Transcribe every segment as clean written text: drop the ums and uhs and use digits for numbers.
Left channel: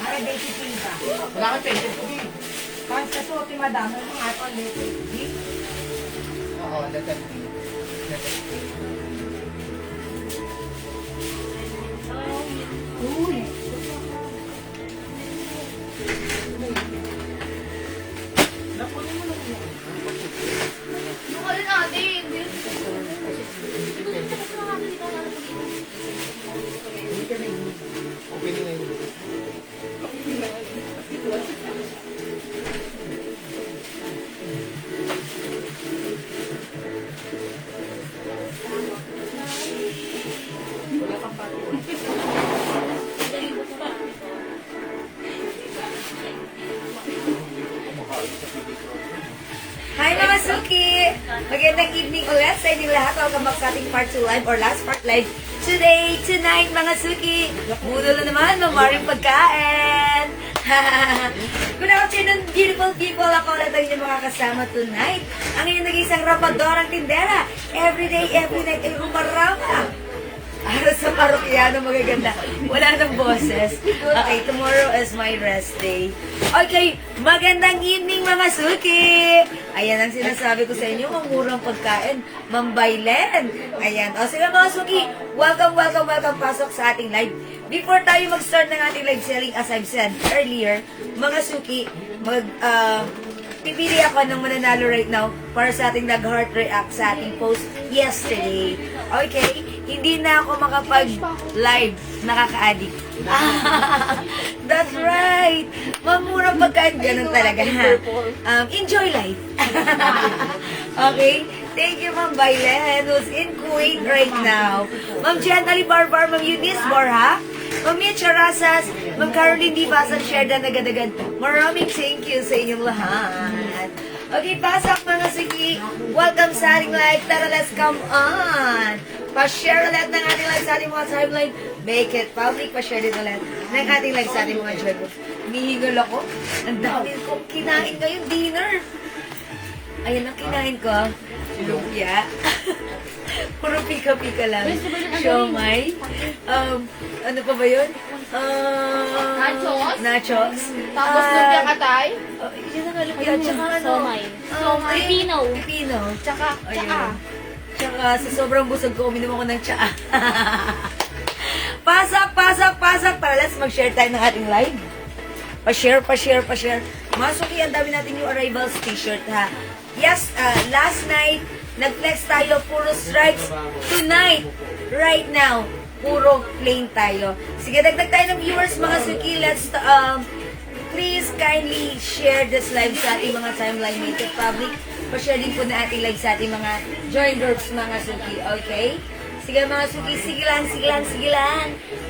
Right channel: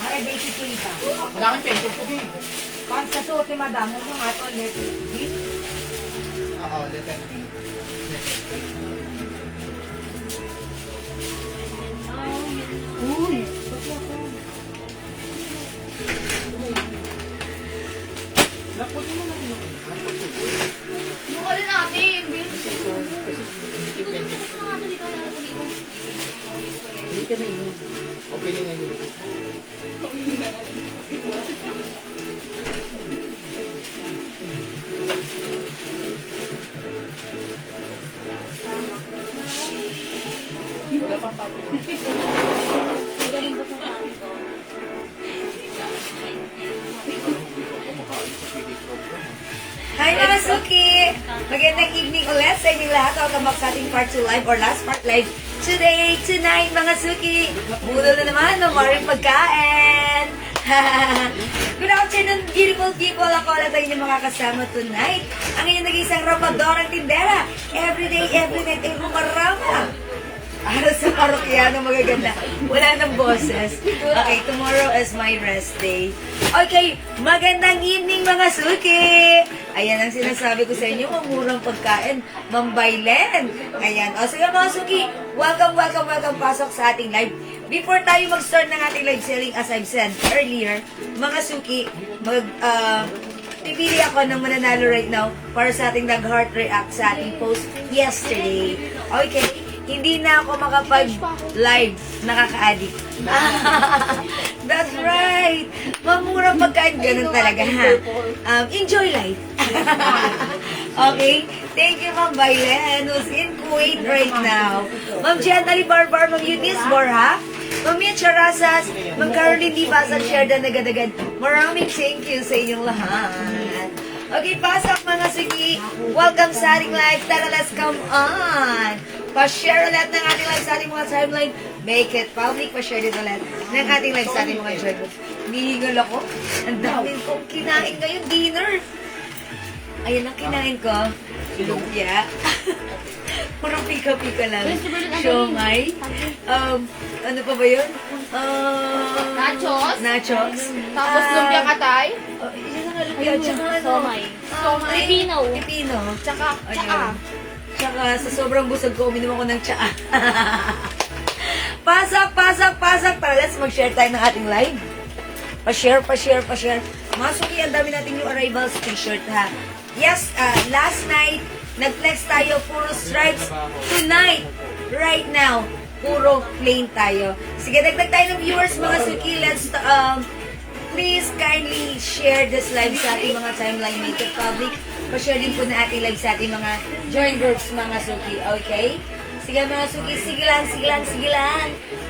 Ay, basic ko iba. Wala kang pencil ko din. Pag sa suot ni madam, ano nga ito, letter D? Oo, letter B. Letter B. Uy! Napunin mo lang yun. Yung ano natin, Hindi ka na yun. Okay na yun. Wala pang pato. Hi mga Suki! Magandang evening ulit sa inyo lahat. Welcome back sa ating part 2 live or last part live today, tonight mga Suki. Budol na naman ng maraming pagkain. Good afternoon, beautiful people. Ako na tayo ng mga kasama tonight. Ang inyong nag-isang rapadorang tindera. Every day, every night ay rumarama. Araw sa parokyano magaganda. Wala nang boses. Okay, tomorrow is my rest day. Okay, magandang evening mga Suki! Ayan ang sinasabi ko sa inyo, ang murang pagkain, Mambaylen. Ayan, o sige mga Suki, welcome, welcome, welcome, pasok sa ating live. Before tayo mag-start ng ating live selling, as I've said earlier, mga Suki, pipili ako ng mananalo right now para sa ating nag-heart react sa ating post yesterday. Okay? Hindi na ako makapag-live, nakaka-addict. That's right! Mamura pagkain, ganun talaga, ha? Enjoy life. Okay? Thank you, Ma'am Baylen, who's in Kuwait right now. Ma'am Gently Barbar, Ma'am Eunice Borja, Ma'am Mia Charasas, Ma'am Caroline Divasa, share na agad-agad. Maraming thank you sa inyong lahat. Okay, pasak mga Suki. Welcome sa ating live. Tara, let's come on. Pa-share ulit ng ating live sa ating mga timeline. Make it public. Pa-share din ulit ng ating live sa ating mga journals. Nihingal ako. Ang dami ko kinain ngayon, dinner. Ayan ang kinain ko. Lumpia. Puro pika-pika lang. Siomay. Ano pa ba yun? Nachos. Nachos. Tapos lumpia katay. Yun ang lumpia. Tsaka ano? Somay. Filipino. Filipino. Tsaka. Tsaka sa sobrang busog ko, uminom ako ng tsaa. Pasak, pasak, pasak. Para let's mag-share tayo ng ating live. Pa-share, pa-share, pa-share. Mga Suki, ang dami natin yung arrivals t-shirt, ha? Yes, last night, nag-flex tayo, puro stripes. Tonight, right now, puro plain tayo. Sige, dagdag tayo ng viewers, mga Suki. Let's, please kindly share this live sa ating mga timeline, make it public. Pa-share din po na ating live sa ating mga join groups, mga Suki. Okay? Sige mga Suki, sige lang, sige lang, sige lang.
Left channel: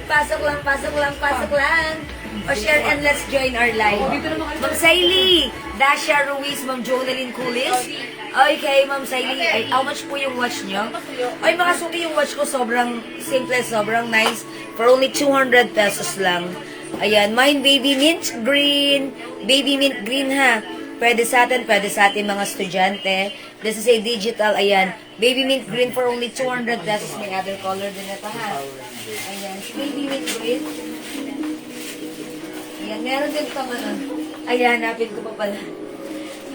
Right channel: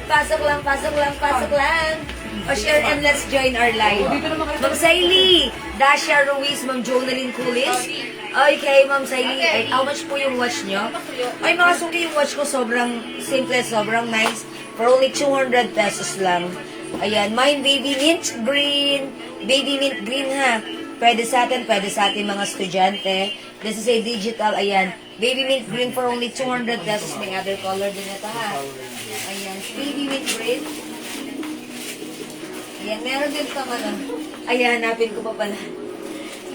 Pasok lang, pasok lang, pasok lang. Pa-share and let's join our live. Ma'am Saily, Dasha Ruiz, Ma'am Jonalyn Kulis. Okay, Ma'am Saily, how much po yung watch nyo? Ay mga Suki, yung watch ko sobrang simple, sobrang nice. For only 200 pesos lang. Ayan, mine baby mint green. Baby mint green ha. Pwede sa atin mga estudyante. This is a digital, ayan. Baby mint green for only 200 pesos. May other color din ito ha. Ayan, baby mint green. Ayan, meron din itong ano. Ayan, hanapin ko pa pala.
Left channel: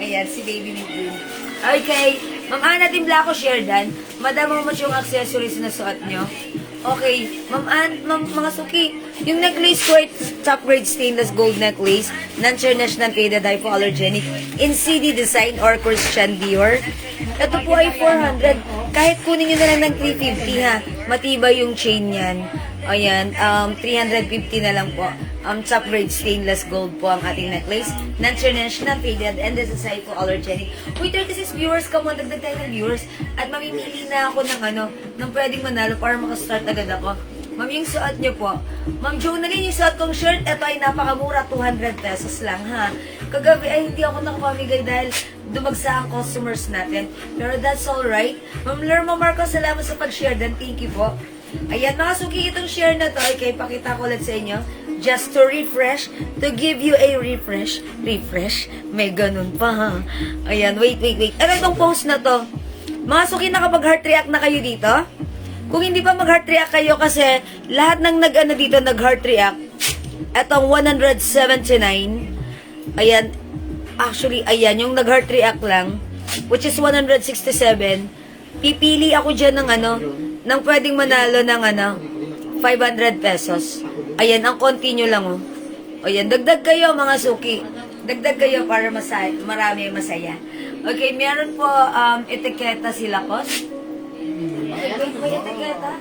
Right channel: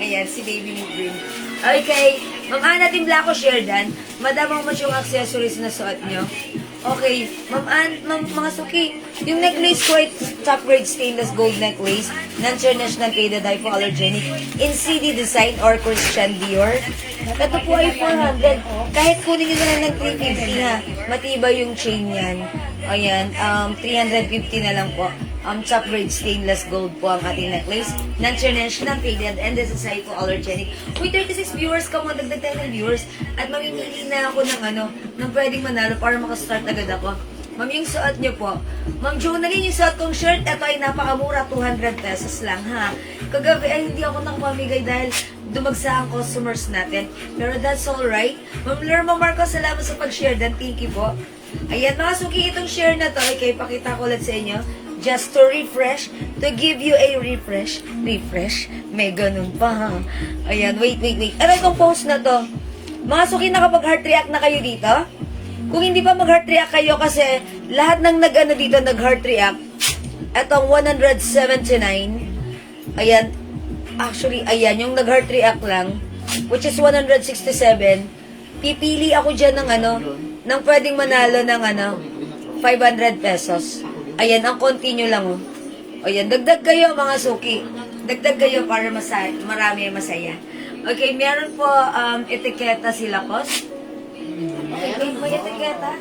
Ayan, si baby mint green. Okay, Ma'am Ana Timbla ko share dan. Madam, how much yung accessories na suot nyo? Okay, Ma'am mga Suki, yung necklace ko ay top grade stainless gold necklace, non-traditional Keda hypoallergenic, in CD design or Christian Dior. Ito po ay 400. Kahit kunin nyo na lang ng 350 ha, matibay yung chain yan. Ayan, 350 na lang po. Top grade stainless gold po ang ating necklace. Non-traditional faded and this is hypoallergenic. Uy, 36 viewers ka mo, dagdag tayo ng viewers. At mamimili na ako ng ng pwedeng manalo para makastart agad ako. Ma'am, yung suot niyo po. Ma'am Jonalyn, yung suot kong shirt, ito ay napakamura, 200 pesos lang ha. Kagabi ay hindi ako nakapamigay dahil dumagsa ang customers natin. Pero that's alright. Ma'am Lerma Marcos, salamat sa pag-share dan. Thank you po. Ayan, mga Suki, itong share na to, okay, pakita ko ulit sa inyo. Just to refresh, to give you a refresh. Refresh? May ganun pa ha. Ayan, wait. Ano itong post na to? Mga Suki, nakapag-heart react na kayo dito? Kung hindi pa mag-heart react kayo kasi lahat ng nag-heart react, Etong 179, ayan, actually, ayan, yung nag-heart react lang, which is 167, pipili ako dyan ng ano, ng pwedeng manalo ng ano, 500 pesos. Ayan, ang continue lang, oh. Ayan, dagdag kayo mga suki. Dagdag kayo para marami masaya. Okay, meron po etiketa sila, Kos. May etiketa?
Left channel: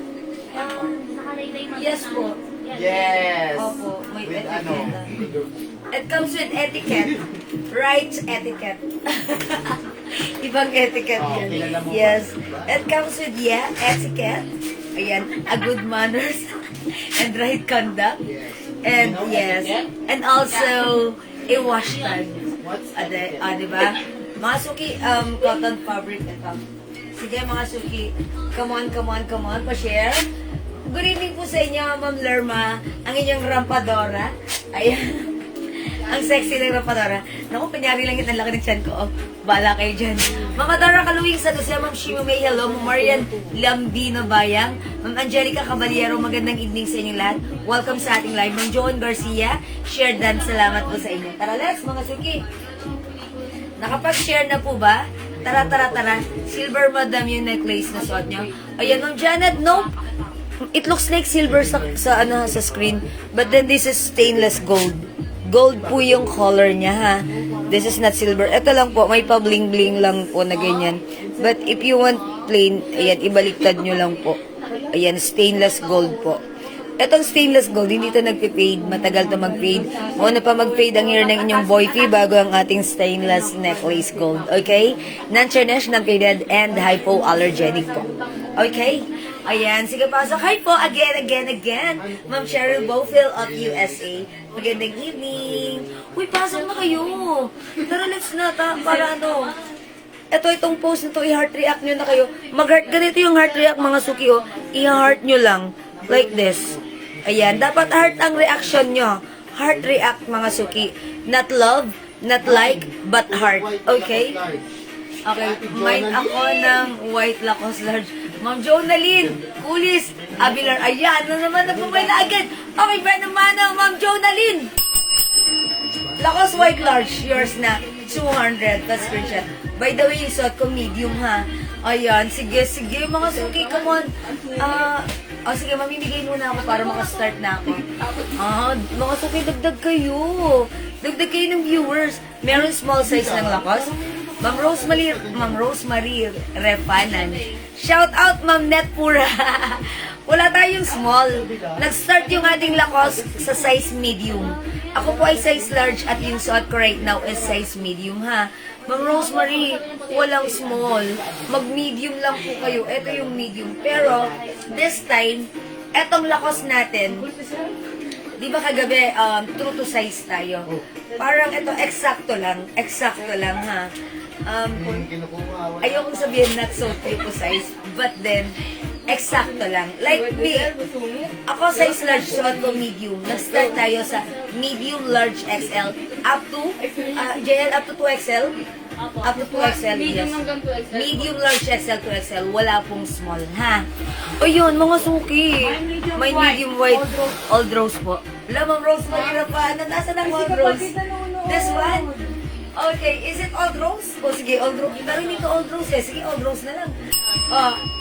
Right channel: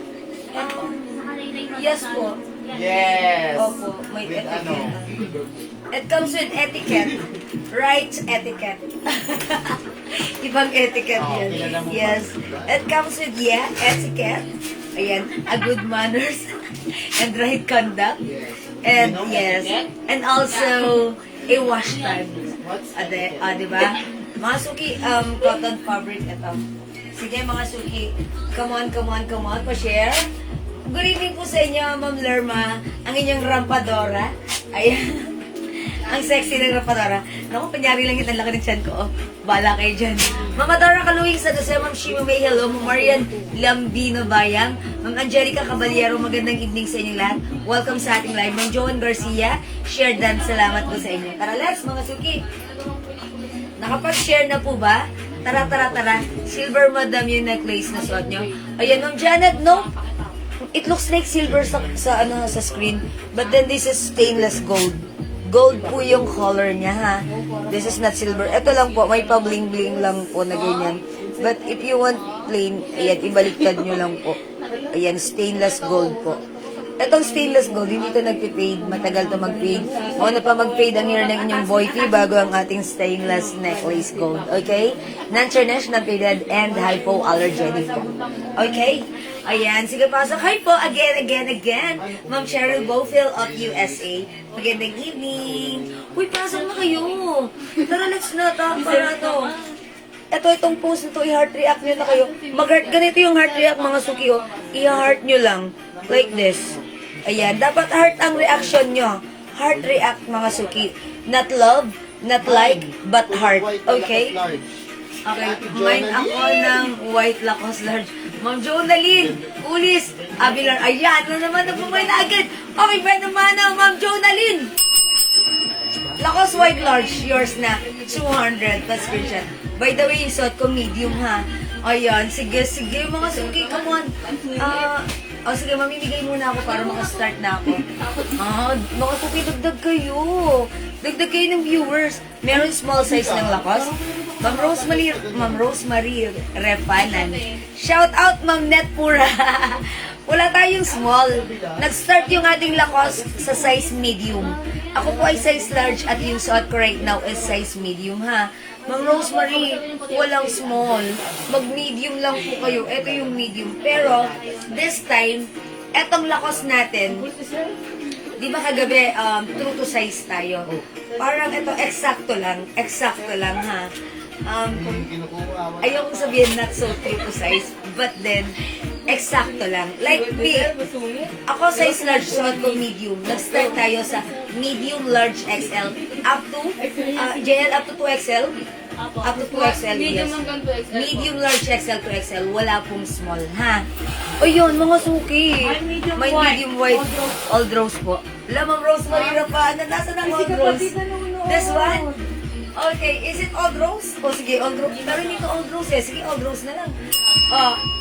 Yes po. Yes! Opo, may With etiquette. ano? It comes with etiquette. Right etiquette. Ibang etiquette Oh, yan. kilala mo ba? Yes. It comes with, etiquette. Ayan, a good manners and right conduct. Yes. And You know yes, etiquette? and also a wash tag. What's Diba? Mga suki, cotton fabric ito. Sige mga suki, come on, pa-share. Good evening po sa inyo, Ma'am Lerma, ang inyong rampadora. Ayan. Ang sexy ng rampadora. Naku, panyari lang yung laki ng tiyan ko. Oh. Bala kayo dyan. Mama Dora Kaluwing sa Jose, Ma'am Shima May, hello. Ma'am Marian Lambino Bayang. Ma'am Angelica Caballero, magandang evening sa inyo lahat. Welcome sa ating live. Ma'am Joan Garcia, share dan. Salamat po sa inyo. Tara, let's mga suki. Nakapag-share na po ba? Tara. Silver madam yung necklace na suot nyo. Ayan, Ma'am Janet, no? It looks like silver sa screen. But then this is stainless gold. Gold po yung color niya, ha? This is not silver. Ito lang po, may pa-bling-bling lang po na ganyan. But if you want plain, ayan, ibaliktad nyo lang po. Ayan, stainless gold po. Etong stainless gold, hindi ito nagpe-fade. Matagal to mag-fade. Una pa mag-fade ang hair ng inyong boyfie bago ang ating stainless necklace gold. Okay? Non-traditional faded and hypoallergenic po. Okay? Ayan, sige pasok. Hi po, again. Ma'am Cheryl Bowfield of USA. Magandang evening. Uy, pasok na kayo. Tara, let's na, para ano. Itong post nito, i-heart react nyo na kayo. Mag-heart, ganito yung heart react mga suki, oh. I-heart nyo lang. Like this. Ayan, dapat heart ang reaction nyo. Heart react mga suki. Not love, not like, but heart. Okay? Okay, mine ako ng white Lacoste large. Ma'am Jonalyn, Ulis, Abilar, ayan, na naman nagpumay na agad. Okay, ba naman na, Ma'am Jonalyn? Lacoste white large, yours na, 200, that's screenshot. By the way, yung suot ko medium ha. Ayan, sige, mga suki, come on. Sige, mamimigay muna ako para makastart na ako. Mga suki, dagdag kayo. Dagdag kayo ng viewers. Meron small size ng Lacoste. Ma'am Rosemary Repanan. Shout out, Ma'am Netpura. Wala tayong small. Nag-start yung ating Lacoste sa size medium. Ako po ay size large at yung suot ko right now is size medium, ha. Ma'am Rosemary, walang small. Mag-medium lang po kayo. Ito yung medium. Pero, this time, etong Lacoste natin, di ba kagabi, true to size tayo. Parang ito, eksakto lang, ha. Ayokong sabihin not so true to size, but then, eksakto lang. Like me, ako size large, suot ko medium. Nag-start tayo sa medium, large, XL, up to, JL up to 2XL. Up to 2XL, yes. Medium, large, XL to XL. Wala pong small, ha? O yun, mga suki. May medium white, all rose po. Lamang rose, mahirap pa. Nasaan ang all rose? This one? Okay, is it all rose? O sige, all rose. Pero dito all rose eh. Sige, all rose na lang.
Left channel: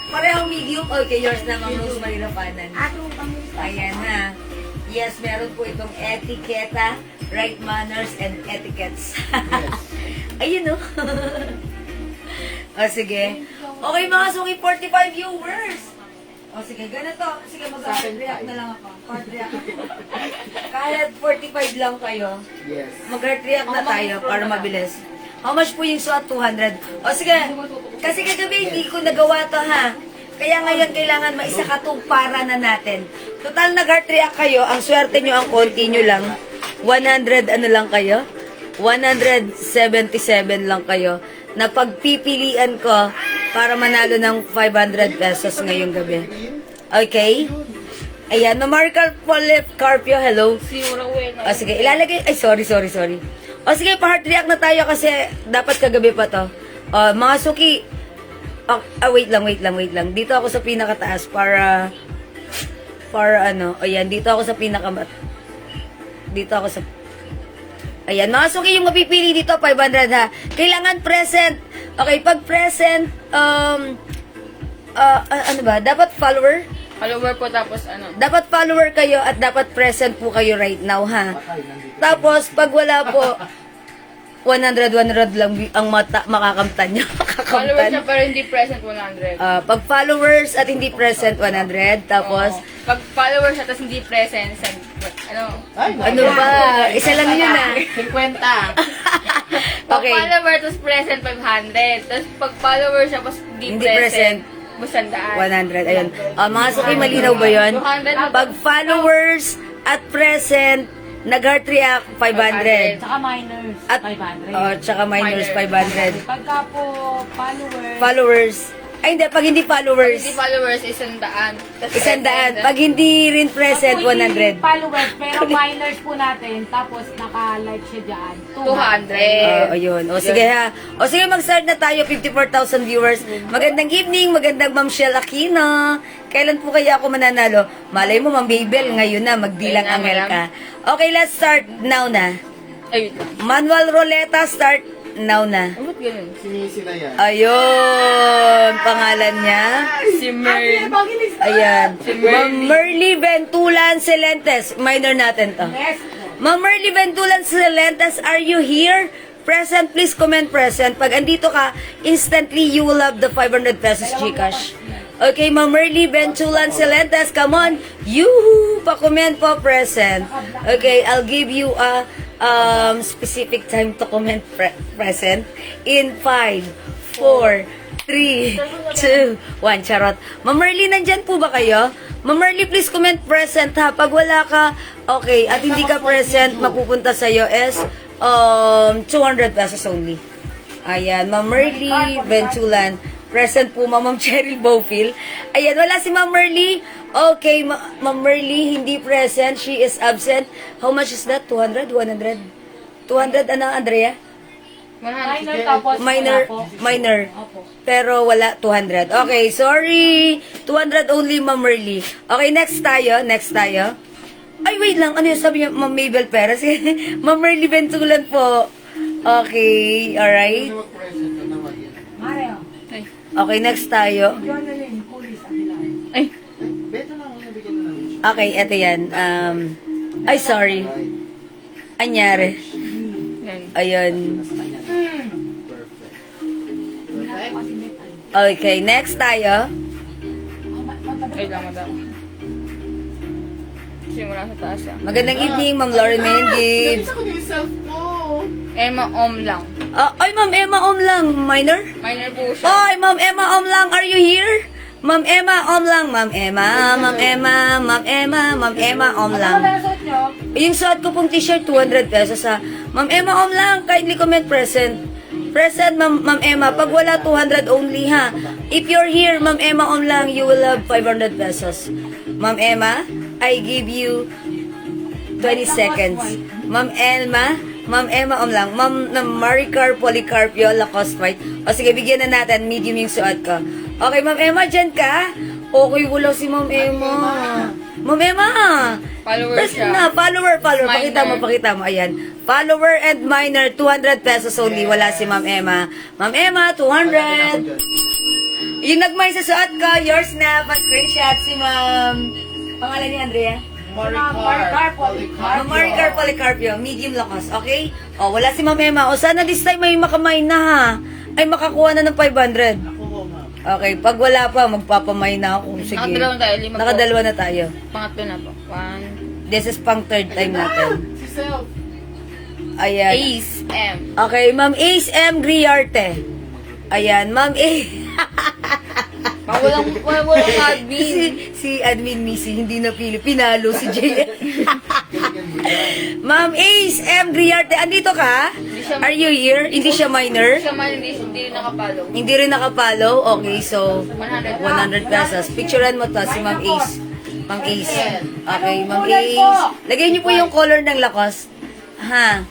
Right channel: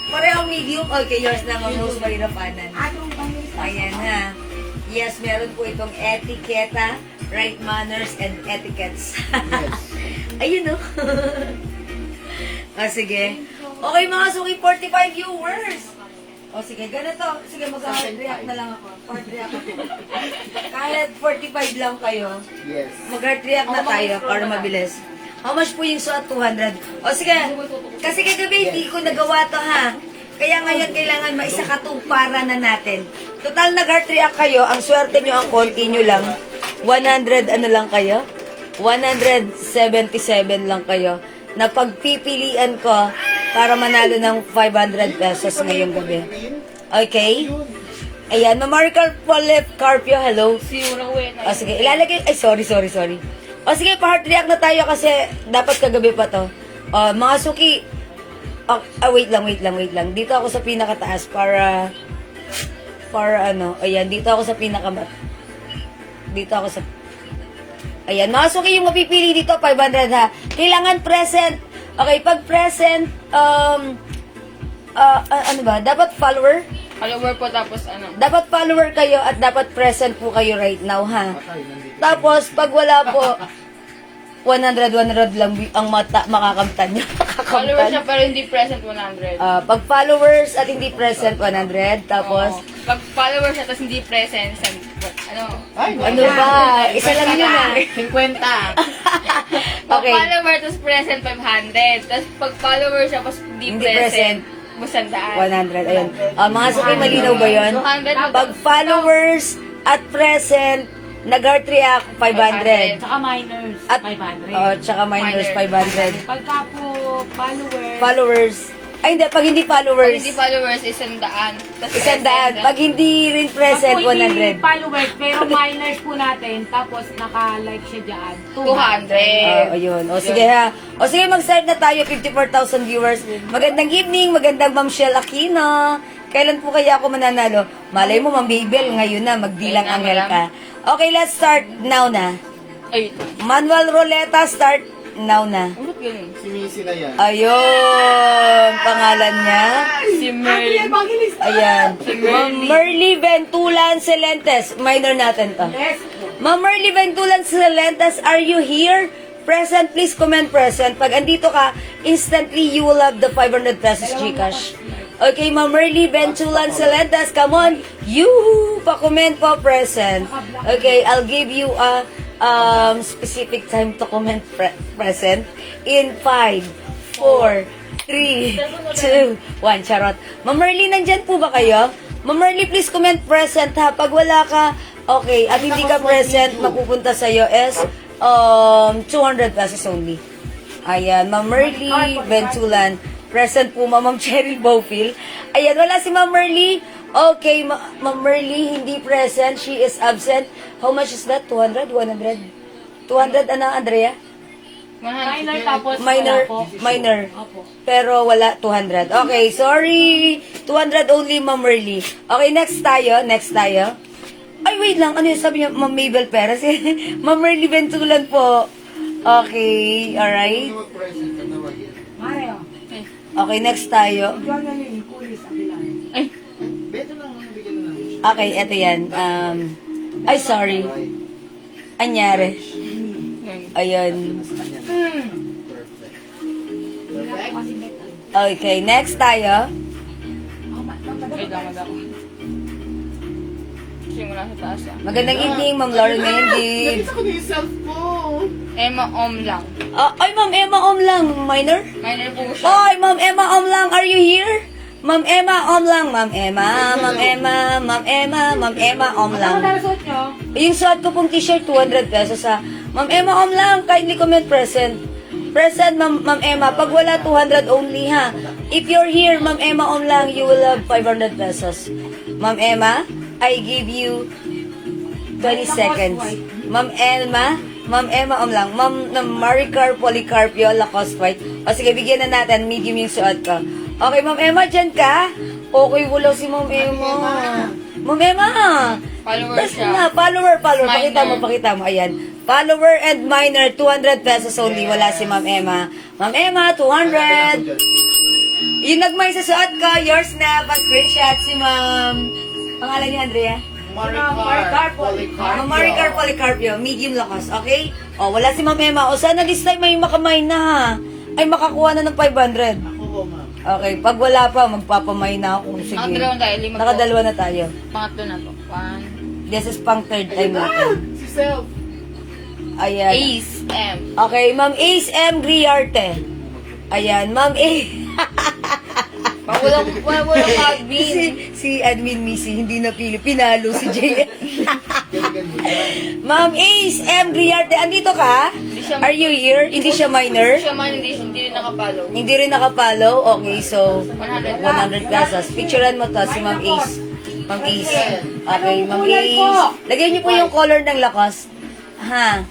Parehong medium. Okay, yours na ang rose, mahirapanan. Ayan, ha? Yes, meron po itong etiketa, right manners, and etiquettes. Ayun, no? Sige. Okay, mga suki, 45 viewers. Sige, ganito. Sige, mag-heart react na lang ako. Heart react. Kahit 45 lang kayo, Yes. mag-heart react na tayo para mabilis. How much po yung suot? 200. Sige, kasi kagabi hindi ko nagawa to, ha? Kaya ngayon kailangan maisakatuparan na natin. Total nag-heart react kayo, ang swerte nyo, ang konti nyo lang. 100 ano lang kayo? 177 lang kayo. Napagpipilian ko para manalo ng 500 pesos ngayong gabi. Okay? Ayan, Numerical Polip Carpio, hello. Sige, ilalagay, sorry. Sige, pa-heart react na tayo kasi dapat kagabi pa to. Mga suki, wait lang. Dito ako sa pinakataas para ano, ayan, dito ako sa Dito ako sa... Ayan, mga suki yung mapipili dito, 500 ha. Kailangan present. Okay, pag present, ano ba? Dapat follower? Follower po tapos ano. Dapat follower kayo at dapat present po kayo right now ha. Patay, nandito. Tapos, pag wala po, 100 lang ang makakamtan nyo. Follower siya pero hindi present 100. Pag followers at hindi present, 100. Tapos, Pag follower siya tapos hindi present, ano? Ay, ano ba? Isa lang yun ah. 50. Pag Okay. follower tapos present 500. Tapos pag follower siya tapos hindi Hindi present, present, 100. Ayun. Mga suki, malinaw ba yun? 200. Pag followers at present, nag-heart react, 500. Tsaka minors, At, 500. tsaka minus, 500. Pagka po followers, Followers. Ay, hindi. Pag hindi Pag followers, hindi followers, 100. Tapos 100. Pag hindi rin present, pag po hindi 100. followers, pero minors po natin, tapos naka-like siya dyan, 200. Ayun. O sige ha. O sige, mag-start na tayo. 54,000 viewers. Magandang evening. Magandang Ma'am Shell Aquino. Kailan po kaya ako mananalo? Malay mo, Ma'am Babel. Ngayon na. Magbilang Ayun na, angel ka. Okay, let's start now na. Ay, Manual Roleta, start now na. ulit ganun. Si Missy na yan. Ayun. Pangalan niya. Si Merl. Ayan. Ma'am Merly Ventulan Celentes. Minor natin to. Ma'am Merly Ventulan Celentes, are you here? Present, please comment present. Pag andito ka, instantly you will have the 500 pesos Gcash. Okay, Ma'am Merly Ventulan Celentes, come on. You pa-comment po present. Okay, I'll give you a specific time to comment present in 5, 4, 3, 2, 1. Charot. Ma'am Merly, nandyan po ba kayo? Ma'am Merly, please comment present ha. Pag wala ka, okay, at hindi ka present, mapupunta sa'yo is 200 pesos only. Ayan, Ma'am Merly Ventulan. Present po, Ma'am Cheryl Bowfield. Ayan, wala si Ma'am Merly. Okay, Ma'am Merly, hindi present. She is absent. How much is that? 200? 100? 200, ano, Andrea? 100. Minor tapos Minor, wala po. minor. Opo. Pero wala 200. Okay, sorry. 200 only, Ma'am Merly. Okay, next tayo. Ay, wait lang. Ano yung sabi niya? Ma'am Mabel Perez. Ma'am Merly Ventulan po. Okay, alright. Sino mag-present ka na mag-in? Mario, Okay, next tayo. Jonalyn, kulis, abilang. Ay, Beto na muna bigyan na namin siya. Okay, eto yan. Ay, sorry. Right. Anyari. ganun. Ayun. Nasa kanya. Perfect. Perfect. Okay, next tayo. Ay, lang ako. Simula sa taas ah. Magandang evening, Ma'am Lauren Mendy. Nabisa ko na yung self ko. Emma Om lang. Ay, Ma'am Emma Om lang. Minor? Minor po siya. Ay, Ma'am Emma Om lang. Are you here? Ma'am Emma Om lang. Ma'am Emma, Ma'am Emma, Ma'am Emma, Ma'am Emma Om lang. Ano suot nyo? Yung suot ko pong t-shirt, 200 pesos ha. Ma'am Emma Om lang. Kindly comment present. Present, Ma'am Emma. Pag wala, 200 only ha. If you're here, Ma'am Emma Om lang, you will have 500 pesos. Ma'am Emma, I give you 20 seconds. Ma'am Emma Om lang. Ma'am Maricar Policarpio, Lacoste White. O sige, bigyan na natin. Medium yung suot ko. Okay, Ma'am Emma, dyan ka? Okay, wala si Ma'am Emma. Ma'am Emma! Follower That's siya. na, follower. Minor. Pakita mo. Ayan. Follower and minor, 200 pesos only. Wala si Ma'am Emma. Ma'am Emma, 200. Yung nagmay sa suot ko, yours na. Pa-screenshot si Ma'am. Pangalan niya, Andrea? Maricar Ma'am Maricar Policarpio, medium lakas, okay? O, wala si Ma'am Emma. O, sana this time may makamay na ha. Ay, makakuha na ng 500. Ako, ma'am. Okay, pag wala pa, magpapamay na ako. Sige. Nakadalawa tayo, 5 po. Nakadalawa na tayo. Pangatlo na po. This is pang third time natin. Si self. Ayan. Ace M. Okay, Ma'am Ace M. Griarte. Ayan, Ma'am Ace. Walang admin. si Admin Missy, hindi na pili. Pinalo si Jay. Ganyan mo yan. Ma'am Ace M. Griarte, andito ka? siya- Are you here? Hindi siya minor? Siya man, hindi rin nakapalo. Hindi rin nakapollow? Okay, so 100. 100 pesos. Picturean mo to si Ma'am Ace. Ma'am Ace. Okay, Ma'am Ace. Lagay niyo po yung color ng Lacoste. Ha?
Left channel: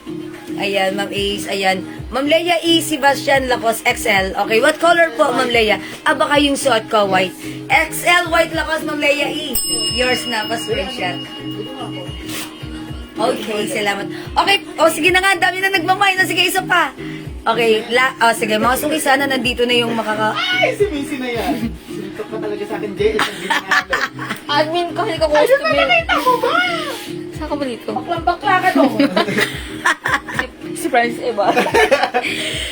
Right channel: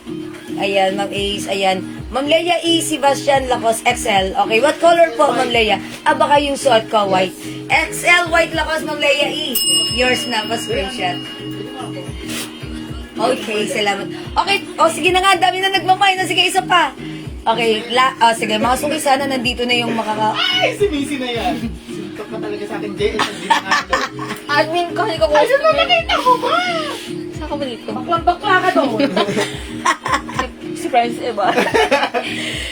Ayan, Ma'am Ace. Ayan. Ma'am Leia E. Sebastian Lacoste XL. Okay, what color po, Ma'am Leia? Baka yung suot ko, white. XL white Lacoste, Ma'am Leia E. Yours na, pa-screenshot. Okay, salamat. Okay, sige na nga, dami na nagmamay na. Sige, isa pa. Okay, sige, mga suki, sana nandito na yung Ay, si Macy na yan. Suntok ka talaga sa akin, Jay. At hindi na nga. Admin ko, hindi ko po. Ayun na, nakita mo ba? Saan ka ba dito? Baklang-bakla ka doon. Surprise, iba.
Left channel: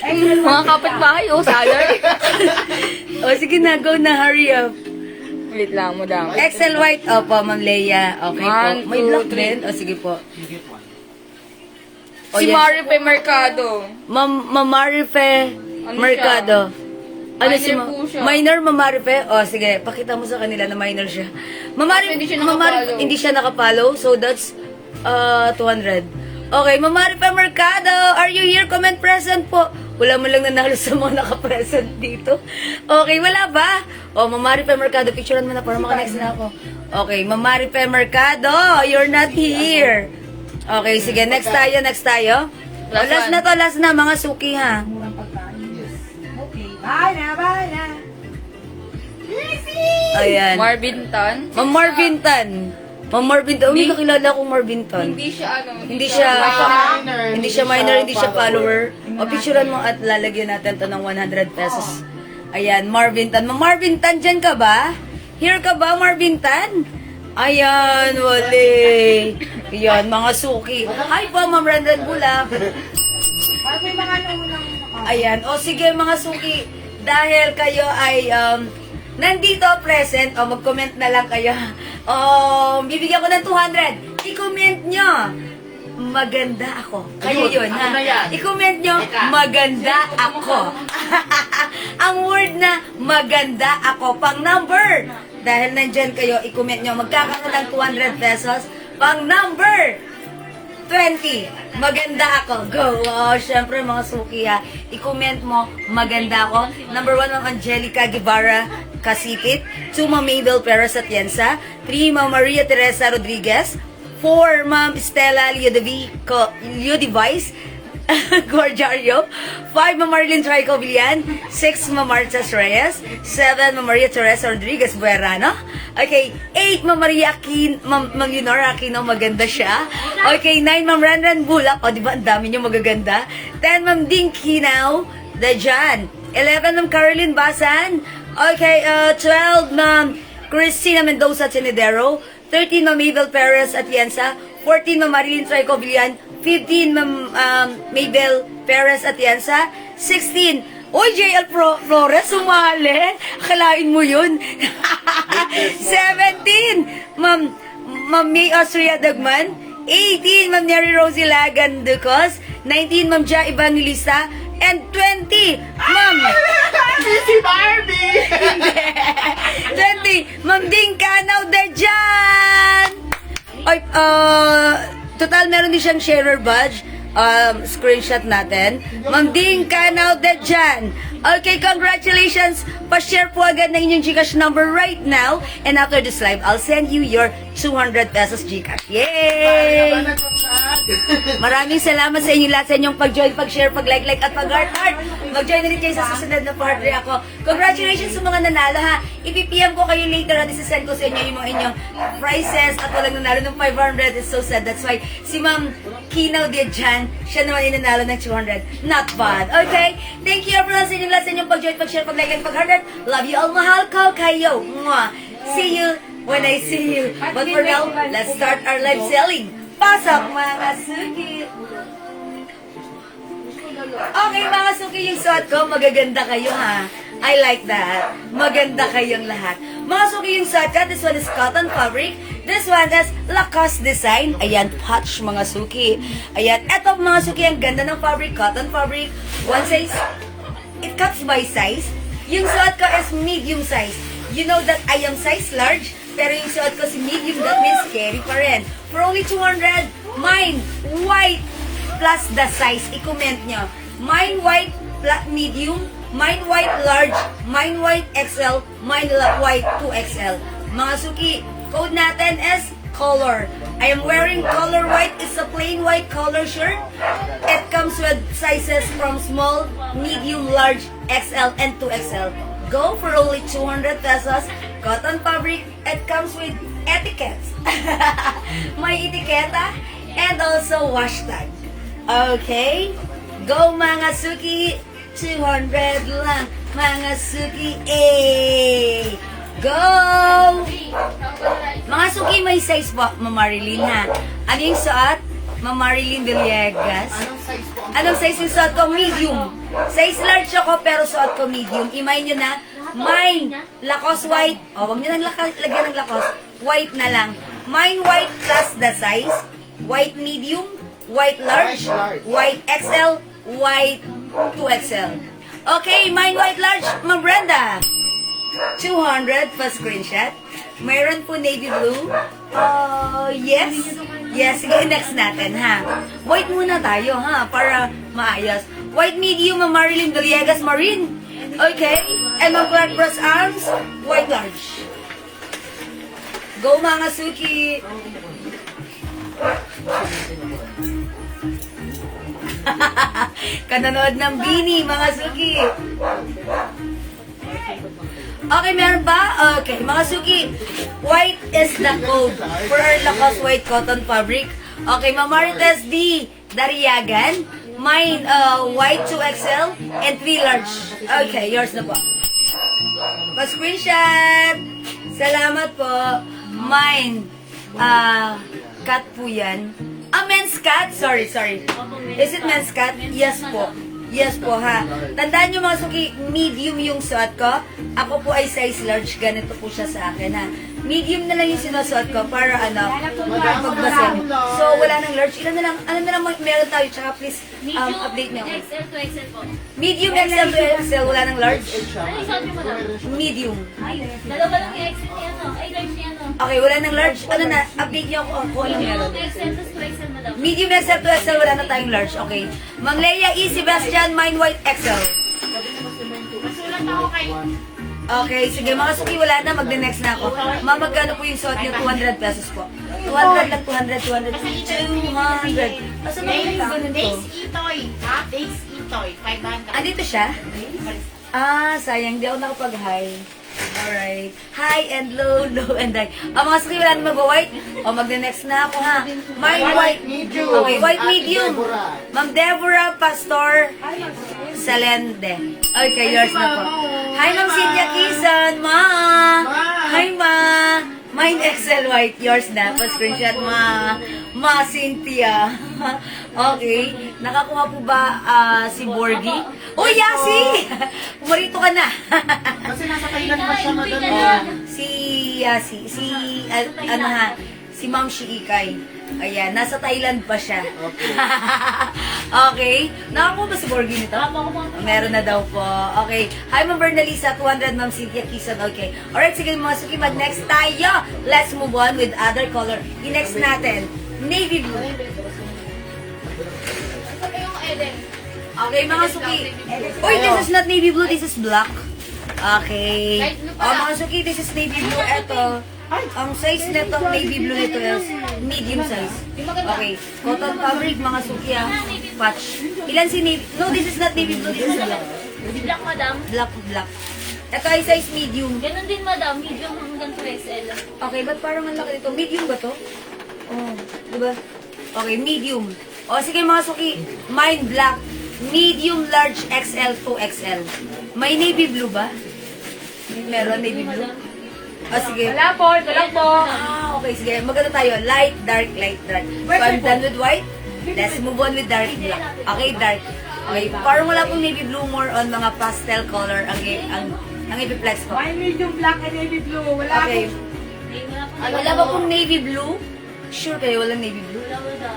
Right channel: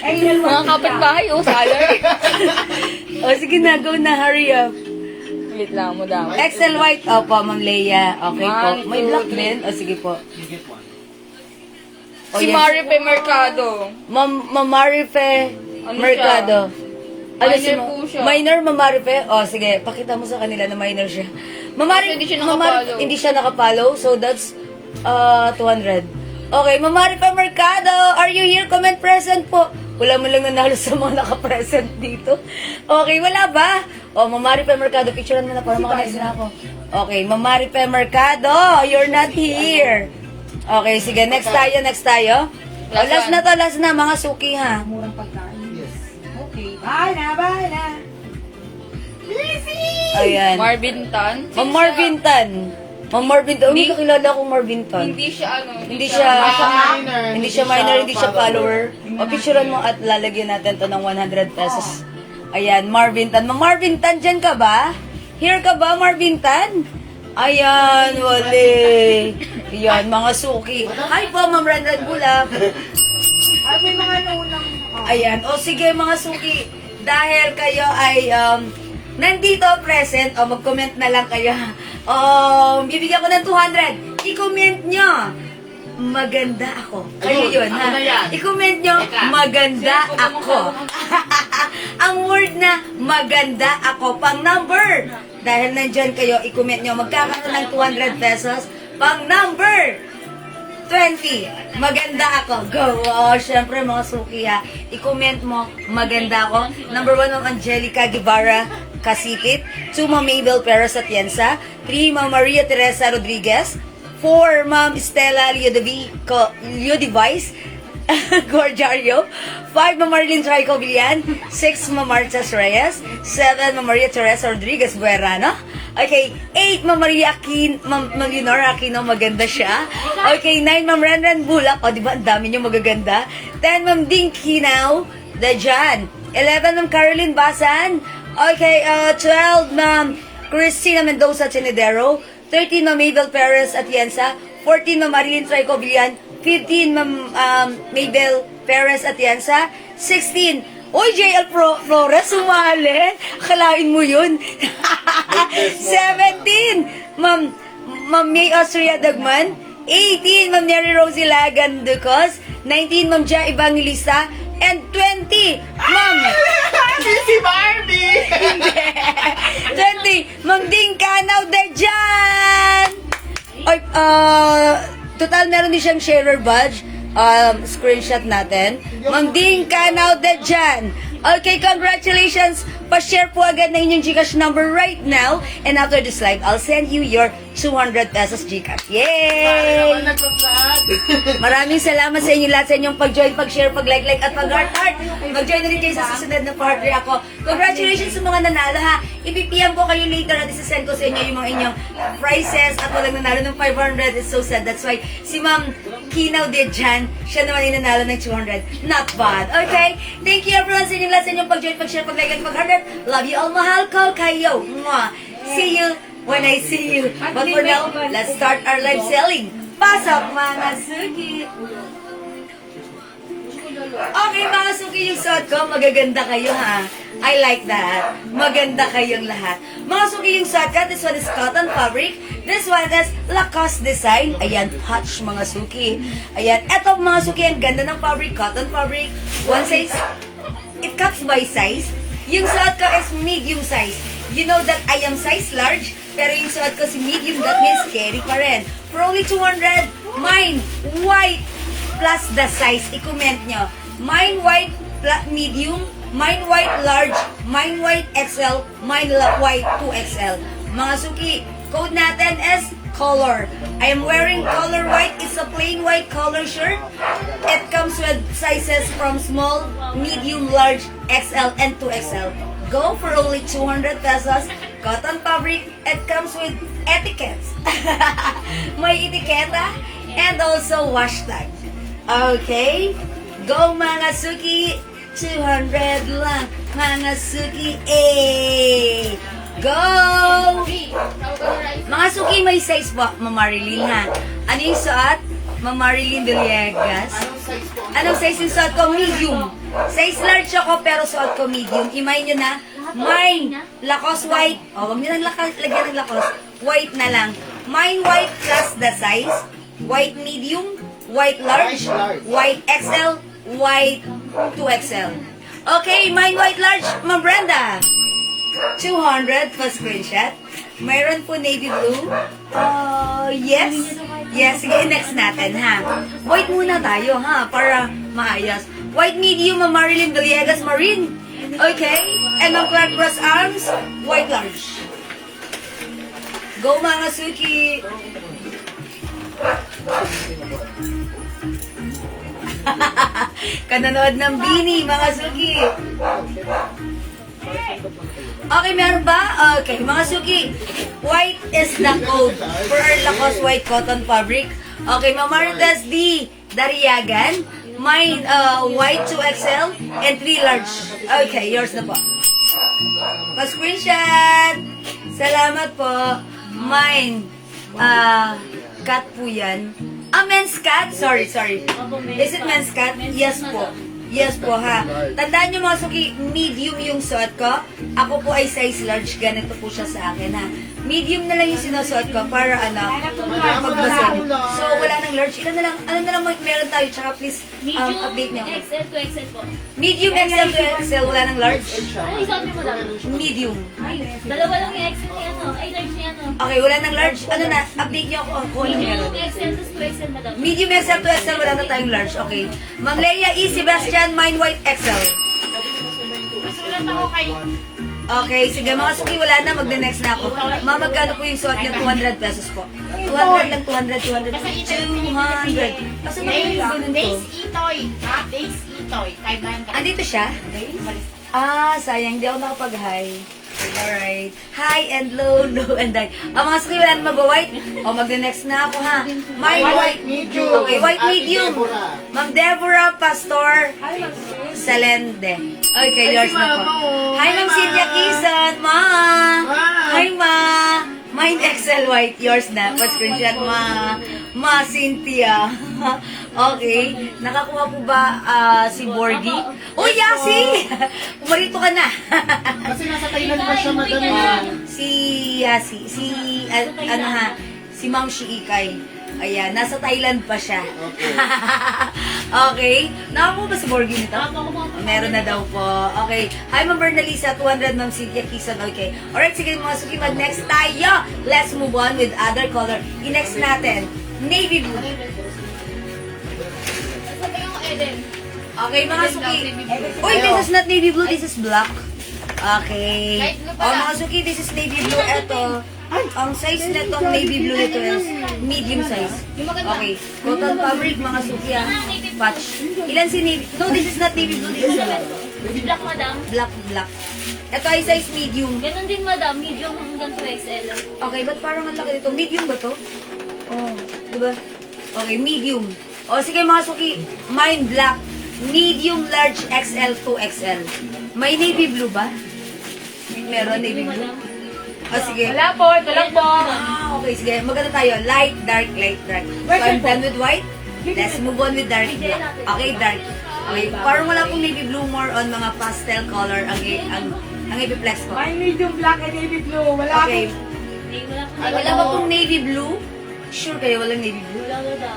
Ay, Mga kapitbahay, salary. sige na, go na, hurry up. Wait lang mo daw. XL white, opo, Ma'am Leia. Okay po. One, May two, black three. din? Sige po. Si yes. Maripe Mercado. Ma'am Marife Ano Mercado. Minor po siya. Minor, Ma'am Marife? Sige, pakita mo sa kanila na minor siya. Ma'am Marife, Hindi siya Ma'am Marife, nakapollow. hindi siya nakapollow, so that's 200. Okay, Ma'am Marife Mercado, are you here? Comment present po. Wala mo lang nanalo sa mga nakapresent dito. Okay, wala ba? Ma'am Marife Mercado, picturean mo na para makanext na ako. Okay, Ma'am Marife Mercado, you're not here. Okay, sige, next tayo. Last na, mga suki ha. murang pagkain. Okay. Bye na. Ayan. Marvin Tan. Ma'am Marvin Tan. Ma'am Marvin Tan. Hindi kakilala akong Marvin Tan. Hindi siya Hindi siya minor. hindi siya follower. O picturean mo at lalagyan natin to ng 100 pesos. Ayan, Marvin Tan. Ma'am Marvin Tan, dyan ka ba? Here ka ba, Marvin Tan? Ayan, wali. Ayan, mga suki. Hi po, Ma'am Renren Bulak. Ay, may mga naunang... Ayan. Sige, mga suki. Dahil kayo ay nandito present, mag-comment na lang kayo. Bibigyan ko ng 200. I-comment nyo. Maganda ako. Kayo yun, Ako ha? na yan. I-comment nyo, maganda ako. Ang word na maganda ako, pang number. Dahil nandyan kayo, i-comment nyo, magkakaroon ng 200 pesos. Pang number 20. Maganda ako. Go. Syempre mga suki ha. I-comment mo, maganda ako. Number 1, Ma'am Angelica Guevara Kasikit. 2, Ma'am Mabel Perez Atienza. 3, Ma'am Maria Teresa Rodriguez. 4, Ma'am Stella Liodivice Guardiario. 5, Ma'am Marilyn Trico Villan. 6, Ma'am Marta Reyes. 7, Ma'am Maria Teresa Rodriguez Buerano. Okay, 8, Ma'am Maria Ma'am Leonora Aquino, maganda siya. Okay, 9, Ma'am Renren Bulak. Di ba, ang dami niyo magaganda. 10, Ma'am Ding Kinao, Dajan. 11, Ma'am Caroline Basan. Okay, 12, Ma'am Cristina Mendoza Chinedero. 13, Ma'am Mabel Perez Atienza. 14, Ma'am Marilyn Trico Villan. 15, Ma'am Mabel Perez Atienza. 16, JL Flores, sumali. Akalain mo yun. 17, Ma'am May Austria Dagman. 18, Ma'am Neri Rosie Lagan Ducos. 19, Ma'am Ja Evangelista. And 20, Ma'am Si Barbie! 20, Ma'am Ding Canaw Dejan! Ay, total meron din siyang sharer badge. Screenshot natin. Ma'am Ding Canaw Dejan. Okay, congratulations. Pa-share po agad na inyong Gcash number right now. And after this live, I'll send you your 200 pesos Gcash. Yay! Maraming salamat sa inyo lahat sa inyong pag-join, pag-share, pag-like, at pag-heart. Mag-join na rin kayo sa susunod na partner ako. Congratulations sa mga nanalo ha. I-PM ko kayo later at isasend ko sa inyo yung mga inyong prizes at walang nanalo ng 500. It's so sad. That's why si Ma'am Kinaw Dejan, siya naman yung nanalo ng 200. Not bad. Okay? Thank you everyone sa inyong lahat sa inyong pag-join, pag-share, pag-like, at pag-heart. Love you all. Mahal ko kayo. Mwah. See you when I see you. But for now, let's start our live selling. Pasok mga suki. Okay mga suki, yung suot ko, magaganda kayo ha. I like that. Maganda kayong lahat. Mga suki, yung suot ko, this one is cotton fabric. This one is Lacoste design. Ayan, patch mga suki. Ayan, eto mga suki, ang ganda ng fabric, cotton fabric. One size, it cuts by size. Yung suot ko is medium size. You know that I am size large, pero yung suot ko si medium, that means carry pa rin. For only 200, mine, white, plus the size. I-comment nyo. Mine white, plus medium, mine white large, mine white XL, mine white 2XL. Mga suki, code natin is color. I am wearing color white. It's a plain white color shirt. It comes with sizes from small, medium, large, XL, and 2XL. Go for only 200 pesos. Cotton fabric. It comes with etiquettes. May etiketa. and also hashtag. Okay? Go mga suki! 200 lang, mga suki! Eh! Go! Mga suki, may size po, Mamarilyn ha. Ano yung suot? Mamarilyn Villegas. Anong size po? Anong size yung suot ko? Medium. Size large ako, pero suot ko medium. Imay nyo na. Mine, Lacoste white. O, wag nyo nang lagyan ng Lacoste. White na lang. Mine white plus the size. White medium, white large, white XL, white 2XL. Okay, mine white large, Ma'am Brenda. 200 pa screenshot. Mayroon po navy blue. Yes. Yes, sige, next natin, ha. White muna tayo, ha, para maayos. White medium, Ma'am Marilyn Villegas Marine. Okay. And Ma'am Clark Brass Arms, white large. Go, mga suki. Kananood ng Bini, mga suki. Okay, meron ba? Okay, mga suki. White is the code for our Lacoste white cotton fabric. Okay, Mamaritas D. Dariagan. Mine, white 2XL and 3 large. Okay, yours na po. Pa-screenshot. Salamat po. Mine, cut po yan. Men's cut? Sorry. Is it men's cut? Yes po. Yes po, ha. Tandaan nyo mga suki, medium yung suot ko. Ako po ay size large. Ganito po siya sa akin, ha. Medium na lang yung sinusuot ko para magbasin. So, wala nang large. Ilan na lang, meron tayo. Tsaka please, update niyo. XL to XL po. Medium, XL to XL. Wala nang large. Ano yung suot niyo, madam? Medium. Ay, dalawa lang yung XL ni ano. Ay, large ni ano. Okay, wala nang large. Ano na, update niyo ako kung ano meron. Medium XL to 2XL, madam. Medium XL to XL, wala na tayong large. Okay. Ma'am Leia E. Sebastian, mine white XL. Sulat ako kay... Okay, sige mga suki, wala na, magde-next na ako. Ma'am, magkano po yung suot niyo? 200 pesos po. 200 lang, 200. 200. Kasi naman yung ganun to. Base Itoy. Ha? Base Itoy. 500. Andito siya? Sayang, di ako nakapag-hi. Alright. High and low, low and high. Mga suki, wala na mag-white. Magde-next na ako, ha. My white medium. Okay, white medium. Ma'am Deborah Pastor Salende. Okay, yours na po. Hi, Ma'am Cynthia Quezon, Ma. Hi, Ma. Mine XL white, yours na. Pa-screenshot, Ma Cynthia. Okay. Nakakuha po ba si Borgie? Oh, Yasi! Pumarito ka na. Kasi nasa Thailand pa siya, madam. Si Yasi. Si Mang Shi Ikay. Ayan, nasa Thailand pa siya. Okay. Okay. Nakakuha ba si Borgie nito? Meron na daw po. Okay. Hi, Ma'am Bernalisa. 200, Ma'am Cynthia Quezon. Okay. Alright, sige mga suki. Mag-next tayo. Let's move on with other color. I-next natin. Navy blue. Okay, mga suki. Uy, this is not navy blue. This is black. Okay. Mga suki, this is navy blue. Ito. Ang size nito, navy blue nito is medium size. Okay. Cotton fabric, mga suki, patch. Ilan si navy? No, this is not navy blue. This is black. Black, madam. Black. Ito ay size medium. Ganun din, madam. Medium hanggang 2XL. Okay, ba't parang ang laki nito? Medium ba to? Oh, diba? Okay, medium. O, sige mga suki. Mine black. Medium, large, XL, 2XL. May navy blue ba? Meron navy blue? Sige. Wala po, ito lang po. Okay, sige. Maganda tayo. Light, dark, light, dark. So, I'm done with white. Let's move on with dark black. Okay, dark. Okay, parang wala pong navy blue, more on mga pastel color ang ipiplex ko. May medium black and navy blue. Wala Okay. Wala ba pong navy blue? Sure kayo, walang navy blue?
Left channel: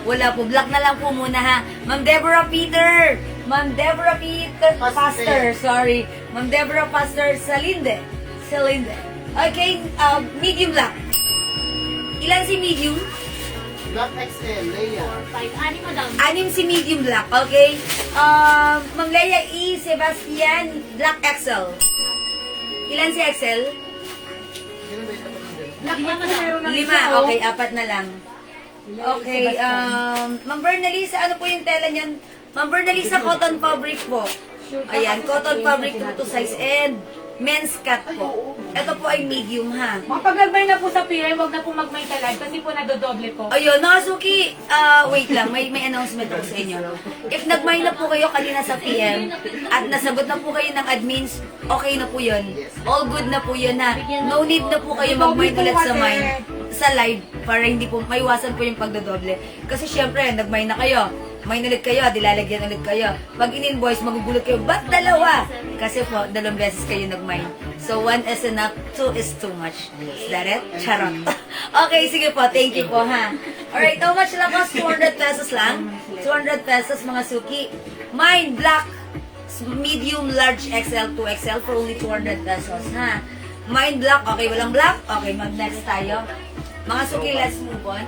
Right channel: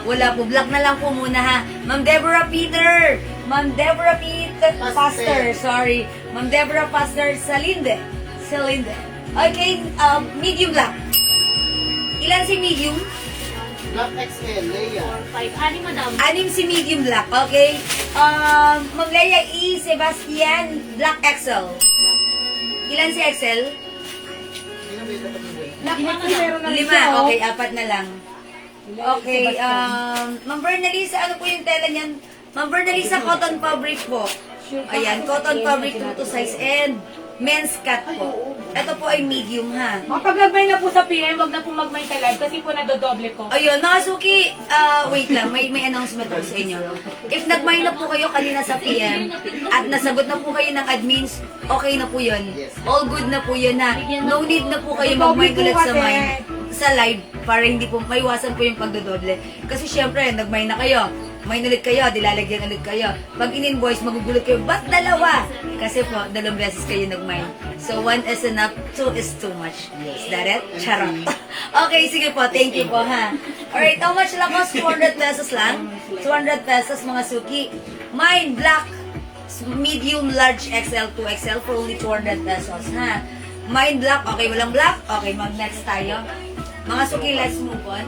Wala po. Black na lang po muna, ha. Ma'am Deborah Peter. Ma'am Deborah Peter Pastor. Sorry. Ma'am Deborah Pastor Salinde. Okay, medium black. Ilan si medium? Black XL, Leia. 5. Madam. 6 si medium black. Okay. Ma'am Leia E. Sebastian, black XL. Ilan si XL? Black meron na 5. Okay, 4 na lang. Okay, Ma'am Bernalisa, ano po yung tela niyan? Ma'am Bernalisa, cotton fabric po. Ayan, cotton fabric po to size. And men's cut po. Ito po ay medium ha. Kapag nagmay na po sa PM, wag na po magmay sa live kasi po nadodoble po. Ayun, mga suki, wait lang, may announcement ako sa inyo. If nagmay na po kayo kanina sa PM at nasagot na po kayo ng admins, okay na po yun. All good na po yun na. No need na po kayo magmay ulit sa live para hindi po maiwasan po yung pagdodoble. Kasi syempre, nagmay na kayo. May ulit kayo, dilalagyan ulit kayo. Pag in-invoice, magugulat kayo, ba't dalawa? Kasi po, 2 beses kayo nagmay. So, 1 is enough, 2 is too much. Is that it? Charot. Okay, sige po. Thank you po, ha. Alright, how much lang po? 200 pesos lang. 200 pesos, mga suki. Mine, black, medium, large, XL, 2XL for only 200 pesos, ha. Mine, black. Okay, walang black? Okay, mag-next tayo. Mga suki, let's move on.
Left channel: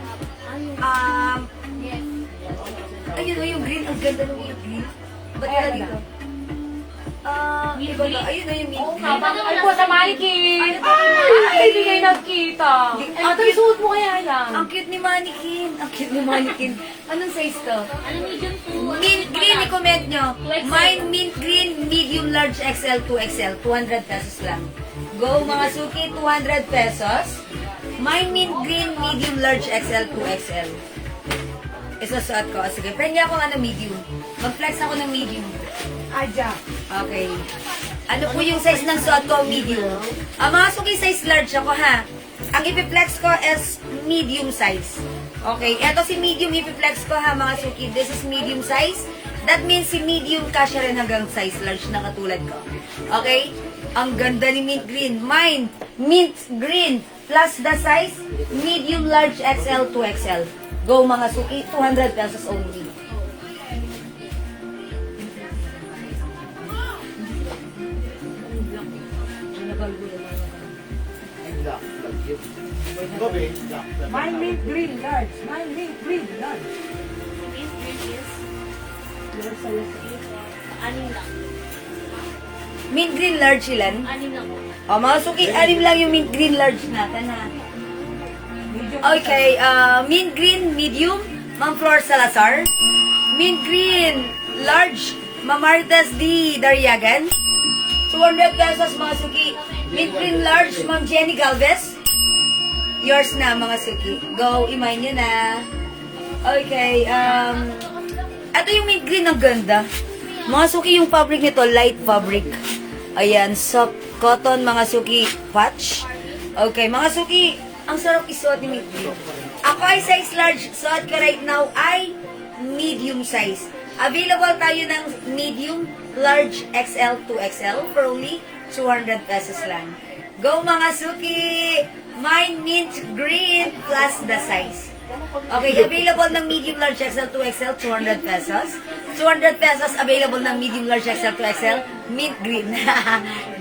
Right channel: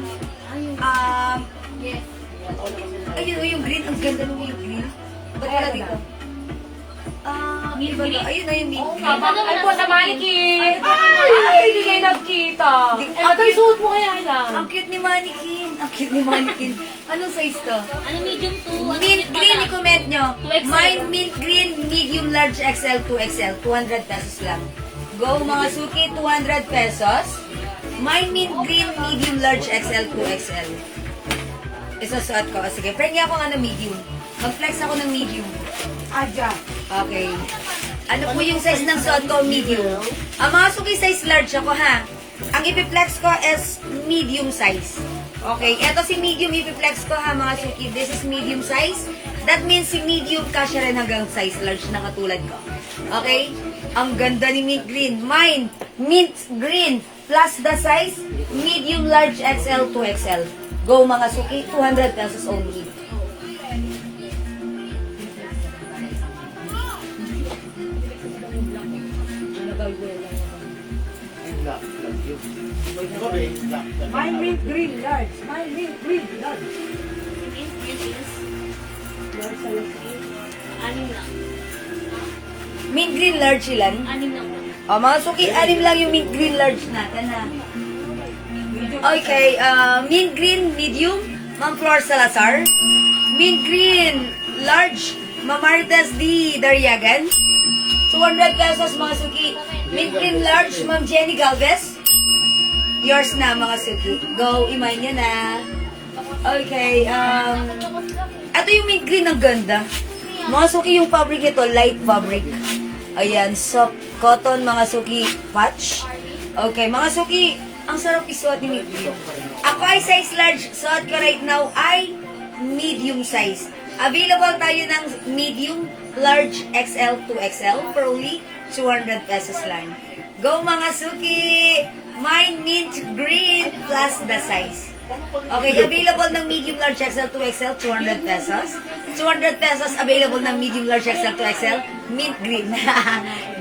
Ayun, yung green. Ang ganda ng yung green. Ba't wala dito? Iba ba? Ayun na yung mint green. Ay po sa mannequin! Ay, hindi kayo nagkita. Ito yung suot mo kaya lang. Ang cute ni Mannequin. Ang cute ni Mannequin. Anong size to? Ano medium to? Mint green, i-comment nyo. Mine, mint green, medium, large, XL, 2XL. 200 pesos lang. Go, mga suki, 200 pesos. Mine, mint green, medium, large, XL, 2XL. Isasuot ko. Sige, pwede ako medium. Mag-flex ako ng medium. Adya. Okay. Ano po yung size ng suot ko? Medium. Mga suki, size large ako, ha? Ang ipiplex ko is medium size. Okay. Ito si medium ipiplex ko, ha, mga suki. This is medium size. That means si medium kasya rin hanggang size large na katulad ko. Okay? Ang ganda ni mint green. Mine, mint green plus the size medium, large, XL, 2XL. Go, mga suki. 200 pesos only. Black, black yun. Ikaw ba, black. Mine mint green large. Mine mint green large. Mint green is anim lang. Mint green large ilan? Anim lang po. Mga suki, 6 lang yung mint green large natin, ha? Okay, mint green medium, Ma'am Flor Salazar. Mint green large, Ma'am Marites D. Dariagan. 200 pesos, mga suki. Mint green large, Ma'am Jenny Galvez. Yours na, mga suki. Go, iman nyo na. Okay, ito yung mint green, ang ganda. Mga suki, yung fabric nito, light fabric. Ayan, soft cotton, mga suki, patch. Okay, mga suki, ang sarap isuot ni mint green. Ako ay size large, suot ko right now ay medium size. Available tayo ng medium, large, XL, 2XL for only 200 pesos lang. Go, mga suki! Mine mint green plus the size. Okay, available ng medium, large, XL, 2XL, 200 pesos. 200 pesos available ng medium, large, XL, 2XL, mint green.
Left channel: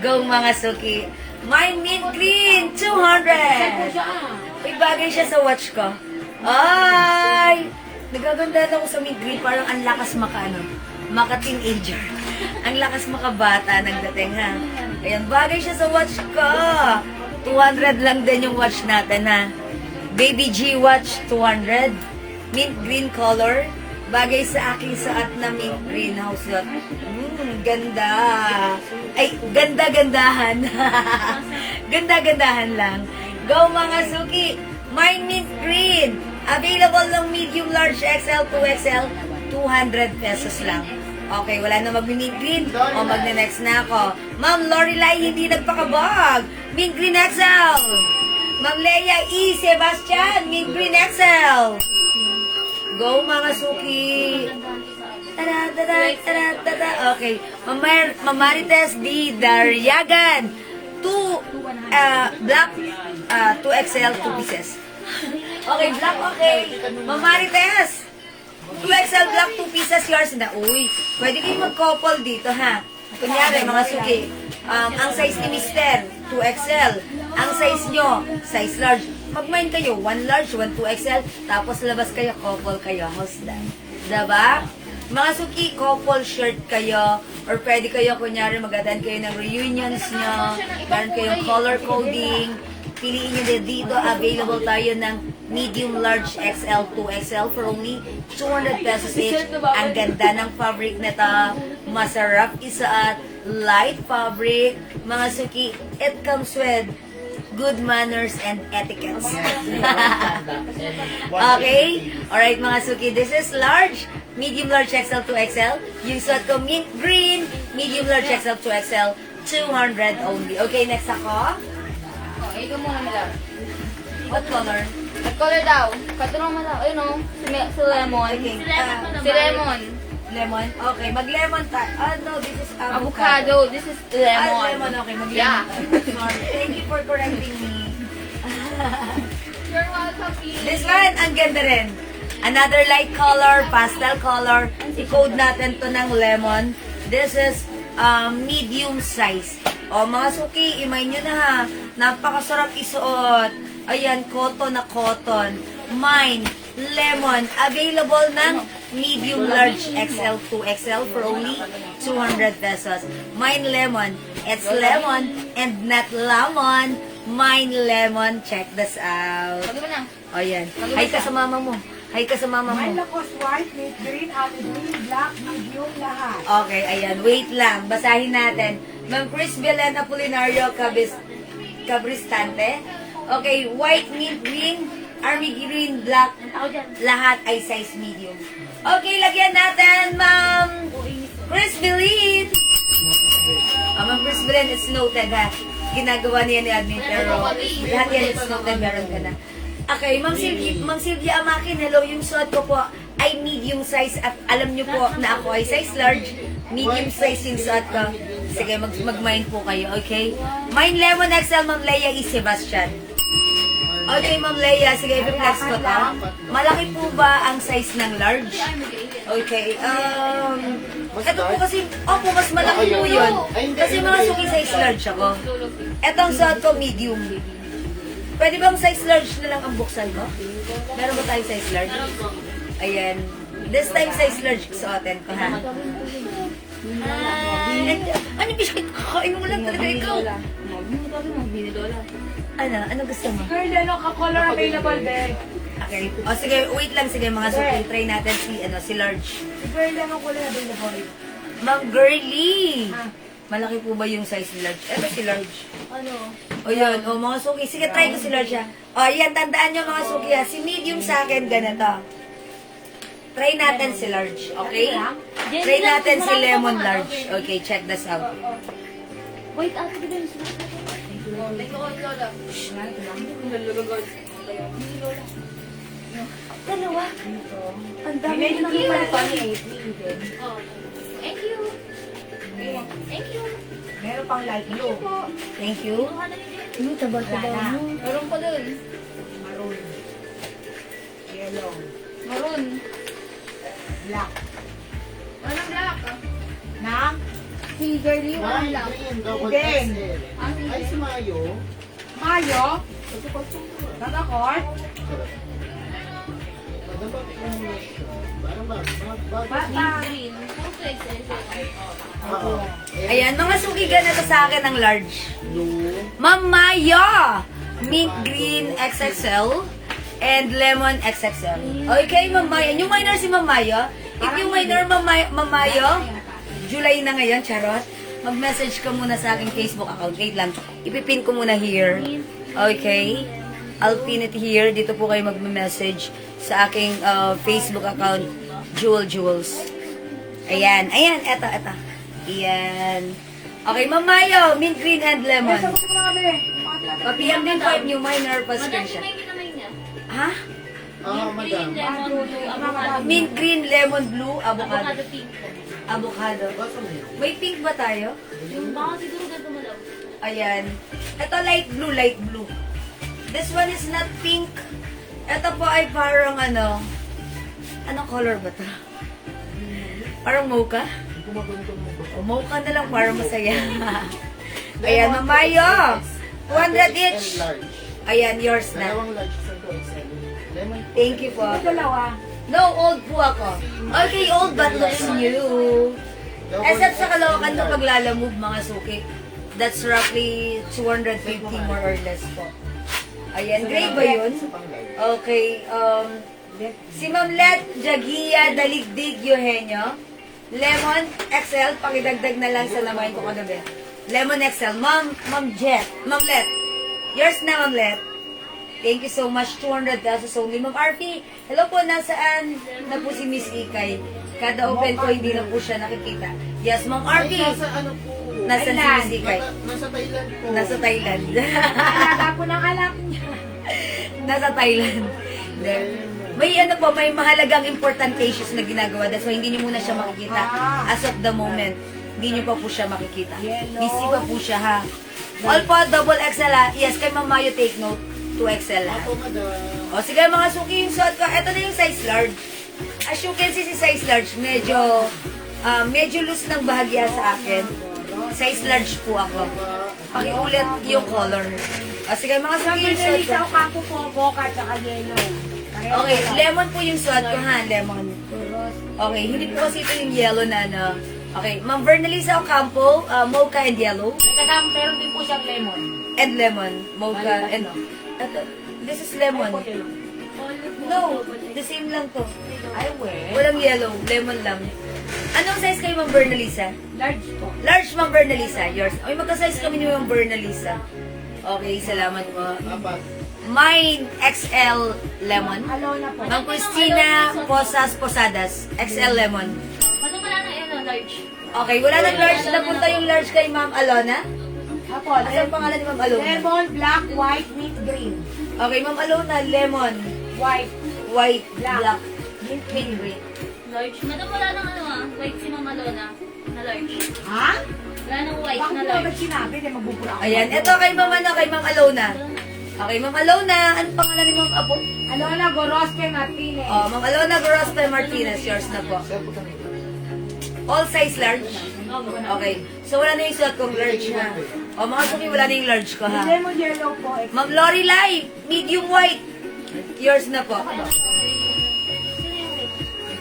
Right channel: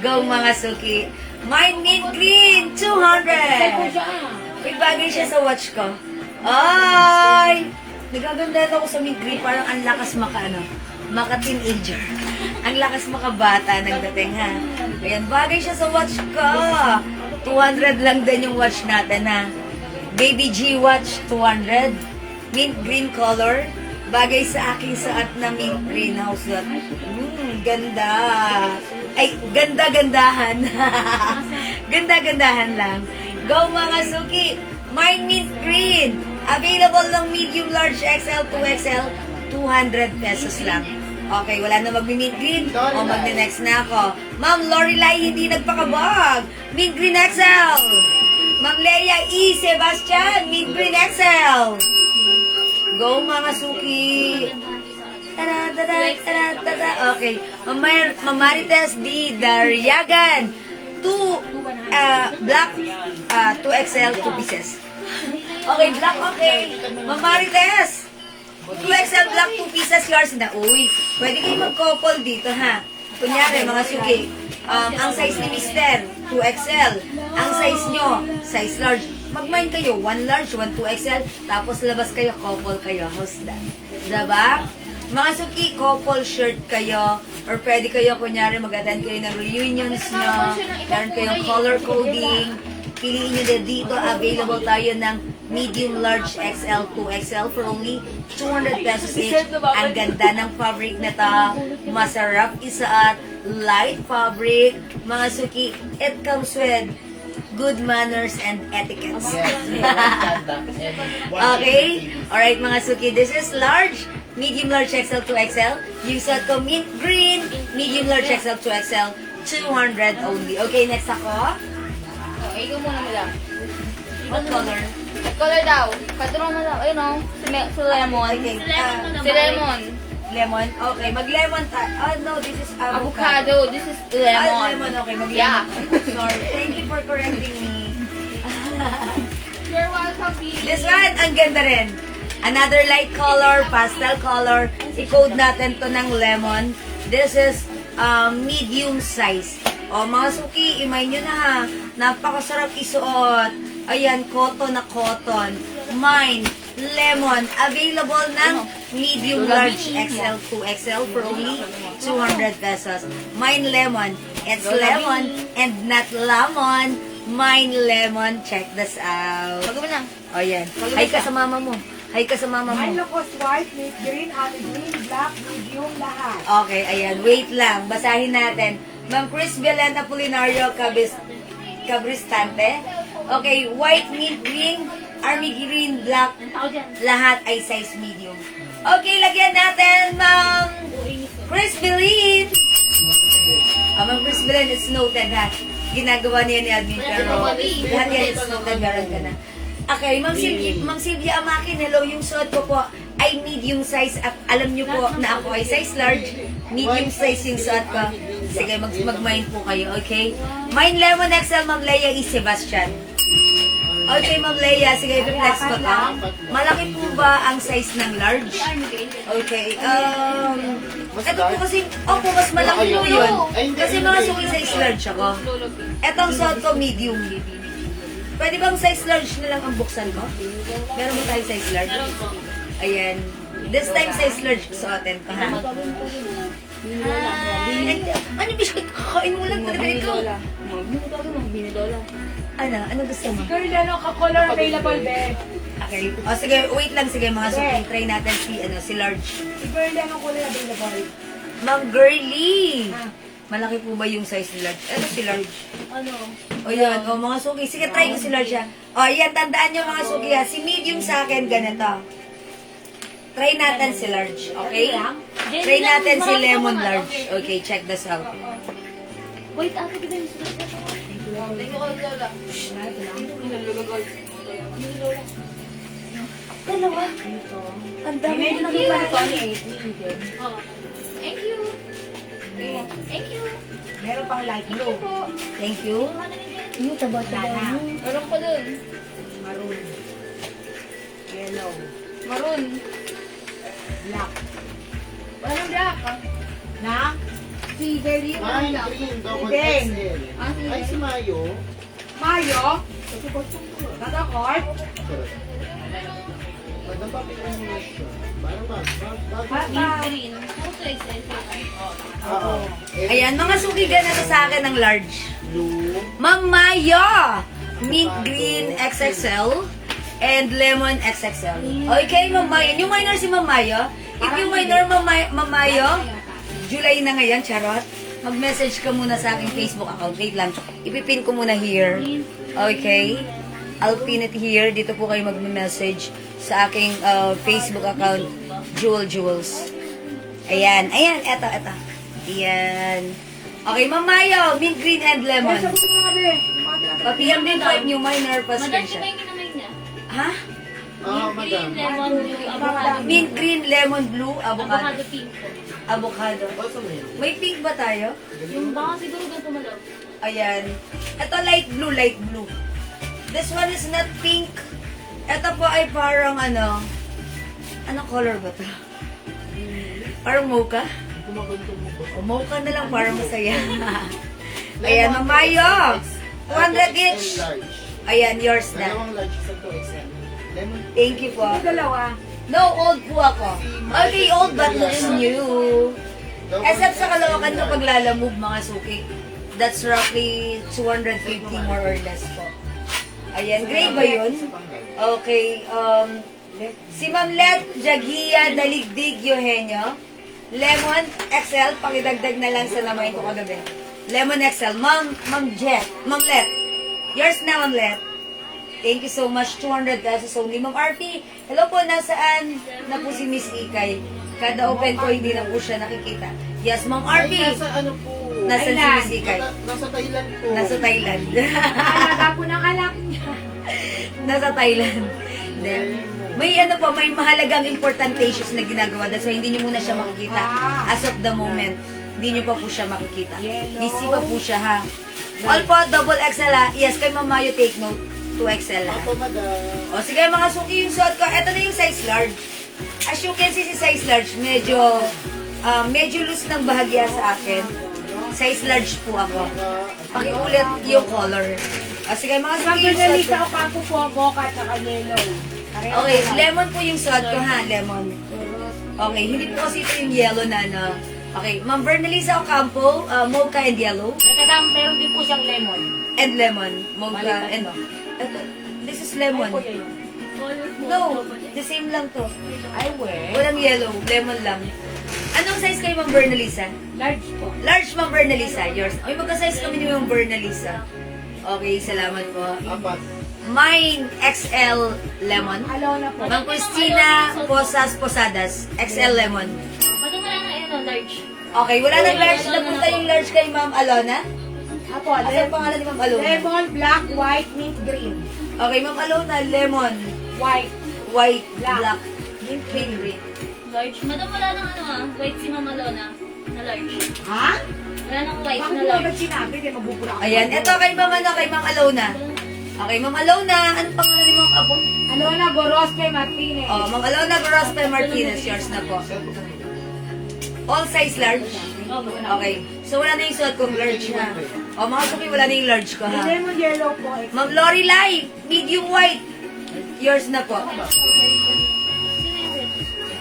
Go, mga suki! Mine mint green, 200! Uy, bagay siya sa watch ko. Ay! Nagaganda ako sa mint green, parang ang lakas maka-teenager. Ang lakas makabata ng dating, ha? Ayan, bagay siya sa watch ko. 200 lang din yung watch natin, ha? Baby G watch, 200. Mint green color. Bagay sa aking saat na mint green house yacht. Ganda. Ay, ganda-gandahan. Ganda-gandahan lang. Go, mga suki. Mine mint green. Available ng medium, large, XL, 2XL. 200 pesos lang. Okay, wala na mag-mint green. O magne-next na ako. Ma'am Lorelai, hindi nagpakabag. Mint green XL. Ma'am Leia E. Sebastian, mint green XL. Go, mga suki. Tada, tada, tada, tada. Okay. Ma'am Marites D. Dariagan. Black, 2XL, 2 pieces. Okay, black, okay. Ma'am Marites. 2XL black, 2 pieces, yours na. Uy, pwede kayo mag-couple dito, ha? Kunyari, mga suki. Ang size ni Mister, 2XL. Ang size nyo, size large. Mag-mind kayo, 1 large, 1 2XL. Tapos labas kayo, couple kayo. How's that? Diba? Mga suki, couple shirt kayo. Or pwede kayo, kunyari, mag-attend kayo ng reunions nyo. Meron kayong color coding. piliin nyo din dito. Available tayo ng medium, large, XL, 2XL for only 200 pesos each. Ang ganda ng fabric na to. Masarap isuot. Light fabric. Mga suki, it comes with good manners and etiquettes. Okay? Alright mga suki, this is large, medium, large, XL, 2XL. Yung suot ko mint green, medium, large, XL, 2XL, 200 only. Okay, next ako. Okay, ikaw muna nila. What color? Nag-color daw. Katulong mo daw. Ayun o. Si Lemon. Okay. Si Lemon. Lemon? Okay, mag-lemon tayo. Oh no, this is Avocado. This is lemon. Ah, lemon, okay, mag-lemon. Yeah. Sorry. Thank you for correcting me. You're welcome. This one, ang ganda rin. Another light color, pastel color. I-code natin to ng lemon. This is medium size. O mga suki, imay nyo na ha. Napakasarap isuot. Ayan, cotton na cotton. Mine, lemon. Available ng medium, large, XL, 2XL for only 200 pesos. Mine lemon. It's lemon and not lemon. Mine lemon. Check this out. Pagod mo na. O yan. Hi ka sa mama mo. Hi ka sa mama mo. Mine was white, mint green, honey green, black, medium, lahat. Okay, ayan. Wait lang. Basahin natin. Ma'am Chris Belen Apolinario Cabristante. Okay, white, mint green, army green, black. Lahat ay size medium. Okay, lagyan natin, Ma'am Chris Belen. Ma'am Chris Belen, it's noted ha. Ginagawa niya ni Admin, pero lahat yan, it's noted. Meron ka na. Okay, Ma'am Sylvia Amakin, hello, yung suot ko po ay medium size at alam niyo po na ako ay size large, medium size yung suot ko. Sige, mag-mine po kayo, okay? Mine Lemon XL, Ma'am Leia E. Sebastian. Okay, Ma'am Leia, sige, i-reflex ko to. Malaki po ba ang size ng large? Okay, ito po kasi, mas malaki po yun. Kasi mga suki size large ako. Etong suot ko, medium. Pwede bang size large na lang ang buksan mo? Meron ba tayo size large? Ayan. This time size large sa atin. Ano biscuit? Kakain mo lang talaga ikaw. Ano gusto mo? Girl, ano ka-color available, be? Okay. O sige, wait lang. Sige mga suki. Try natin si large. Girl, ano color available? Ma'am Girly! Malaki po ba yung size ni large? Ano si large? Ano? O yun, mga suki. Sige, try ko si large ha. O yan, tandaan nyo mga suki ha. Si medium sa akin, ganito. Try natin si large, okay? Try natin si lemon large. Okay, check this out. Wait, ate, di ba yung sulat? Thank you, Lola. Dalawa. Ang dami na nakita. Thank you. Thank you. Meron pang light blue. Thank you. Taba-taba mo. Meron pa dun. Maroon. Yellow. Maroon. Black. Walang black. Na? Si Girlie, walang Mine black. green, double Then, XL. Ay, si Mayo. Mayo. Ito pa ito. Kakakort. Maganda pa yung siya. Parang Green. Oo. Ayan, mga suki ganito sa akin ng large. Blue. Ma'am Maya! Mint green XXL and lemon XXL. Okay, Ma'am Maya. New minor si Ma'am Maya. If new minor, Ma'am Maya, July na ngayon, charot. Mag-message ka muna sa aking Facebook account. Wait lang. Ipipin ko muna here. Okay? I'll pin it here. Dito po kayo mag-message sa aking Facebook account, Jules. Ayan. Eto. Ayan. Okay, Ma'am Mayo, mint green and lemon. Sagot mo nga, be. Pa-PM din po new minor pa Madam, screenshot. may kinamay niya. Ha? Madam. Lemon, blue, avocado. Mint green, lemon, blue, avocado. Avocado pink po. Avocado. Basta mo yun. May pink ba tayo? Yung baka siguro ganito malaw. Ayan. Ito light blue. This one is not pink. Ito po ay parang anong color ba to? Parang mocha? O mocha na lang para masaya. Ayan, Mamayo. 200 each. XL large. Ayan, yours na. Dalawang large sa to. XL. Lemon. Thank you po. Dalawa. No, old po ako. Okay, old but looks new. Except sa Caloocan kapag lalamove mga suki. That's roughly 250 more or less po. Ayan, gray ba yun? Okay, si Ma'am Let Jagia Daligdig Eugenio. Lemon XL, pakidagdag na lang sa lamay ko kagabi. Lemon XL. Ma'am Jet. Ma'am Let. Yours na, Ma'am Let. Thank you so much. 200 pesos only. Ma'am Arfi, hello po, nasaan na po si Miss Ikay? Kada open ko, hindi na po siya nakikita. Yes, Ma'am Arfi. Nasa ano po? Nasa si Miss Ikay? Nasa Thailand po. Nasa Thailand. Alaga po ng anak niya. Nasa Thailand. Hindi. May ano po, may mahalagang important cases na ginagawa. That's why hindi niyo muna siya makikita. As of the moment, hindi niyo pa po siya makikita. Busy pa po siya, ha? All po, double XL, ha? Yes, kay Ma'am Mayo, take note. 2XL, ha? Ako, madam. O, sige, mga suki yung suot ko. Ito na yung size large. As you can see, si size large, medyo loose ng bahagya sa akin. Size large po ako. Pakiulit yung color. O, sige, mga suki yung suot ko. Sa Ocampo po, mocha, tsaka yellow. Okay, lemon po yung suot ko, ha? Lemon. Okay, hindi po kasi ito yung yellow na, ano. Okay, Ma'am Bernalisa Ocampo, mocha and yellow. Teka, meron din po siyang lemon. And lemon. Mocha and... Ito, this is lemon. Ay po yellow. No, the same lang to. Ay, we. Walang yellow, lemon lang. Anong size kayo, Ma'am Bernalisa? Large po. Large, Ma'am Bernalisa. Yours. Okay, magka-size kami ni Ma'am Bernalisa. Okay, salamat po. Apat. Mine, XL lemon. Alona po. Ma'am Cristina Posadas, XL lemon. Ano mo lang ano, large? Okay, wala nang large. Napunta yung large kay Ma'am Alona. Apo, Ano ang pangalan ni Ma'am Alona? lemon, black, white, mint, green. Okay, Ma'am Alona, lemon, White. white, Black. black, mint green. Large. Madam, wala nang ano white si Mama Lona. Na large. Ha? Wala nang white Bakit na mo large. agad sinabi? Di mabubura ako. Ayan, ito kay Ma'am ano, kay Ma'am Alona. Okay, Ma'am Alona, anong pangalan ni Ma'am Abo? Alona Gorosque Martinez. Oh, Ma'am Alona Gorospe Martinez, yours na po. All size large? Okay. So, wala na yung suot kong large na. O, mga suki, wala na yung large ko, ha? Lemon yellow po. Ma'am Lorelai, medium white. Yours na po.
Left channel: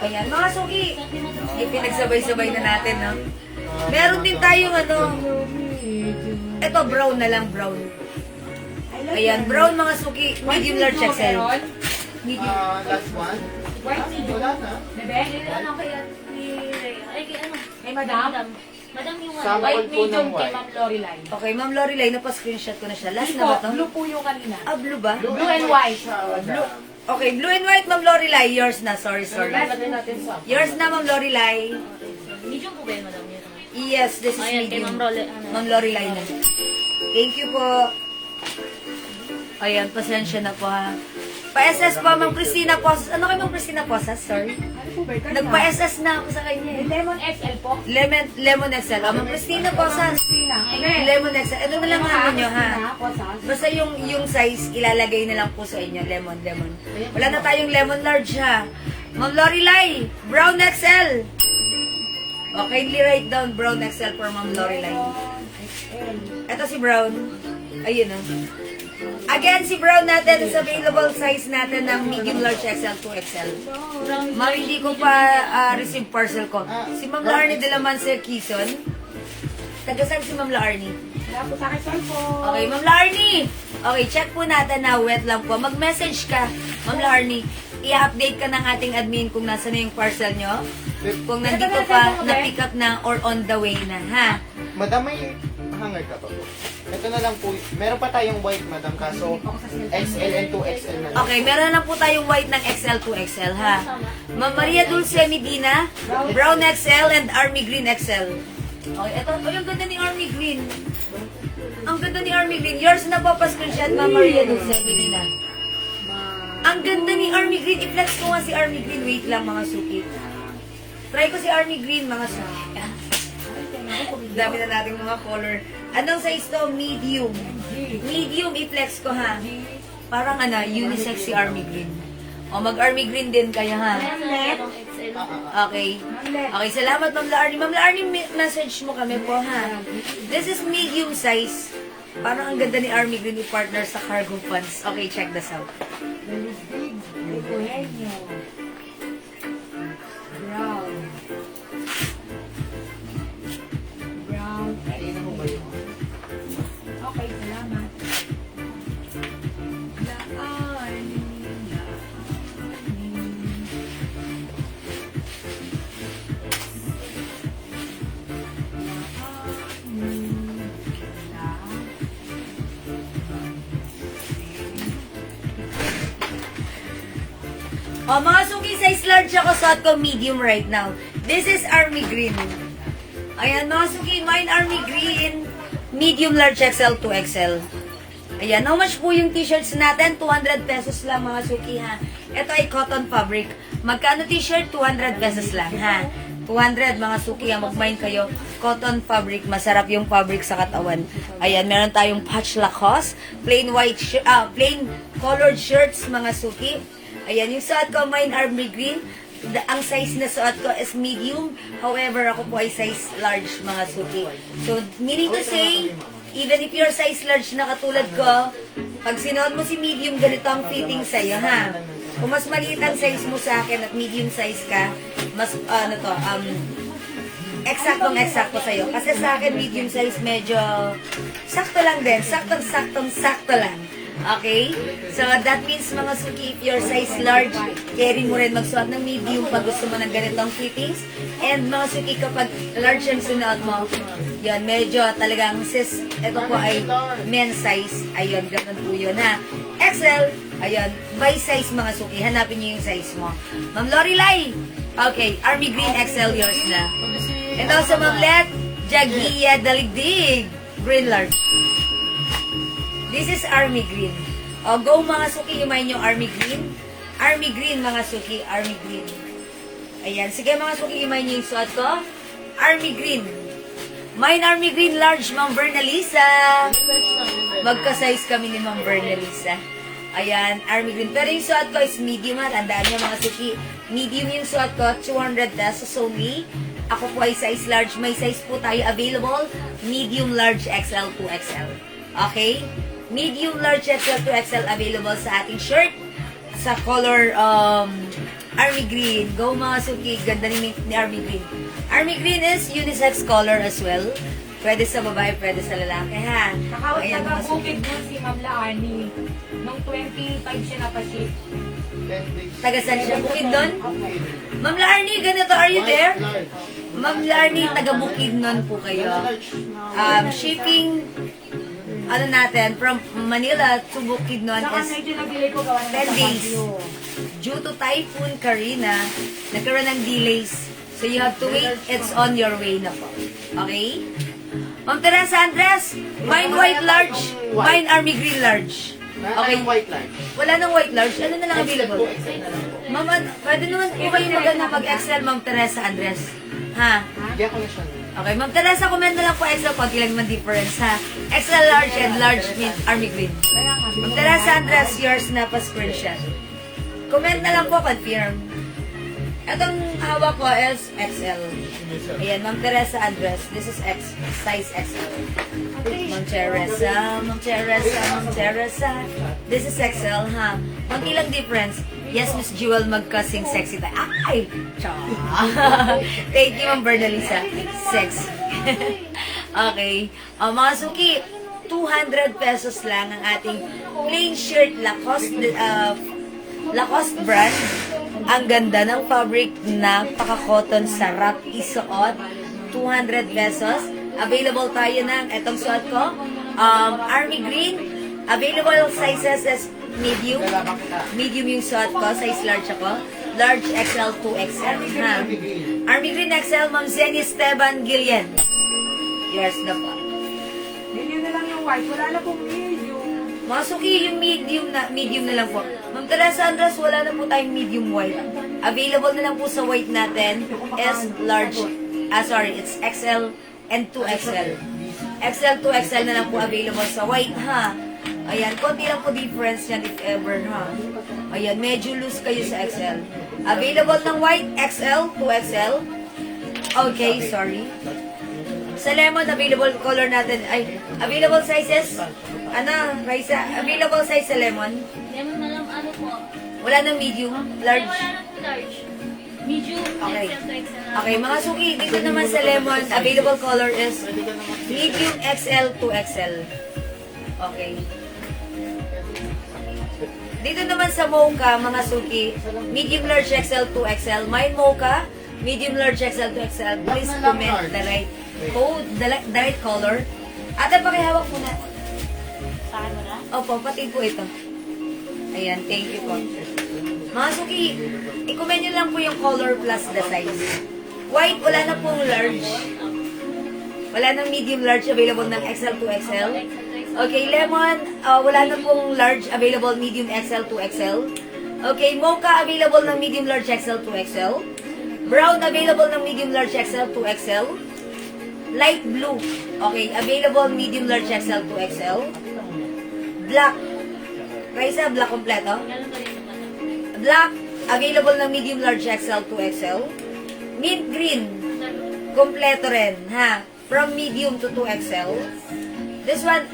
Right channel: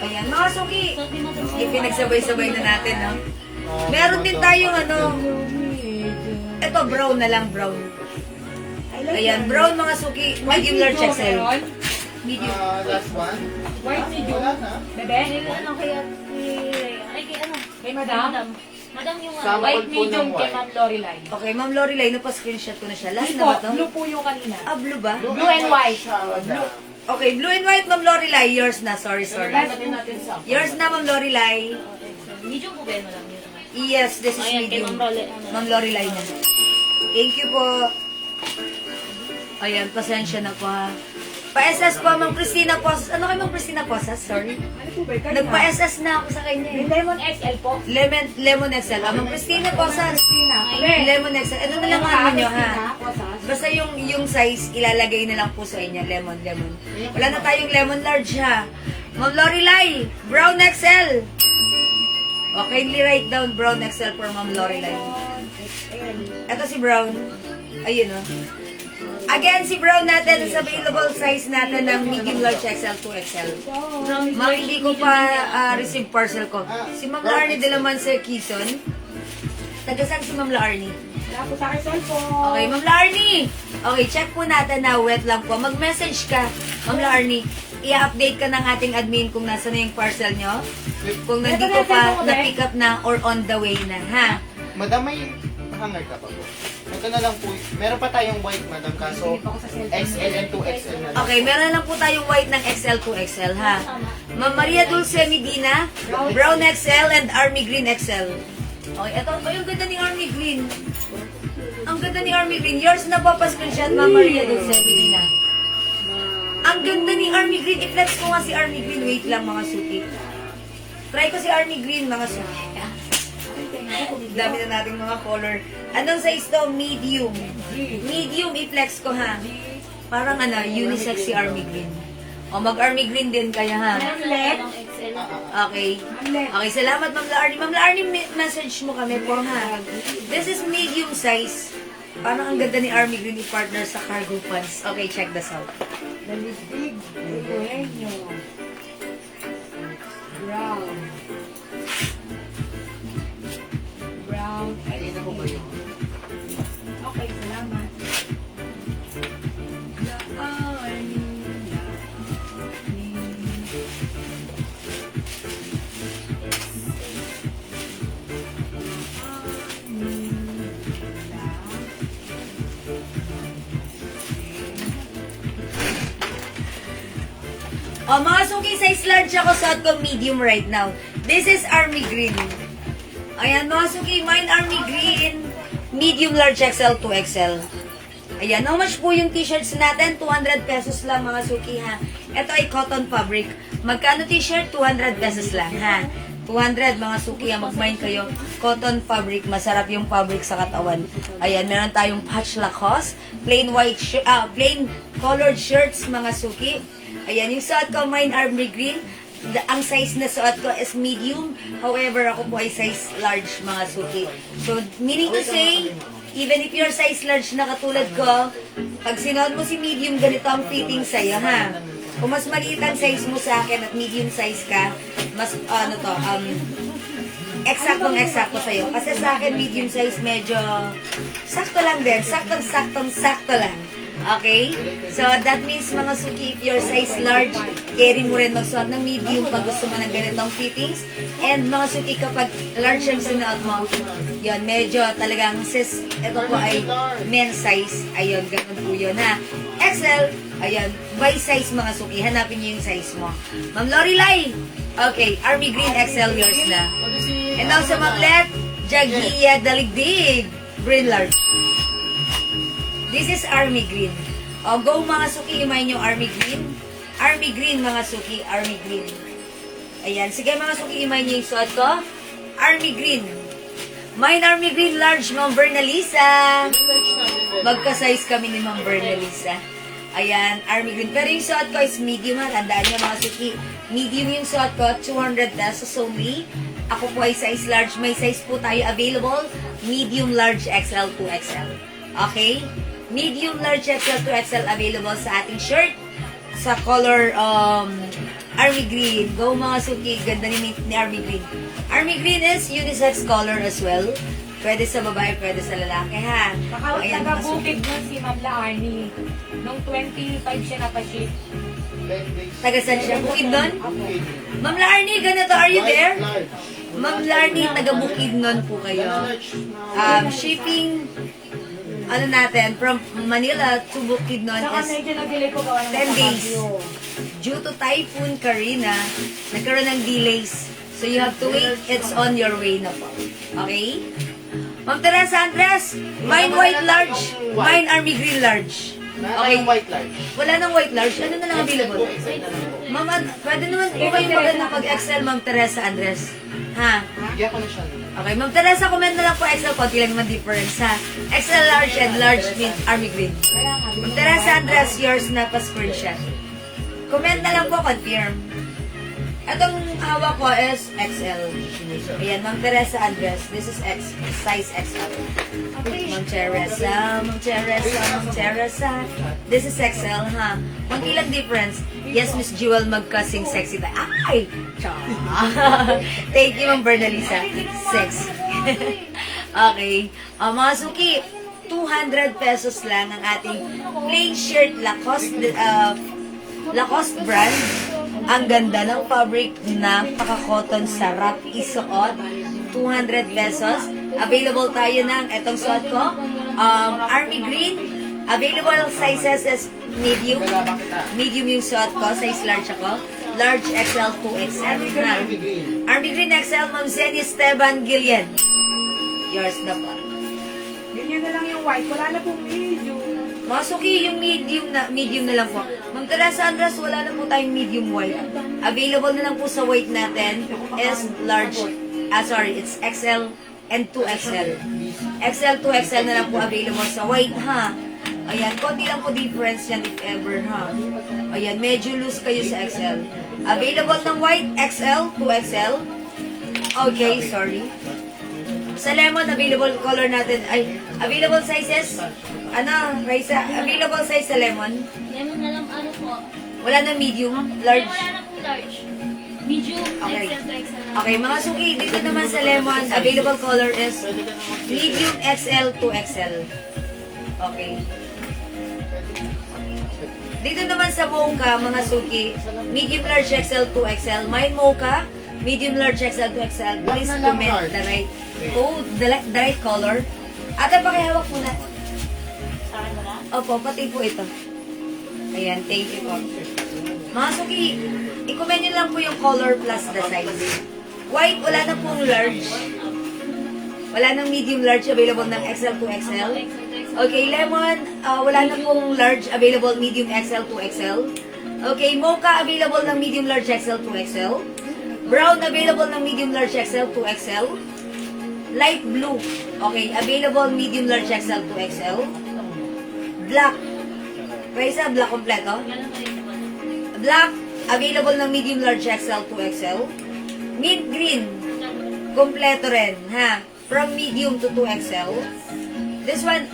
Ayan, mga suki. Yung pinagsabay-sabay na natin, no? Meron din tayong ano, ito, brown na lang, brown. Ayan, brown mga suki. Medium large XL. Medium. Last one. White medium. Wala na. Bebe? Ano kaya ni Rhea? Ay, kay ano? Kay madam? Madam yung ano. Sample White po medium ng kay white. Ma'am Lorelai. Okay, Ma'am Lorelai, napa-screenshot ko na siya. Last na Blue ba po. to? Blue po yung kanina. Ah, blue ba? Blue and white. Blue. Okay, blue and white, Ma'am Lorelai. Yours na, sorry. Lagay natin sa. Yours na, Ma'am Lorelai. Medium po ba yun, madam? Yun. Yes, this is Ayan, kay medium. Ma'am Lorelai, ano. Ma'am Lorelai na. Thank you po. Ayan, pasensya na po, ha. Pa-SS po, Ma'am Christina Posas. Ano kay Ma'am Christina Posas? Sorry. Ano po ba? Nagpa-SS na ako sa kanya. May eh. lemon XL po. Lemon XL. Ah, Ma'am Christina Posas. Christina. Lemon XL. Ano na lang ang inyo, ha? Posas. Basta yung size, ilalagay na lang po sa inyo. Lemon. Wala na tayong lemon large, ha? Ma'am Lorelai, brown XL. Okay, kindly write down brown XL for Ma'am Lorelai. Ito si brown. Ayun, oh. Again, si brown natin is available size natin ng medium large XL to XL. Ma'am, hindi ko pa receive parcel ko. Si Ma'am Larnie de la Manse Quezon. Taga saan si Ma'am Larnie? Wala po sa akin cellphone. Okay, Ma'am Larnie. Okay, check po natin na wet lang po. Mag-message ka, Ma'am Larnie. I-update ka ng ating admin kung nasa na yung parcel nyo. Kung nandito pa, na-pick up na or on the way na, ha? Madam, may hanger ka pa po. Ito na lang po. Meron pa tayong white, madam. Kaso, XL and 2XL na lang. Okay, meron lang po tayong white ng XL to XL, ha? Ma'am Maria Dulce Medina, brown XL and army green XL. Okay, ito, ay, ang ganda ni army green. Ang ganda ni army green. Yours na po, pa-screenshot, Ma'am Maria Dulce Medina. Ang ganda ni army green. I-flex ko nga si army green. Wait lang, mga suki. Try ko si army green, mga suki. Dami na nating mga color. Anong size to? Medium. Medium, i-flex ko, ha? Parang unisex si army green. O, mag-army green din kaya, ha? Anong XL? Okay. Okay, salamat, Ma'am Larnie. Ma'am Larnie, message mo kami po, ha? This is medium size. Parang ang ganda ni army green i-partner sa cargo pants. Okay, check this out. Dalisdig. Eugenio. Brown. Ayun na po ba yun? Okay, salamat. O, mga suki, size large ako, suot ko medium right now. This is army green. Ayan, mga suki, mine army green. Medium large XL to XL. Ayan, how much po yung t-shirts natin? 200 pesos lang, mga suki, ha? Ito ay cotton fabric. Magkano t-shirt? 200 pesos lang, ha? 200, mga suki, ha? Mag-mine kayo. Cotton fabric, masarap yung fabric sa katawan. Ayan, meron tayong patch Lacoste, plain plain colored shirts, mga suki. Ayan, yung suot ko, mine army green. Ang size na suot ko is medium. However, ako po ay size large, mga suki. So, meaning to say, even if you're size large na katulad ko, pag sinuot mo si medium, ganito ang fitting sa'yo, ha? Kung mas maliit ang size mo sa akin at medium size ka, mas, eksaktong-eksakto sa'yo. Kasi sa akin, medium size medyo sakto lang din. Sakto lang. Okay? So, that means, mga suki, if your size large, carry mo rin magsuot ng medium pag gusto mo ng ganitong fittings. And mga suki, kapag large ang sunuot mo, yun, medyo talagang sis, ito po ay men's size. Ayun, ganun po yun, ha? XL, ayun, by size, mga suki. Hanapin niyo yung size mo. Ma'am Lorelai, okay, Army Green XL yours na. And also, Ma'am Let, Jagia Daligdig, Green Large. This is Army Green. O, go mga suki, imayin yung Army Green. Army Green, mga suki, Army Green. Ayan, sige mga suki, imayin yung suot ko. Army Green. Mine Army Green large, Ma'am Bernalisa. Magka-size kami ni Ma'am Bernalisa. Ayan, Army Green. Pero yung suot ko is medium, ha. Tandaan niyo mga suki. Medium yung suot ko, 200 pesos only. Ako po ay size large. May size po tayo available. Medium, large, XL to XL. Okay? Medium, large, XL to XL available sa ating shirt. Sa color, Army Green. Go mga suki. Ganda ni Army Green. Army Green is unisex color as well. Pwede sa babae, pwede sa lalaki, ha? Ayan, mga suki. Nakabukid mo si Ma'am Laani. Nung 25 siya napaship. 10 days. Taga saan siya? Bukid doon? Ma'am Larnie, ganito. Are you there? Ma'am Larnie, taga Bukid nun po kayo. Shipping, ano natin, from Manila to Bukidnon Saka is medyo nag-delay po gawa ng 10 days. Baguio. Due to Typhoon Karina, nagkaroon ng delays. So you have to wait. It's on your way na po. Okay? Ma'am Teresa Andres, mine white large, mine army green large. Okay, white large. Wala nang white large. Ano na lang available? Ma'am, pwede naman po kayo maganda pag XL, Ma'am Teresa Andres. Ha? Bigyan ko na siya. Okay, Ma'am Teresa, comment na lang po XL. Konti lang naman difference, ha? XL large and large means army green. Ma'am Teresa Andres, yours na pa-screenshot. Comment na lang po, confirm. Itong hawak ko is XL. Ayan, Ma'am Teresa Andres. This is size XL. Ma'am Teresa, Ma'am Teresa, Ma'am Teresa. This is XL, ha? Konti lang difference. Yes, Miss Jewel, magkasing sexy ta. Ay! Cha! Thank you, Ma'am Bernalisa. Sex. Okay. Mga suki, 200 pesos lang ang ating plain shirt Lacoste brand. Ang ganda ng fabric na paka-cotton, sarap isuot. 200 pesos. Available tayo ng etong suot ko. Army green. Available sizes is medium. Medium yung suot ko. Size large ako. Large XL to XL. Ha? Army green XL. Ma'am Zenny Esteban Gillian. Yours na po. Ganyan na lang yung white. Wala na pong medium. Mga suki, yung medium na lang po. Ma'am Teresa Andres, wala na po tayong medium white. Available na lang po sa white natin is large. It's XL and 2XL. XL, 2XL na lang po available sa white, ha? Ayan, konti lang po difference yan if ever, ha? Ayan, medyo loose kayo sa XL. Available ng white, XL, 2XL. Okay, sorry. Sa lemon, available color natin, available sizes, Raisa, available size sa lemon. Lemon na lang, ano po? Wala nang medium, large. Wala na po large. Medium, Okay. XL to XL. Okay, mga suki, dito naman sa lemon, available color is medium XL to XL. Okay. Dito naman sa mocha, mga suki, medium large XL to XL. My mocha, medium large XL to XL. Please comment the right code, the right color. Ate, pakihawak muna. Sa akin wala? Opo, pati po ito. Ayan, thank you po. Mga suki, i-comment nyo lang po yung color plus the size. White, wala na pong large. Wala nang medium large available ng XL to XL. Okay, lemon, wala na pong large available medium XL to XL. Okay, mocha available ng medium large XL to XL. Brown available ng medium large XL to XL. Light blue, okay, available medium large XL to XL. Black, Raisa, black kompleto. Black, available ng medium large XL to XL. Mint green, kompleto rin, ha? From medium to 2XL. This one,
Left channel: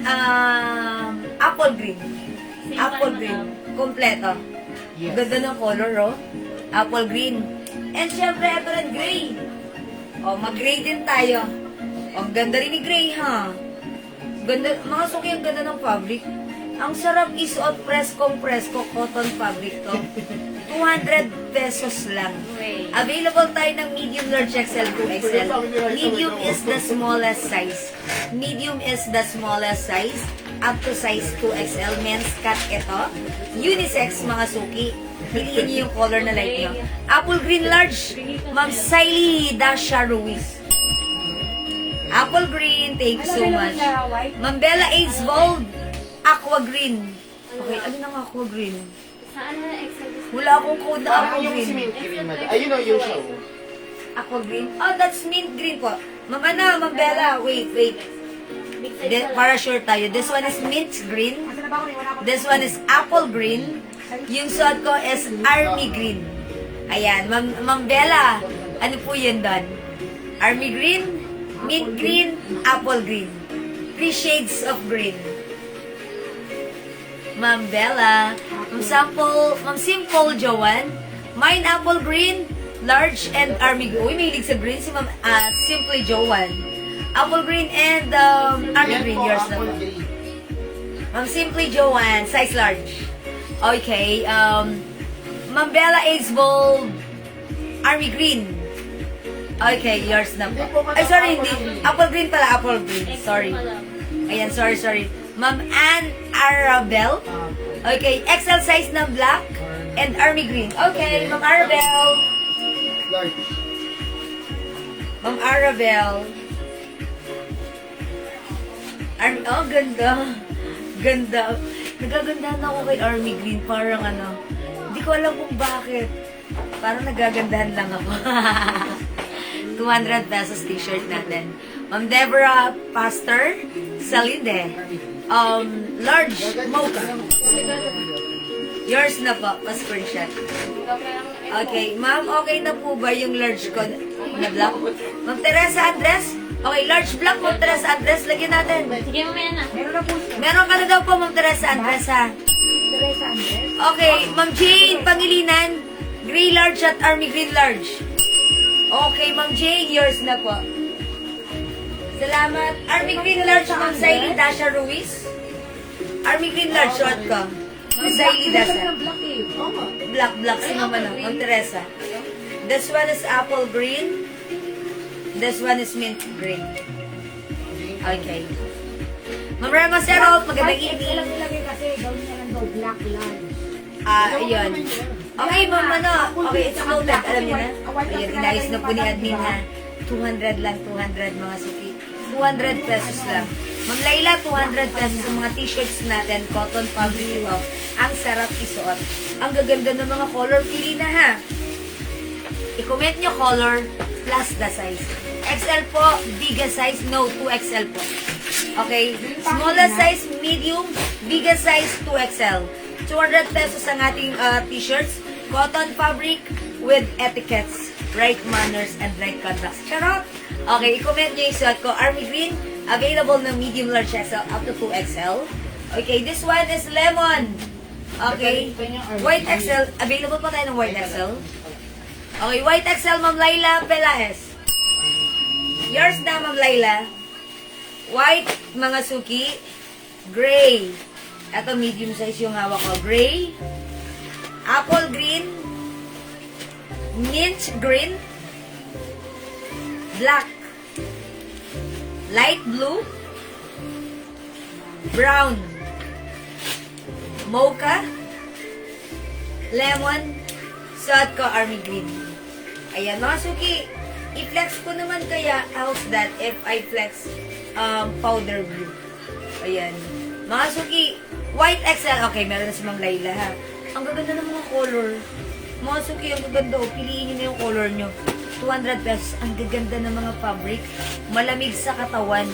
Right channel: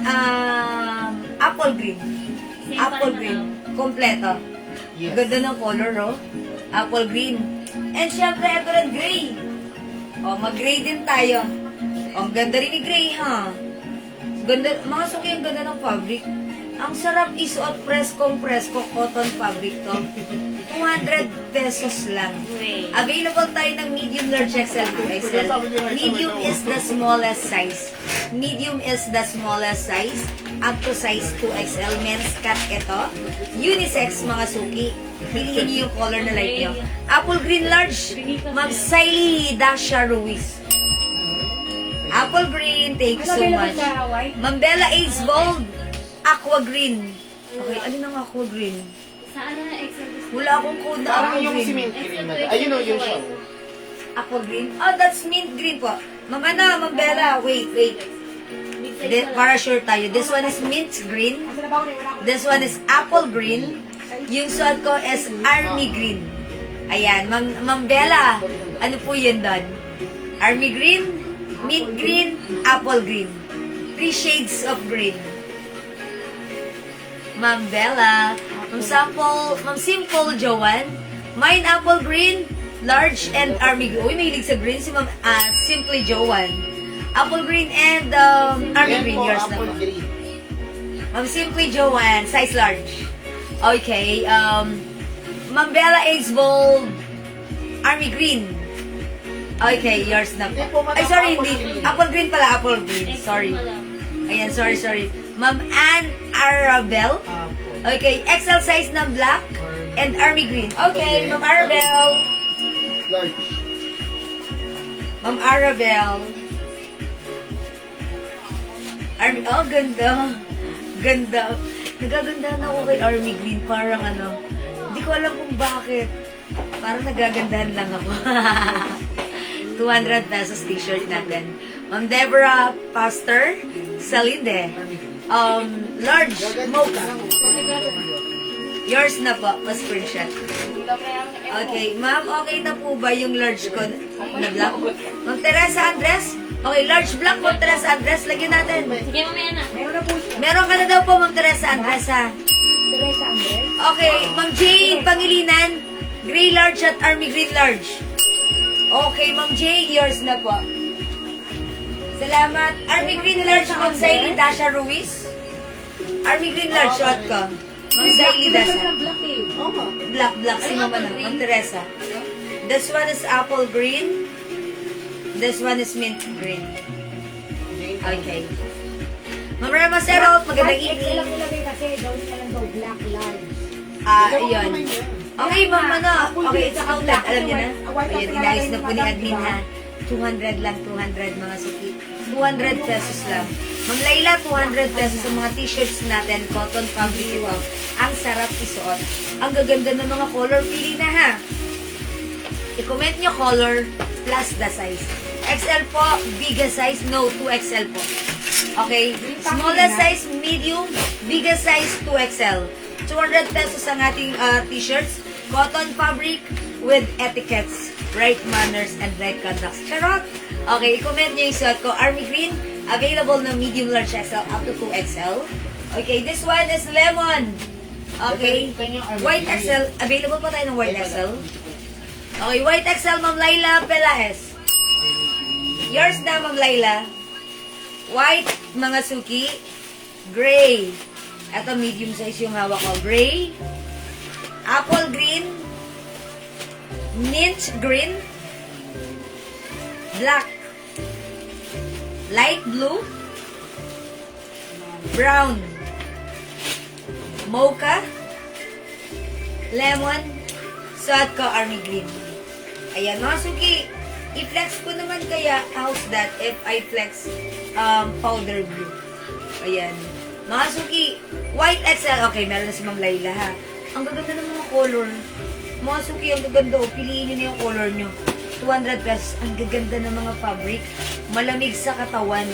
apple green. Apple green, kompleto. Yes. Ganda ng color, oh. Apple green. And syempre, ito rin gray. Oh, mag-gray din tayo. Oh, ang ganda rin ni gray, ha? Ganda, mga suki, ang ganda ng fabric. Ang sarap isuot, presko cotton fabric to. 200 pesos lang. Available tayo ng medium large XL to XL. Medium is the smallest size. Medium is the smallest size. Up to size 2XL. Men's cut ito. Unisex, mga suki. Piliin niyo yung color na like niyo. Apple green large. Ma'am Siley Dasha Ruiz. Apple green. Thank you so much. Ma'am Bella Aids Bold. Aqua green. Okay, ano nang aqua green? Saan mo na XL? Wala akong code na Parang aqua yung si green. mint green, madam. Ayun o, yung show. Aqua green? Oh, that's mint green po. Ma'am Ma'am Bella, wait. Para sure tayo. This one is mint green. This one is apple green. Yung suot ko is army green. Ayan, Ma'am Bella, ano po yun doon? Army green, mint green, apple green. 3 shades of green. Ma'am Bella, Ma'am Simple Joanne, mine apple green, large and army green. Uy, mahilig sa green si Ma'am Simply Joanne. Apple green and army Yan green, po, yours na apple po. green. Ma'am Simply Joanne, size large. Okay, Ma'am Bella Ace Bold, army green. Okay, yours na po. Ay, sorry, hindi. Apple green pala, apple green. Sorry. Ayan, sorry. Ma'am Ann Arabel. Okay, XL size na black and army green. Okay, Ma'am Arabel. Large. Ma'am Arabel. Oh, ganda. Ganda. Nagagandahan ako kay army green. Parang ano, hindi ko alam kung bakit. Parang nagagandahan lang ako. 200 pesos t-shirt natin. Ma'am Deborah Pastor Salide. Large mocha. Yours na po. Pa-screenshot. Okay. Ma'am, okay na po ba yung large ko na black? Ma'am Teresa Andres? Okay, large black Ma'am Teresa Andres. Lagyan natin. Sige, mamaya na. Meron ka na daw po Ma'am Teresa Andres, ha? Okay. Ma'am Jane Pangilinan. Gray large at army green large. Okay, Ma'am Jane, yours na po. Salamat. Army green large Ma'am Siley Dasha Ruiz. Army green large shot ko. Ma'am Siley Dasha. Black si Ma'am Ma'am Teresa. This one is apple green. This one is mint green. Okay. Ma'am Rama Serot, magandang evening. Iyon. Okay, Ma'am, okay, it's counted. Alam niyo na? Ayun, inayos na po ni admin na 200 lang, 200 mga suki. 200 pesos lang. Ma'am Laila, 200 pesos ang mga t-shirts natin, cotton fabric ito. Ang sarap isuot. Ang gaganda ng mga color, pili na ha. I-comment nyo color plus the size. XL po, biggest size, no, 2XL po. Okay, smallest size, medium, biggest size, 2XL. 200 pesos ang ating t-shirts, cotton fabric with etiquettes, right manners, and right conduct. Charot! Okay, i-comment nyo yung suot ko. Army green, available na medium large XL up to 2XL. Okay, this one is lemon. Okay, white XL. Available pa tayo ng white XL. Okay, white XL, Ma'am Laila Pelaez. Yours na, Ma'am Laila. White, mga suki. Gray. Ito, medium size yung hawak ko. Gray. Apple green. Mint green. Black. Light blue. Brown. Mocha. lemon, suot ko army green. Ayan, mga suki, i-flex ko naman kaya, how's that if I flex powder blue? Ayan. Mga suki, white XL. Okay, meron na si Ma'am Laila ha. Ang gaganda ng mga color. Mga suki, ang gaganda. O, piliin nyo na yung color nyo. 200 pesos. Ang gaganda ng mga fabric. Malamig sa katawan.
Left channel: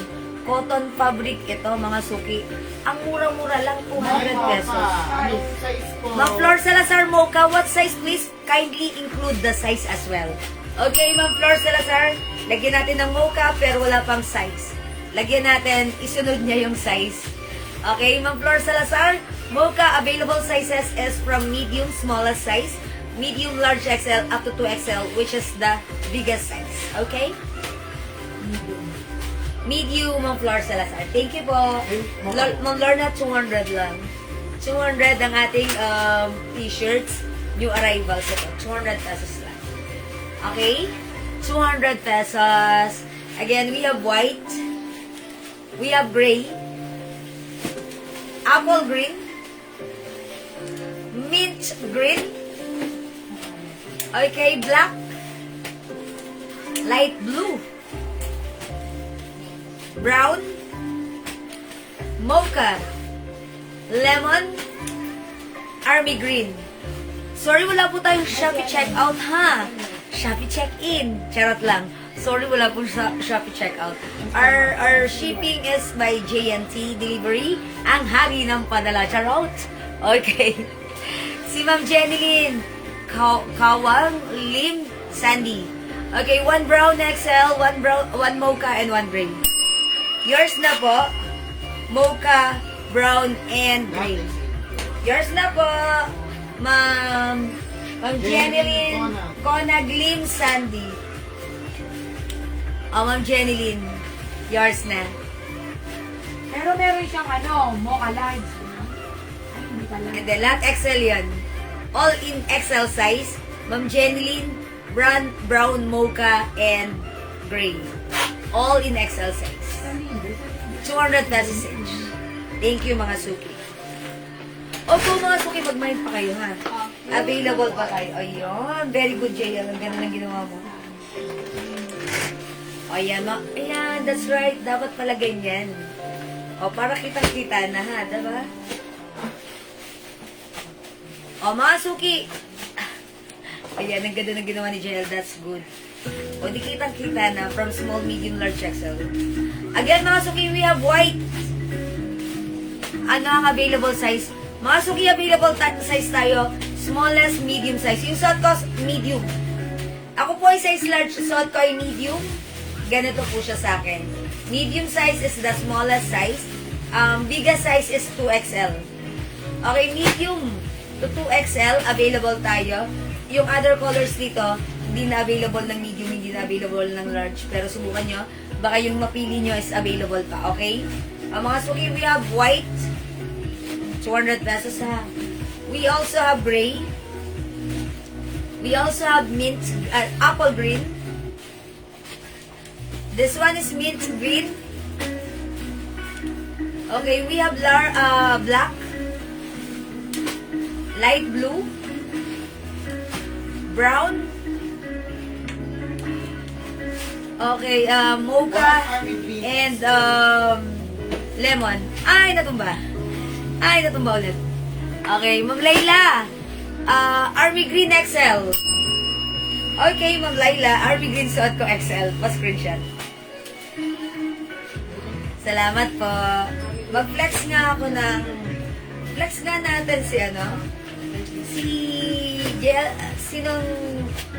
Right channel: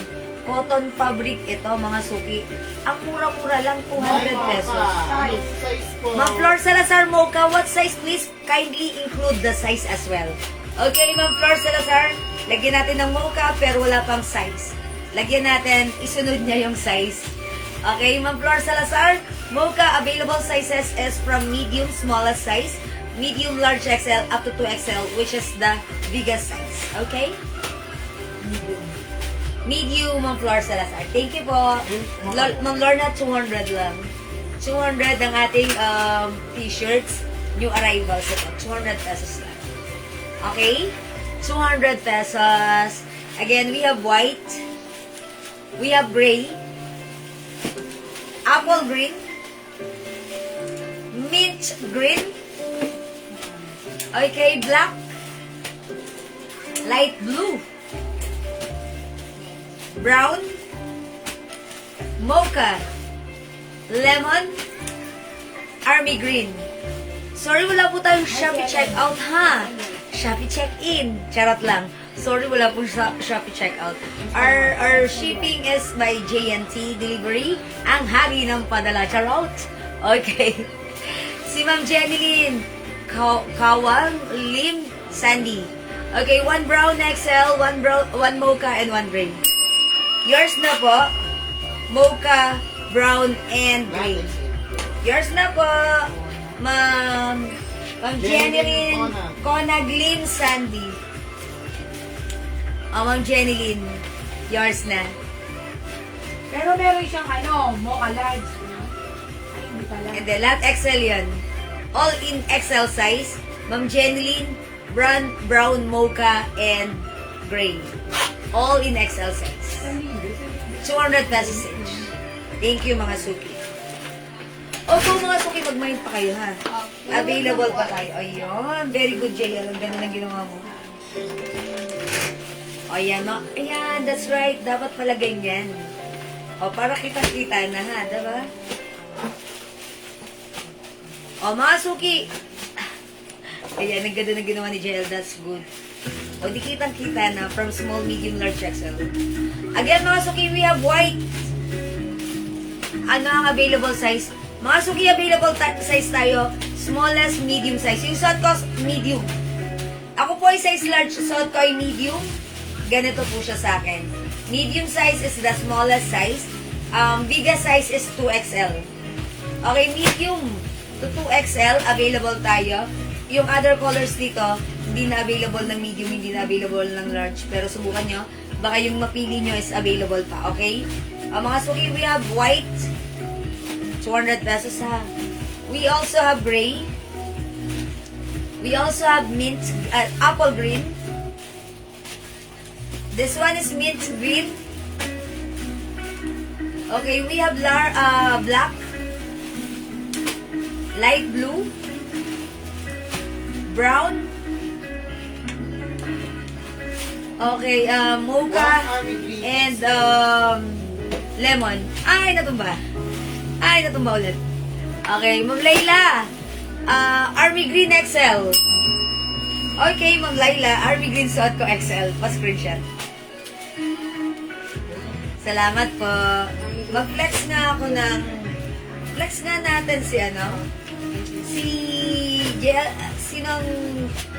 Cotton fabric ito, mga suki. Ang mura-mura lang, 200 pesos. Anong size po? Ma'am Flor Salazar Mocha, what size please? Kindly include the size as well. Okay, Ma'am Flor Salazar, lagyan natin ng mocha pero wala pang size. Lagyan natin, isunod niya yung size. Okay, Ma'am Flor Salazar, mocha available sizes is from medium, smallest size, medium, large XL, up to 2XL, which is the biggest size. Okay? Medium. Medium, Ma'am Flor Salazar. Thank you po. Ma'am Lorna, 200 lang. 200 ang ating t-shirts. New arrivals ito. 200 pesos lang. Okay? 200 pesos. Again, we have white. We have gray. Apple green. Mint green. Okay, black. Light blue. Brown. Mocha. Lemon. Army green. Sorry, wala po tayong Shopee checkout, ha? Shopee check-in. Charot lang. Sorry, wala po Shopee checkout. Our shipping is by JNT Delivery. Ang hari ng padala. Charot. Okay. Si Ma'am Jenilyn. Kawang Lim Sandy. Okay, 1 brown XL, 1 mocha, and 1 gray. Yours na po. Mocha, brown, and gray. Yours na po. Ma'am Jenilyn Conag Lim Sandy. Ma'am Jenilyn, yours na. Pero meron siyang mocha large. Ay, hindi pala. And then, lahat XL yan. All in XL size. Ma'am Jenilyn, brown, mocha, and gray. All in XL size. 200 pesos each. Thank you, mga suki. Opo, mga suki, mag-mind pa kayo, ha? Available pa tayo. Ayun. Very good, JL. Ang ganda ng ginawa mo. Ayan, no? Ayan, that's right. Dapat pala ganyan. O, para kitang-kita na, ha? Diba? O, mga suki. Ayan, ang ganda ng ginawa ni JL. That's good. O, di kitang-kita na from small, medium, large, XL. Again, mga suki, we have white. Ano ang available size? Mga suki, available size tayo. Smallest, medium size. Yung suot ko, medium. Ako po ay size large. Suot ko ay medium. Ganito po siya sa akin. Medium size is the smallest size. Biggest size is 2XL. Okay, medium to 2XL, available tayo. Yung other colors dito, hindi na available ng medium, hindi na available ng large. Pero subukan nyo, baka yung mapili nyo is available pa, okay? Mga suki, we have white. 200 pesos ha. We also have gray. We also have mint, apple green. This one is mint green. Okay, we have black, light blue, brown. Okay, mocha, and lemon. Ay, natumba ulit. Okay, Ma'am Layla. Army Green XL. Okay, Ma'am Layla. Army Green suot ko XL. Pa-screenshot. Salamat po. Mag-flex nga ako ng... Flex nga natin si sinong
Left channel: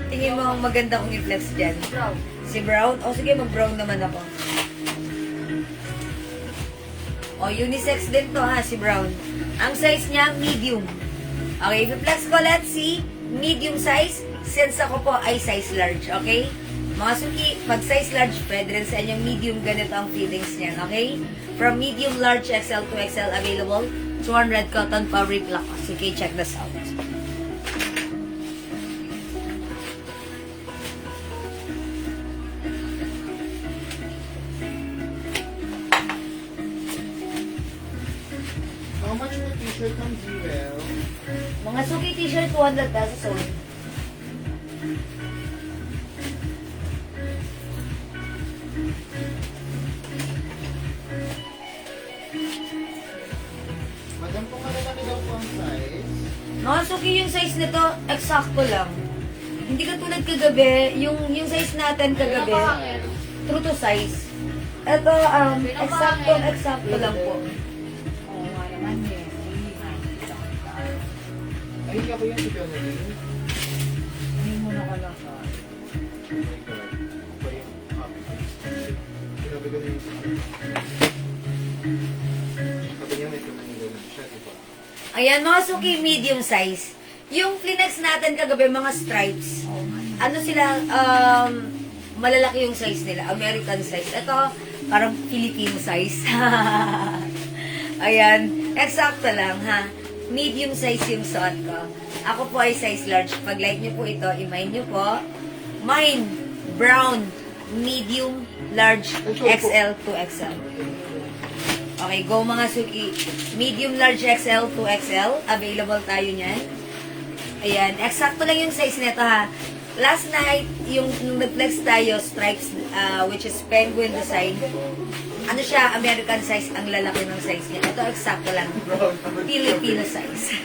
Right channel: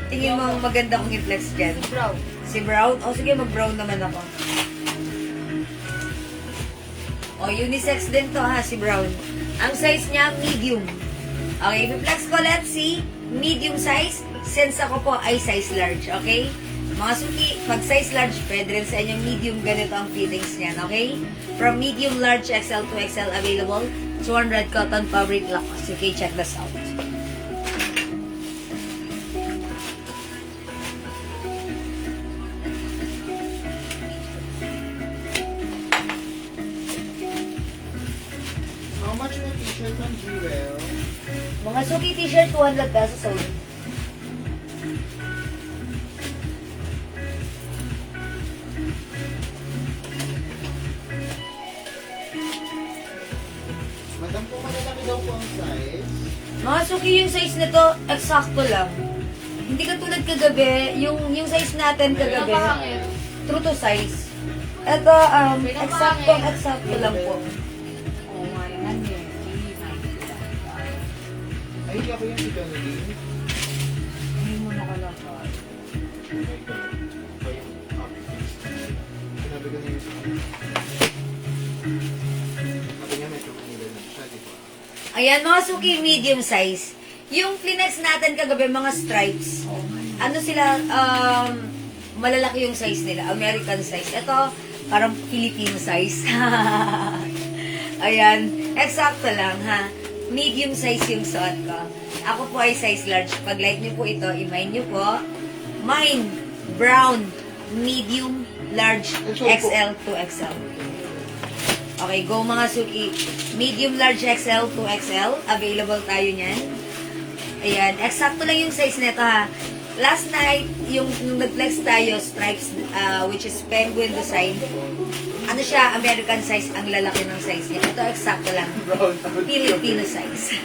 tingin mo maganda kong i-flex dyan? Si Brown? O sige, mag-brown naman ako. O, unisex din to ha, si Brown. Ang size niya, medium. Okay, i-flex ko, let's see. Medium size, since ako po ay size large, okay? Mga suki, pag size large, pwede rin sa inyong medium, ganito ang feelings niyan, okay? From medium, large, XL to XL available, 200 cotton fabric lacoste. Okay, check this out. How much po t-shirt ng Jewel? Mga Suki t-shirt, 200 pesos only. Madam, kung malalaki daw po ang size, Mga Suki, yung size nito, eksakto lang. Hindi ka tulad kagabi, yung size natin kagabi, true to size. Ito, eksakto lang po. ay, ako yung si Kennedy. Sinabi ko na yung sabi niya may tumanila na siya, di ba? Ayan, mga Suki, medium size. Yung Kleenex natin kagabi, mga stripes. Ano sila, malalaki yung size nila. American size. Ito, parang Filipino size. Ayan, eksakto lang, ha? Medium size yung suot ko. Ako po ay size large. Pag like niyo po ito, i-mind niyo po. Mine, brown, medium, large, XL to XL. Okay, go mga Suki. Medium, large, XL to XL. Available tayo niyan. Ayan, eksakto lang yung size nito ha. Last night, yung nung nag-flex tayo, stripes, which is penguin design. Ano siya, American size, ang lalaki ng size niya. Ito, eksakto lang. Filipino size.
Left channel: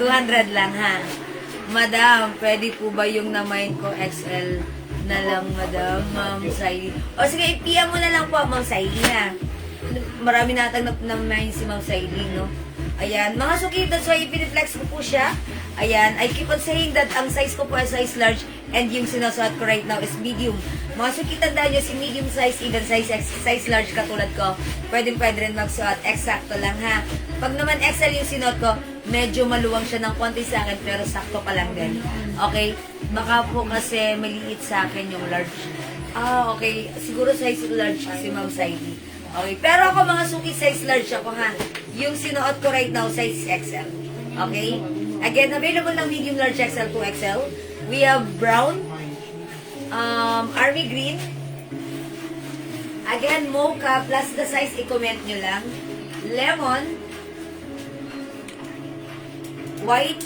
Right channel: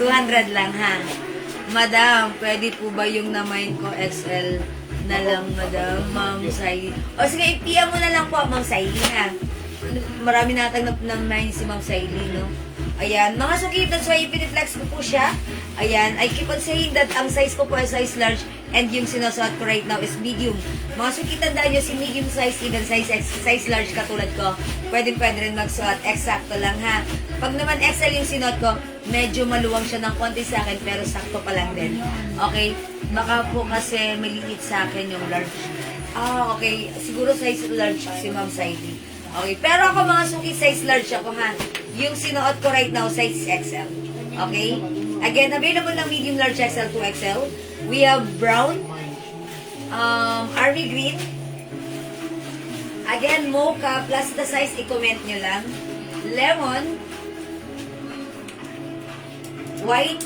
200 lang ha. Madam, pwede po ba yung namain ko XL na lang, madam? Ma'am Saili. O sige, i-PM mo na lang po, Ma'am Saili ha. Marami natang namain si Ma'am Saili, no? Ayan, mga Suki, that's why piniflex ko po siya. Ayan, I keep on saying that ang size ko po ay size large and yung sinusuot ko right now is medium. Mga Suki, tandaan nyo, si medium size, even size large katulad ko, pwede rin magsuot. Eksakto lang ha. Pag naman XL yung sinuot ko, medyo maluwang siya ng konti sa akin, pero sakto pa lang din. Okay? Baka po kasi maliit sa akin yung large. Okay. Siguro size large si Ma'am Saidi. Okay. Pero ako mga Suki, size large ako ha. Yung sinuot ko right now, size XL. Okay? Again, available ng medium, large, XL to XL. We have brown, army green, again, mocha, plus the size, i-comment nyo lang. Lemon, white,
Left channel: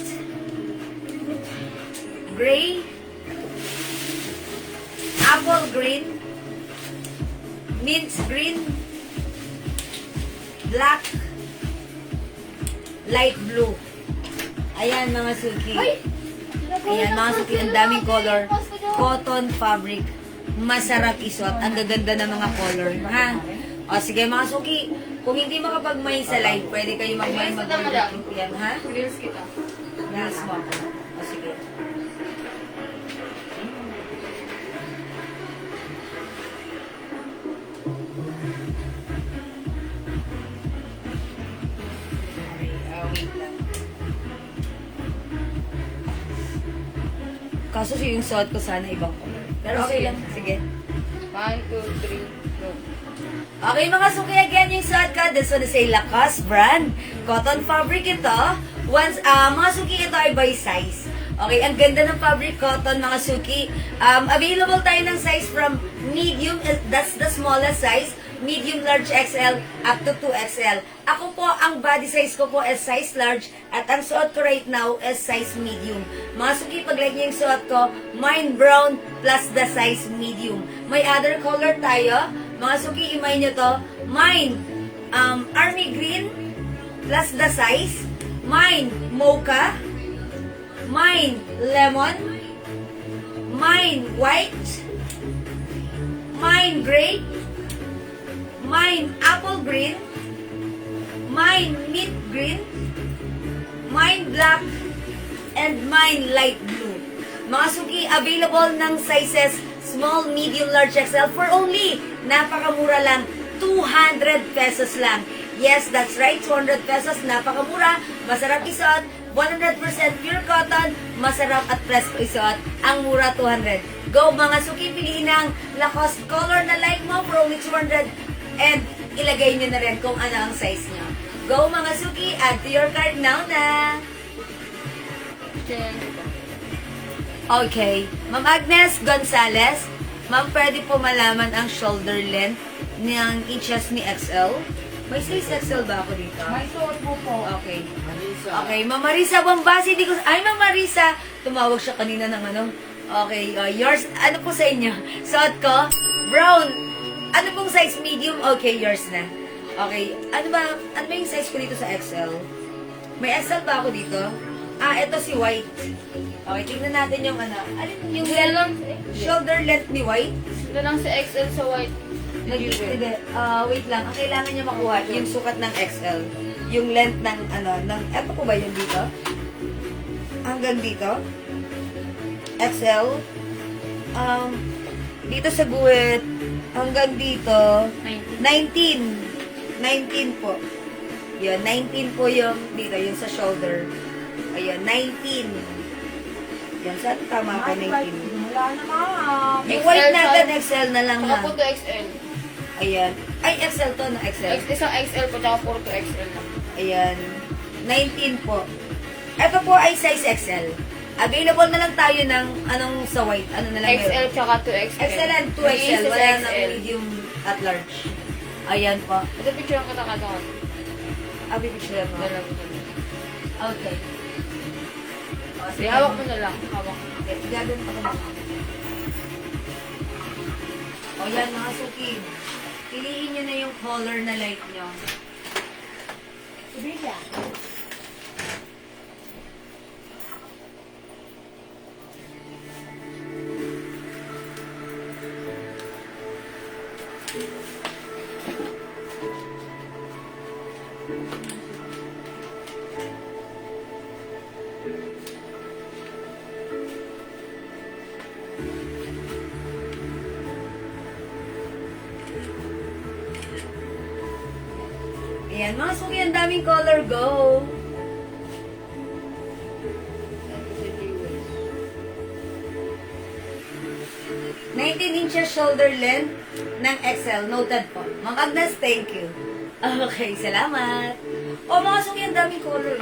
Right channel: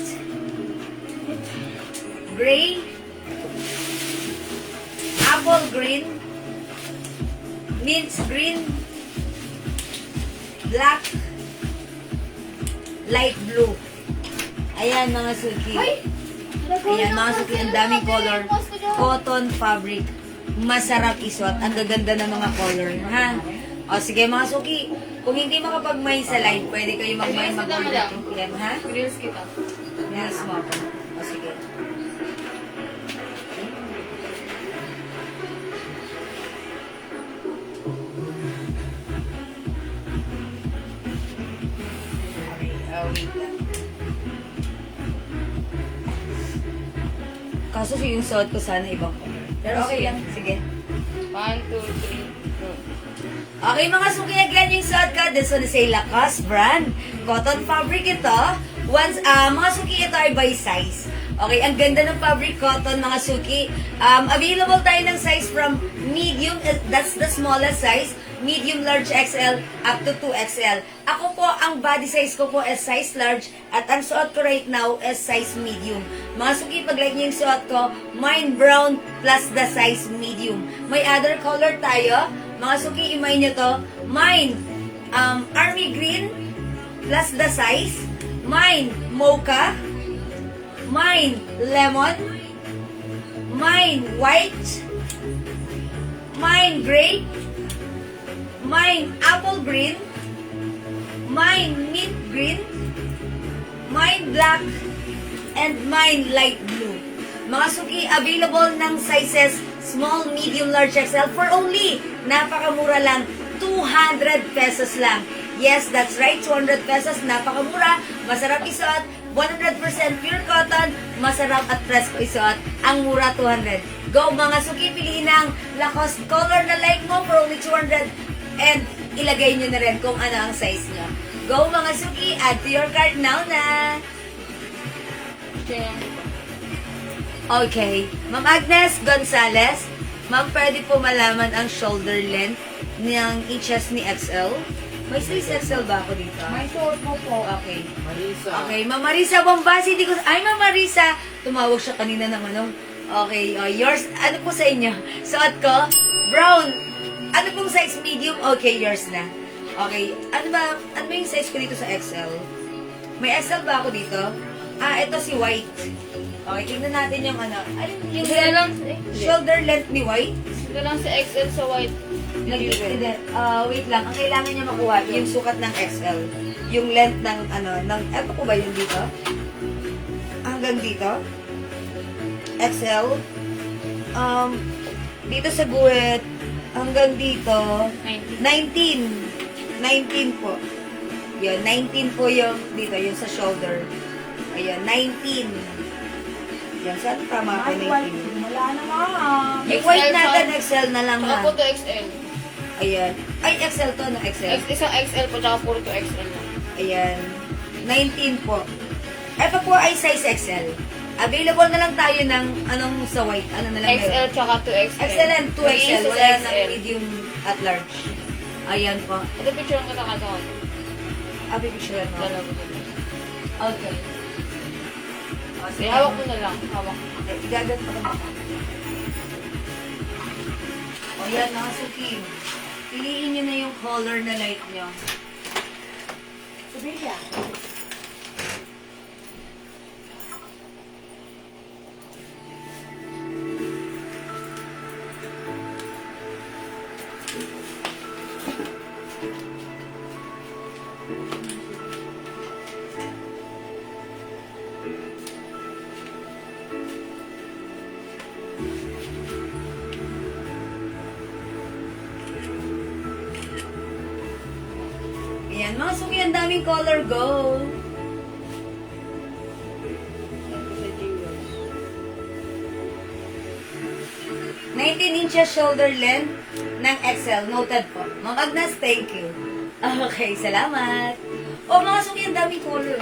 gray, apple green, mint green, black, light blue. Ayan mga Suki. Ayan mga Suki, ang daming color. Cotton fabric. Masarap isuot. Ang gaganda ng mga color. Ha? O sige mga Suki, kung hindi makapag-may sa live, pwede kayo mag-may mag-order. Ha? Grills kita. Yes mo ako. O sige. Wait lang. Kaso yung suot ko sana ibang color. Pero okay lang. Sige. 1, 2, 3, go. Okay mga Suki, again yung suot ko. This one is a Lacoste brand. Cotton fabric ito. Once, mga Suki, ito ay by size. Okay, ang ganda ng fabric cotton mga Suki. Available tayo ng size from medium, that's the smallest size. Medium, large, XL, up to 2XL. Ako po, ang body size ko po is size large at ang suot ko right now is size medium. Mga Suki, pag like niyo yung suot ko, mine brown plus the size medium. May other color tayo. Mga Suki, imay nyo to. Mine, army green plus the size. Mine, mocha. Mine, lemon. Mine, white. Mine, gray. Mine, apple green. Mine, mint green. Mine, black. And mine, light blue. Mga Suki, available ng sizes small, medium, large, XL for only, napakamura lang, 200 pesos lang. Yes, that's right, 200 pesos, napakamura, masarap isuot, 100% pure cotton, masarap at presko isuot, ang mura 200. Go mga Suki, piliin ang Lacoste color na like mo for only 200 and ilagay nyo na rin kung ano ang size nyo. Go mga Suki, add to your cart now na. Okay, Ma'am Agnes Gonzalez, Ma'am, pwede po malaman ang shoulder length ng inches ni XL? May size XL ba ako dito? May suot mo po. Okay. Marisa. Okay, Ma'am Marisa Bombasi, di ko... Ay, Ma'am Marisa! Tumawag siya kanina ng ano. Okay, yours, ano po sa inyo? Suot ko? Brown. Ano pong size medium? Okay, yours na. Okay, ano ba yung size ko dito sa XL? May XL ba ako dito? Ah, ito si White. Okay, tingnan natin yung ano. Ano yung Sige lang. shoulder length ni White? Sige lang si XL sa white. Hindi, wait lang. Ang kailangan niya makuha, yung sukat ng XL. Yung length ng, eto po ba yung dito? Hanggang dito? XL. Dito sa guhit, hanggang dito, 19 po. Yun, 19 po yung dito, yung sa shoulder. Ayun, 19. Yan, saan tama ka 19? Wala na, ma'am. Eh, white natin, XL na lang Saka ha. po to XL. Ayan. Ay, XL to, no? XL. Isang XL po, tsaka puro to XL lang. Ayan. 19 po. Ito po ay size XL. Available na lang tayo ng anong sa white. Ano na lang XL tsaka 2XL. XL and 2XL. Mag-iisa sa Wala nang XL. medium at large. Ayan po. Ito picture ko na katakan. Abi picture mo. Dalawa dyan. Okay. O, sige. Hawak mo na lang. Hawak. Okay, igagan pa naman. O yan, mga suki. Piliin nyo na yung color na light nyo. Sabi niya. Ayan, mga suki, ang daming color. Go! Ito 19 inches shoulder length ng XL. Noted po. Mga Agnes, thank you. Okay, salamat. O, mga suki, ang daming color.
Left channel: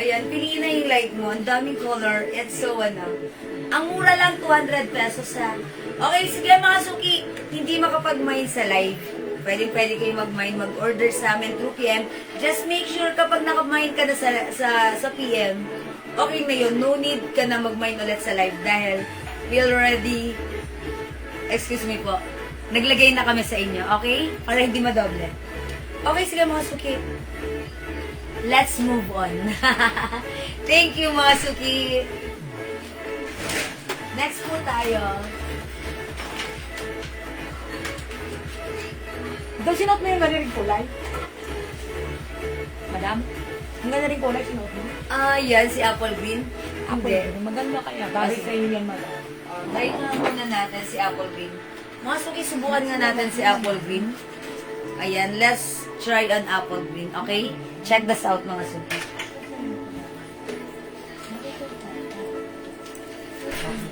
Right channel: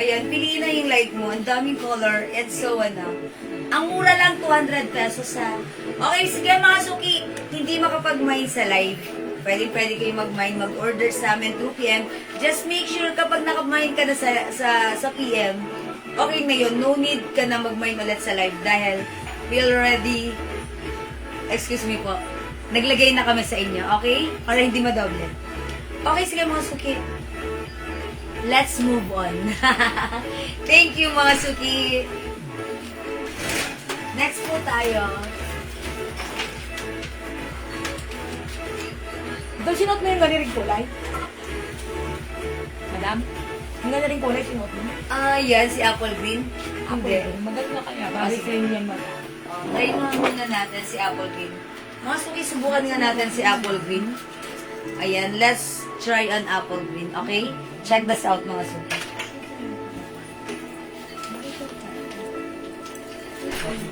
Ayan, piliin na yung light mo. Ang daming color. It's so, ang mura lang, 200 pesos ha. Okay, sige mga suki, hindi makapag-mine sa live. Pwede kayo mag-mine, mag-order sa amin 2 p.m. Just make sure kapag nakapag-mine ka na sa PM, okay na yun. No need ka na mag-mine ulit sa live dahil we already, excuse me po, naglagay na kami sa inyo, okay? Para hindi madoble. Okay, sige mga suki. Let's move on. Thank you mga suki. Next po tayo. Ito sinuot mo yung ganiring kulay? Madam? Ang ganiring kulay sinuot mo? Ah, yan, si Apple Green. Hindi. Maganda kaya. Bagay sa inyo yan, madam. Try nga muna natin si Apple Green. Mga suki, subukan nga natin si Apple Green. Ayan, let's try an Apple Green, okay? Check this out mga suki.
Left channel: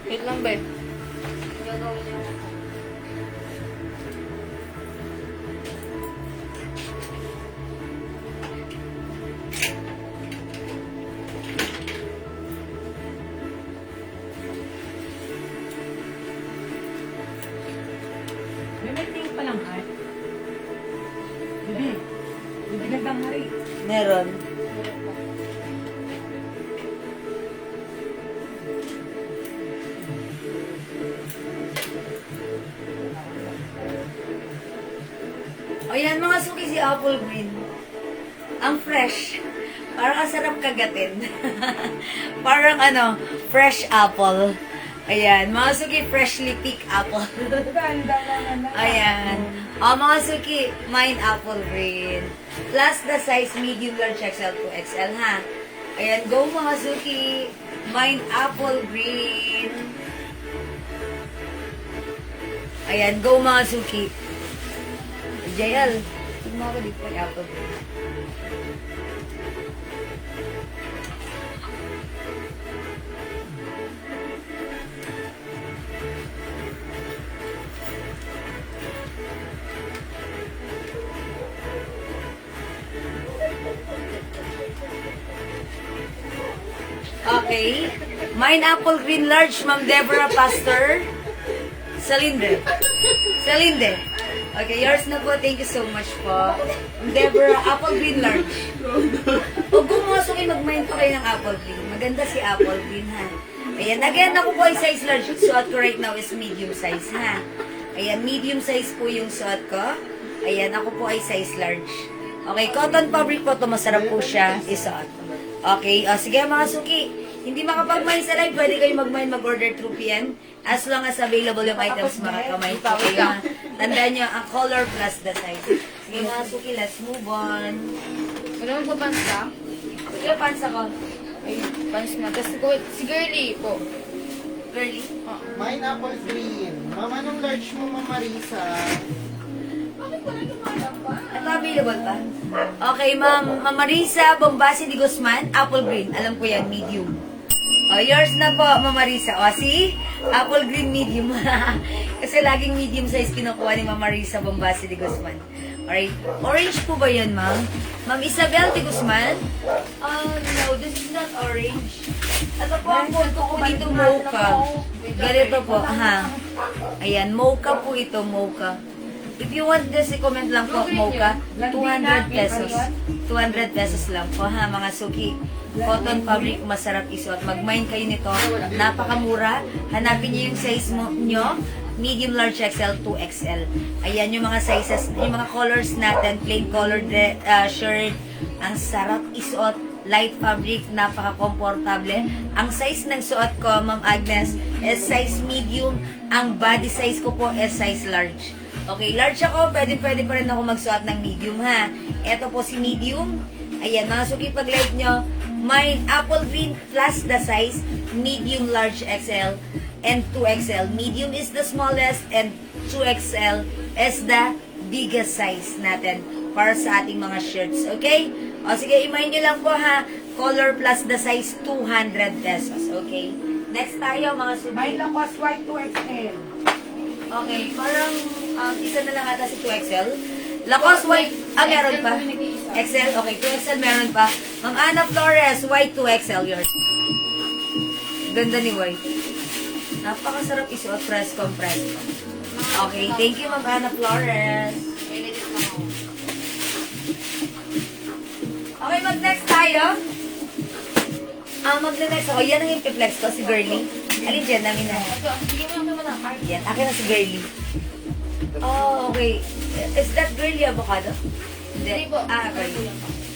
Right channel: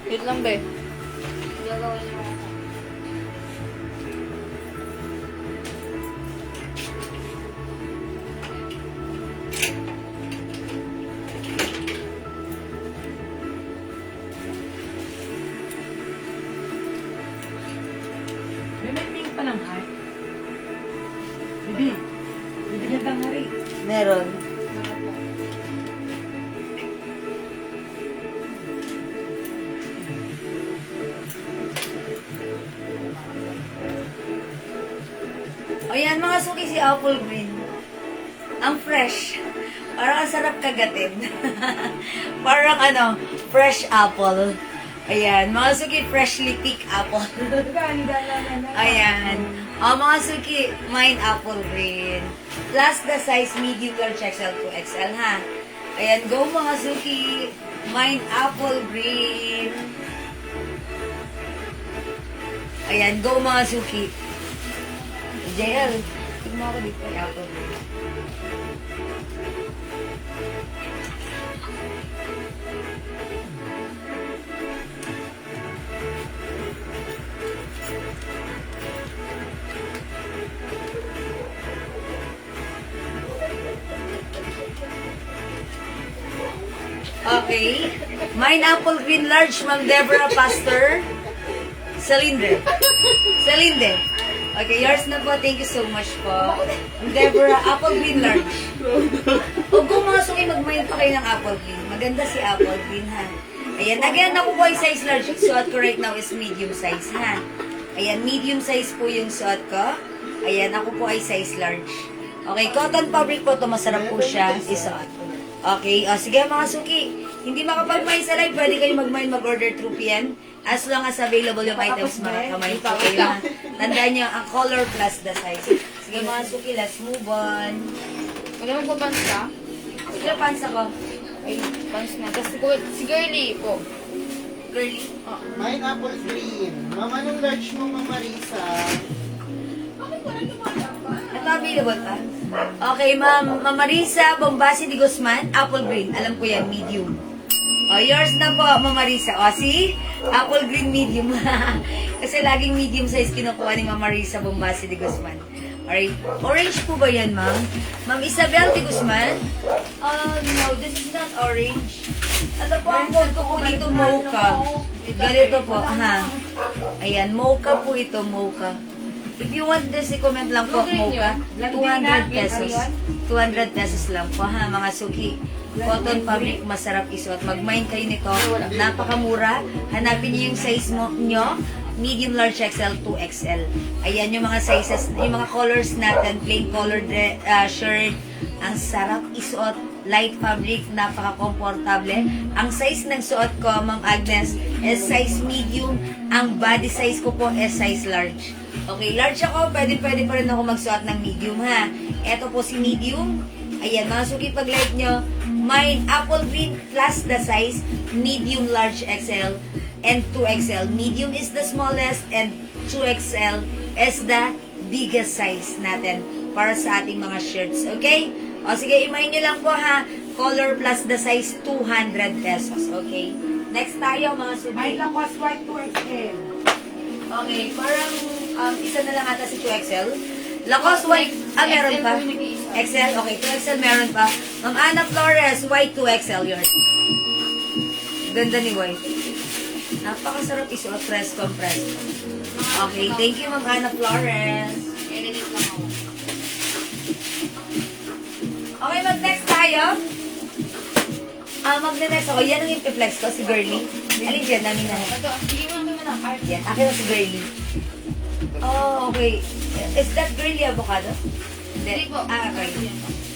Wait lang ba? May pink pa ng heart. Bibi. Bibigyan kang hari. Meron. Ayan mga suki, si Apple Green. Ang fresh. Parang ang sarap kagatin. Parang fresh apple. Ayan, mga suki, freshly picked apple. Ganda naman. Ayan. Mga suki, mine Apple Green. Plus the size medium large XL to XL ha. Ayan, go mga suki. Mine Apple Green. Ayan, go mga suki. JL, tignan ako dito kay Apple Green. Okay. Mine Apple Green Large, Ma'am Deborah Pastor. Cylinder. Okay, yours na po. Thank you so much po. Deborah, apple green large. Huwag pumasok kayo, mag-mind pa kayo ng apple green. Maganda si apple green, ha? Ayan, again, ako po ay size large. Yung suot ko right now is medium size, ha? Ayan, medium size po yung suot ko. Ayan, ako po ay size large. Okay, cotton fabric po to, masarap po siya isuot. Okay, sige mga suki. Hindi makapag-mind sa live, pwede kayo mag-order through PM. As long as available yung items, mga kamay po kayo. Tandaan nyo, ang color plus the size. Sige mga suki, let's move on. Wala mo ba ka? Sige, pants ako. Ay, panis na. Kasi si girly po. Girly. Pineapple green. Ma'am, anong large mo, Ma'am Marisa? Ito available pa? Okay, Ma'am Marisa Bombasi de Guzman, apple green. Alam ko yan, medium. Yours na po, Ma'am Marisa. See? Apple green medium. Kasi laging medium size kinukuha ni Ma'am Marisa Bombasi de Guzman. Alright. Orange po ba yan, Ma'am? Ma'am Isabel de Guzman? No, this is not orange. Ito po ang code ko dito, mocha. Ganito po, ha? Ayan, mocha po ito, mocha. If you want this, i-comment lang po, mocha. 200 pesos. 200 pesos lang po, ha, mga suki. Cotton fabric, masarap isuot. Mag-mind kayo nito. Napakamura. Hanapin niyo yung size nyo. Medium, large, XL, 2XL. Ayan yung mga sizes, yung mga colors natin. Plain colored shirt. Ang sarap isuot. Light fabric, napaka-komportable. Ang size ng suot ko, Ma'am Agnes, is size medium. Ang body size ko po is size large. Okay, large ako, pwede pa rin ako magsuot ng medium, ha. Ito po si medium. Ayan, mga suki, pag-like nyo, mine, apple green plus the size, medium, large, XL, and 2XL. Medium is the smallest, and 2XL is the biggest size natin para sa ating mga shirts, okay? O sige, imayin nyo lang po, ha. Color plus the size, 200 pesos, okay? Next tayo, mga suki. May Lacoste white 2XL. Okay, parang isa na lang ata si 2XL. Lacoste white, meron pa? XL, okay, 2XL meron pa. Ma'am Ana Flores, white 2XL yours. Ganda ni white. Napakasarap isuot, press compress. Okay, thank you Ma'am Ana Flores. Okay, mag-next tayo. Mag-next ako. Yan ang ipiplex ko, si Girly. Alin dyan, namin na. Ito, sige mo lang naman ang Yan, akin na si Girly. Oh, okay. Is that Girly avocado? Hindi po. Okay.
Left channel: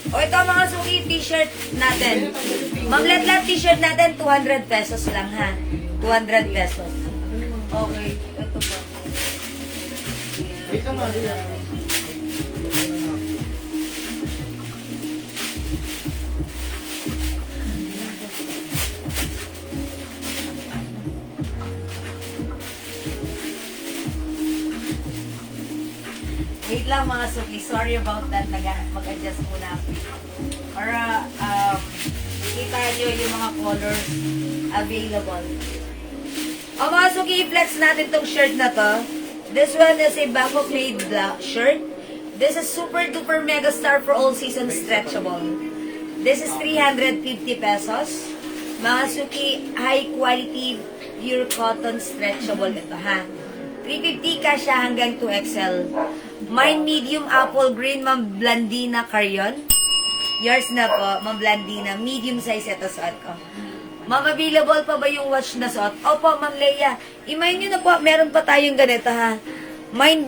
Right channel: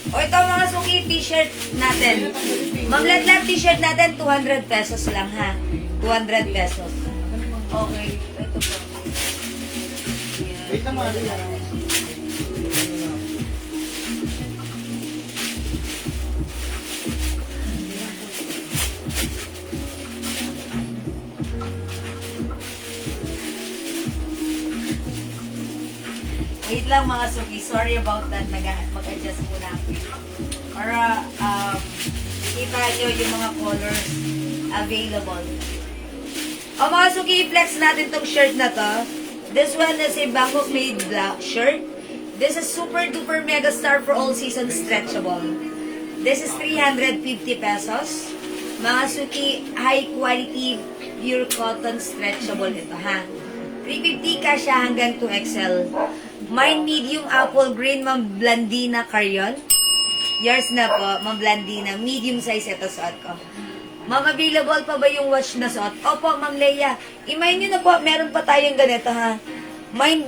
O ito mga suki, t-shirt natin. Maglatlat t-shirt natin, 200 pesos lang ha. 200 pesos. Okay, ito po. Wait lang, Maria. Wait lang mga suki, sorry about that. Mag-adjust ko lang. Para kita nyo yung mga colors available. O mga suki, i-flex natin tong shirt na to. This one is a Bangkok made black shirt. This is super duper mega star for all season stretchable. This is 350 pesos. Mga suki, high quality pure cotton stretchable ito ha. 350 ka siya hanggang 2XL. Mine medium apple green, Ma'am Blandina Carrion. Yours na po, Ma'am Blandina. Medium size ito suot ko. Ma'am, available pa ba yung watch na suot? Opo, Ma'am Leia. Imayin nyo na po, meron pa tayong ganito ha. Mine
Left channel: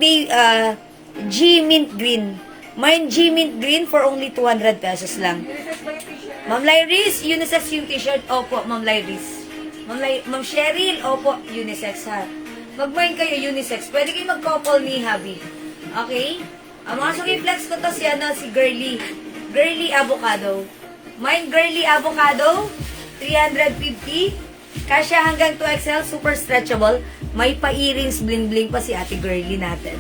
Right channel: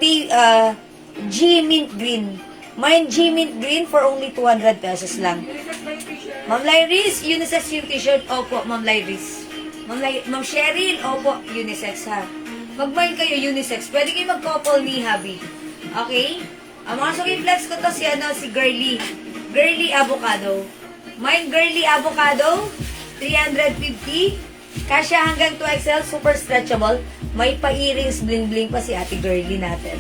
G Mint Green. Mine G Mint Green for only 200 pesos lang. Ma'am Lyris, unisex yung t-shirt. Opo, Ma'am Lyris. Ma'am Cheryl, opo, unisex ha. Mag-mine kayo unisex. Pwede kayo mag-couple ni Habi. Okay? Ang mga suki-flex ko to si Girly. Girly Avocado. Mine Girly Avocado, 350. Kasya hanggang 2XL, super stretchable. May pa-earrings, bling-bling pa si ate Girly natin.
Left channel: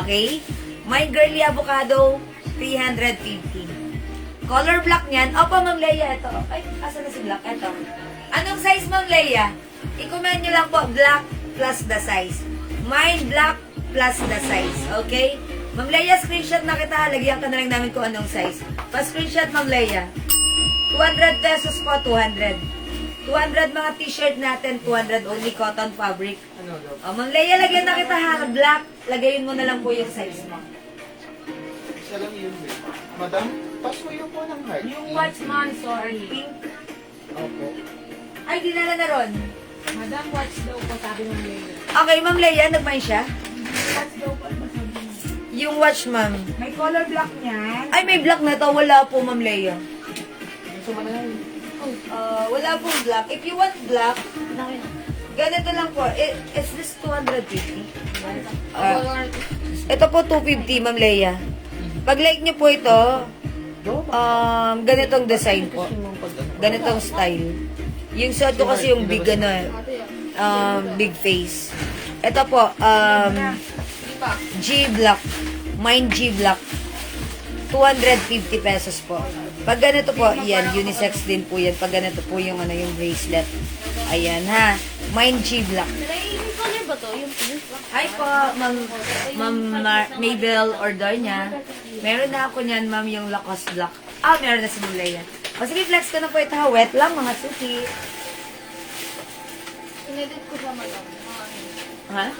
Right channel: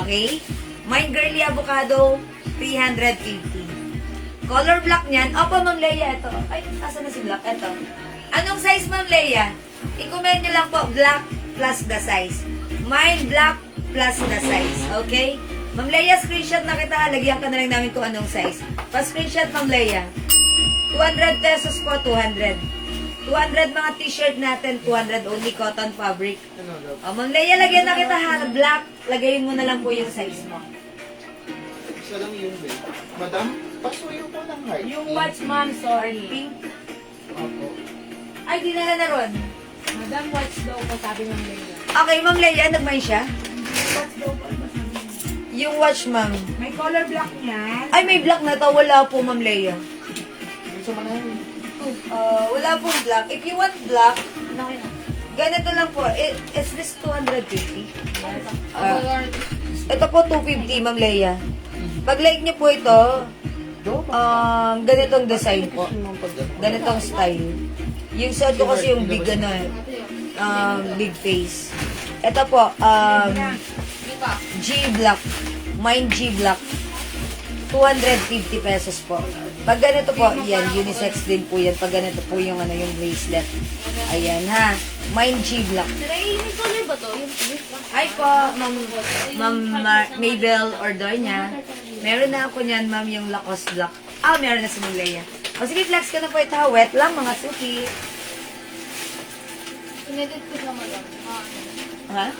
Okay? Mine Girly Avocado, 350. Color black niyan. Opo, Ma'am Leia, ito. Ay, asa na si black? Ito. Anong size, Ma'am Leia? I-comment nyo lang po, black plus the size. Mine black plus the size. Okay? Ma'am Leia, screenshot na kita. Lagyan ka na lang namin kung anong size. Pa-screenshot, Ma'am Leia. 200 pesos po, 200. 200 mga t-shirt natin, 200 only cotton fabric. Ano daw? O, Ma'am Leia, lagyan na kita ha, black. Lagayin mo na lang po yung size mo. Isa lang yun, babe. Madam, pasuyo po ng heart. Yung watchman, sorry. Pink. Opo. Ay, dinala na ron. Madam, watch daw po, sabi ng Leia. Okay, Ma'am Leia, nag-mind siya? Watch daw po, sabi niya. Yung watch, ma'am. May color black niyan. Ay, may black na to. Wala po, Ma'am Leia. Gusto mo na yun. Wala pong black. If you want black, ganito lang po. Is this 250? Ito po 250, Ma'am Leia. Pag like niyo po ito, Go ba? ganitong design po. Gusto mo pag ano? Ganitong style. Yung suot ko kasi yung big big face. Ito po, G Black. Mine G Black. 250 pesos po. Pag ganito po, yan, unisex din po yan. Pag ganito po yung yung bracelet. Ayan ha. Mine G Black. May color ba to? Yung pink? Hi po, Ma'am Mabel, order niya. Meron na ako niyan, ma'am, yung Lacoste Black. Meron na si Mulaya. O sige, flex ko na po ito ha. Wet lang, mga suki. Inedit ko siya madam. Ha?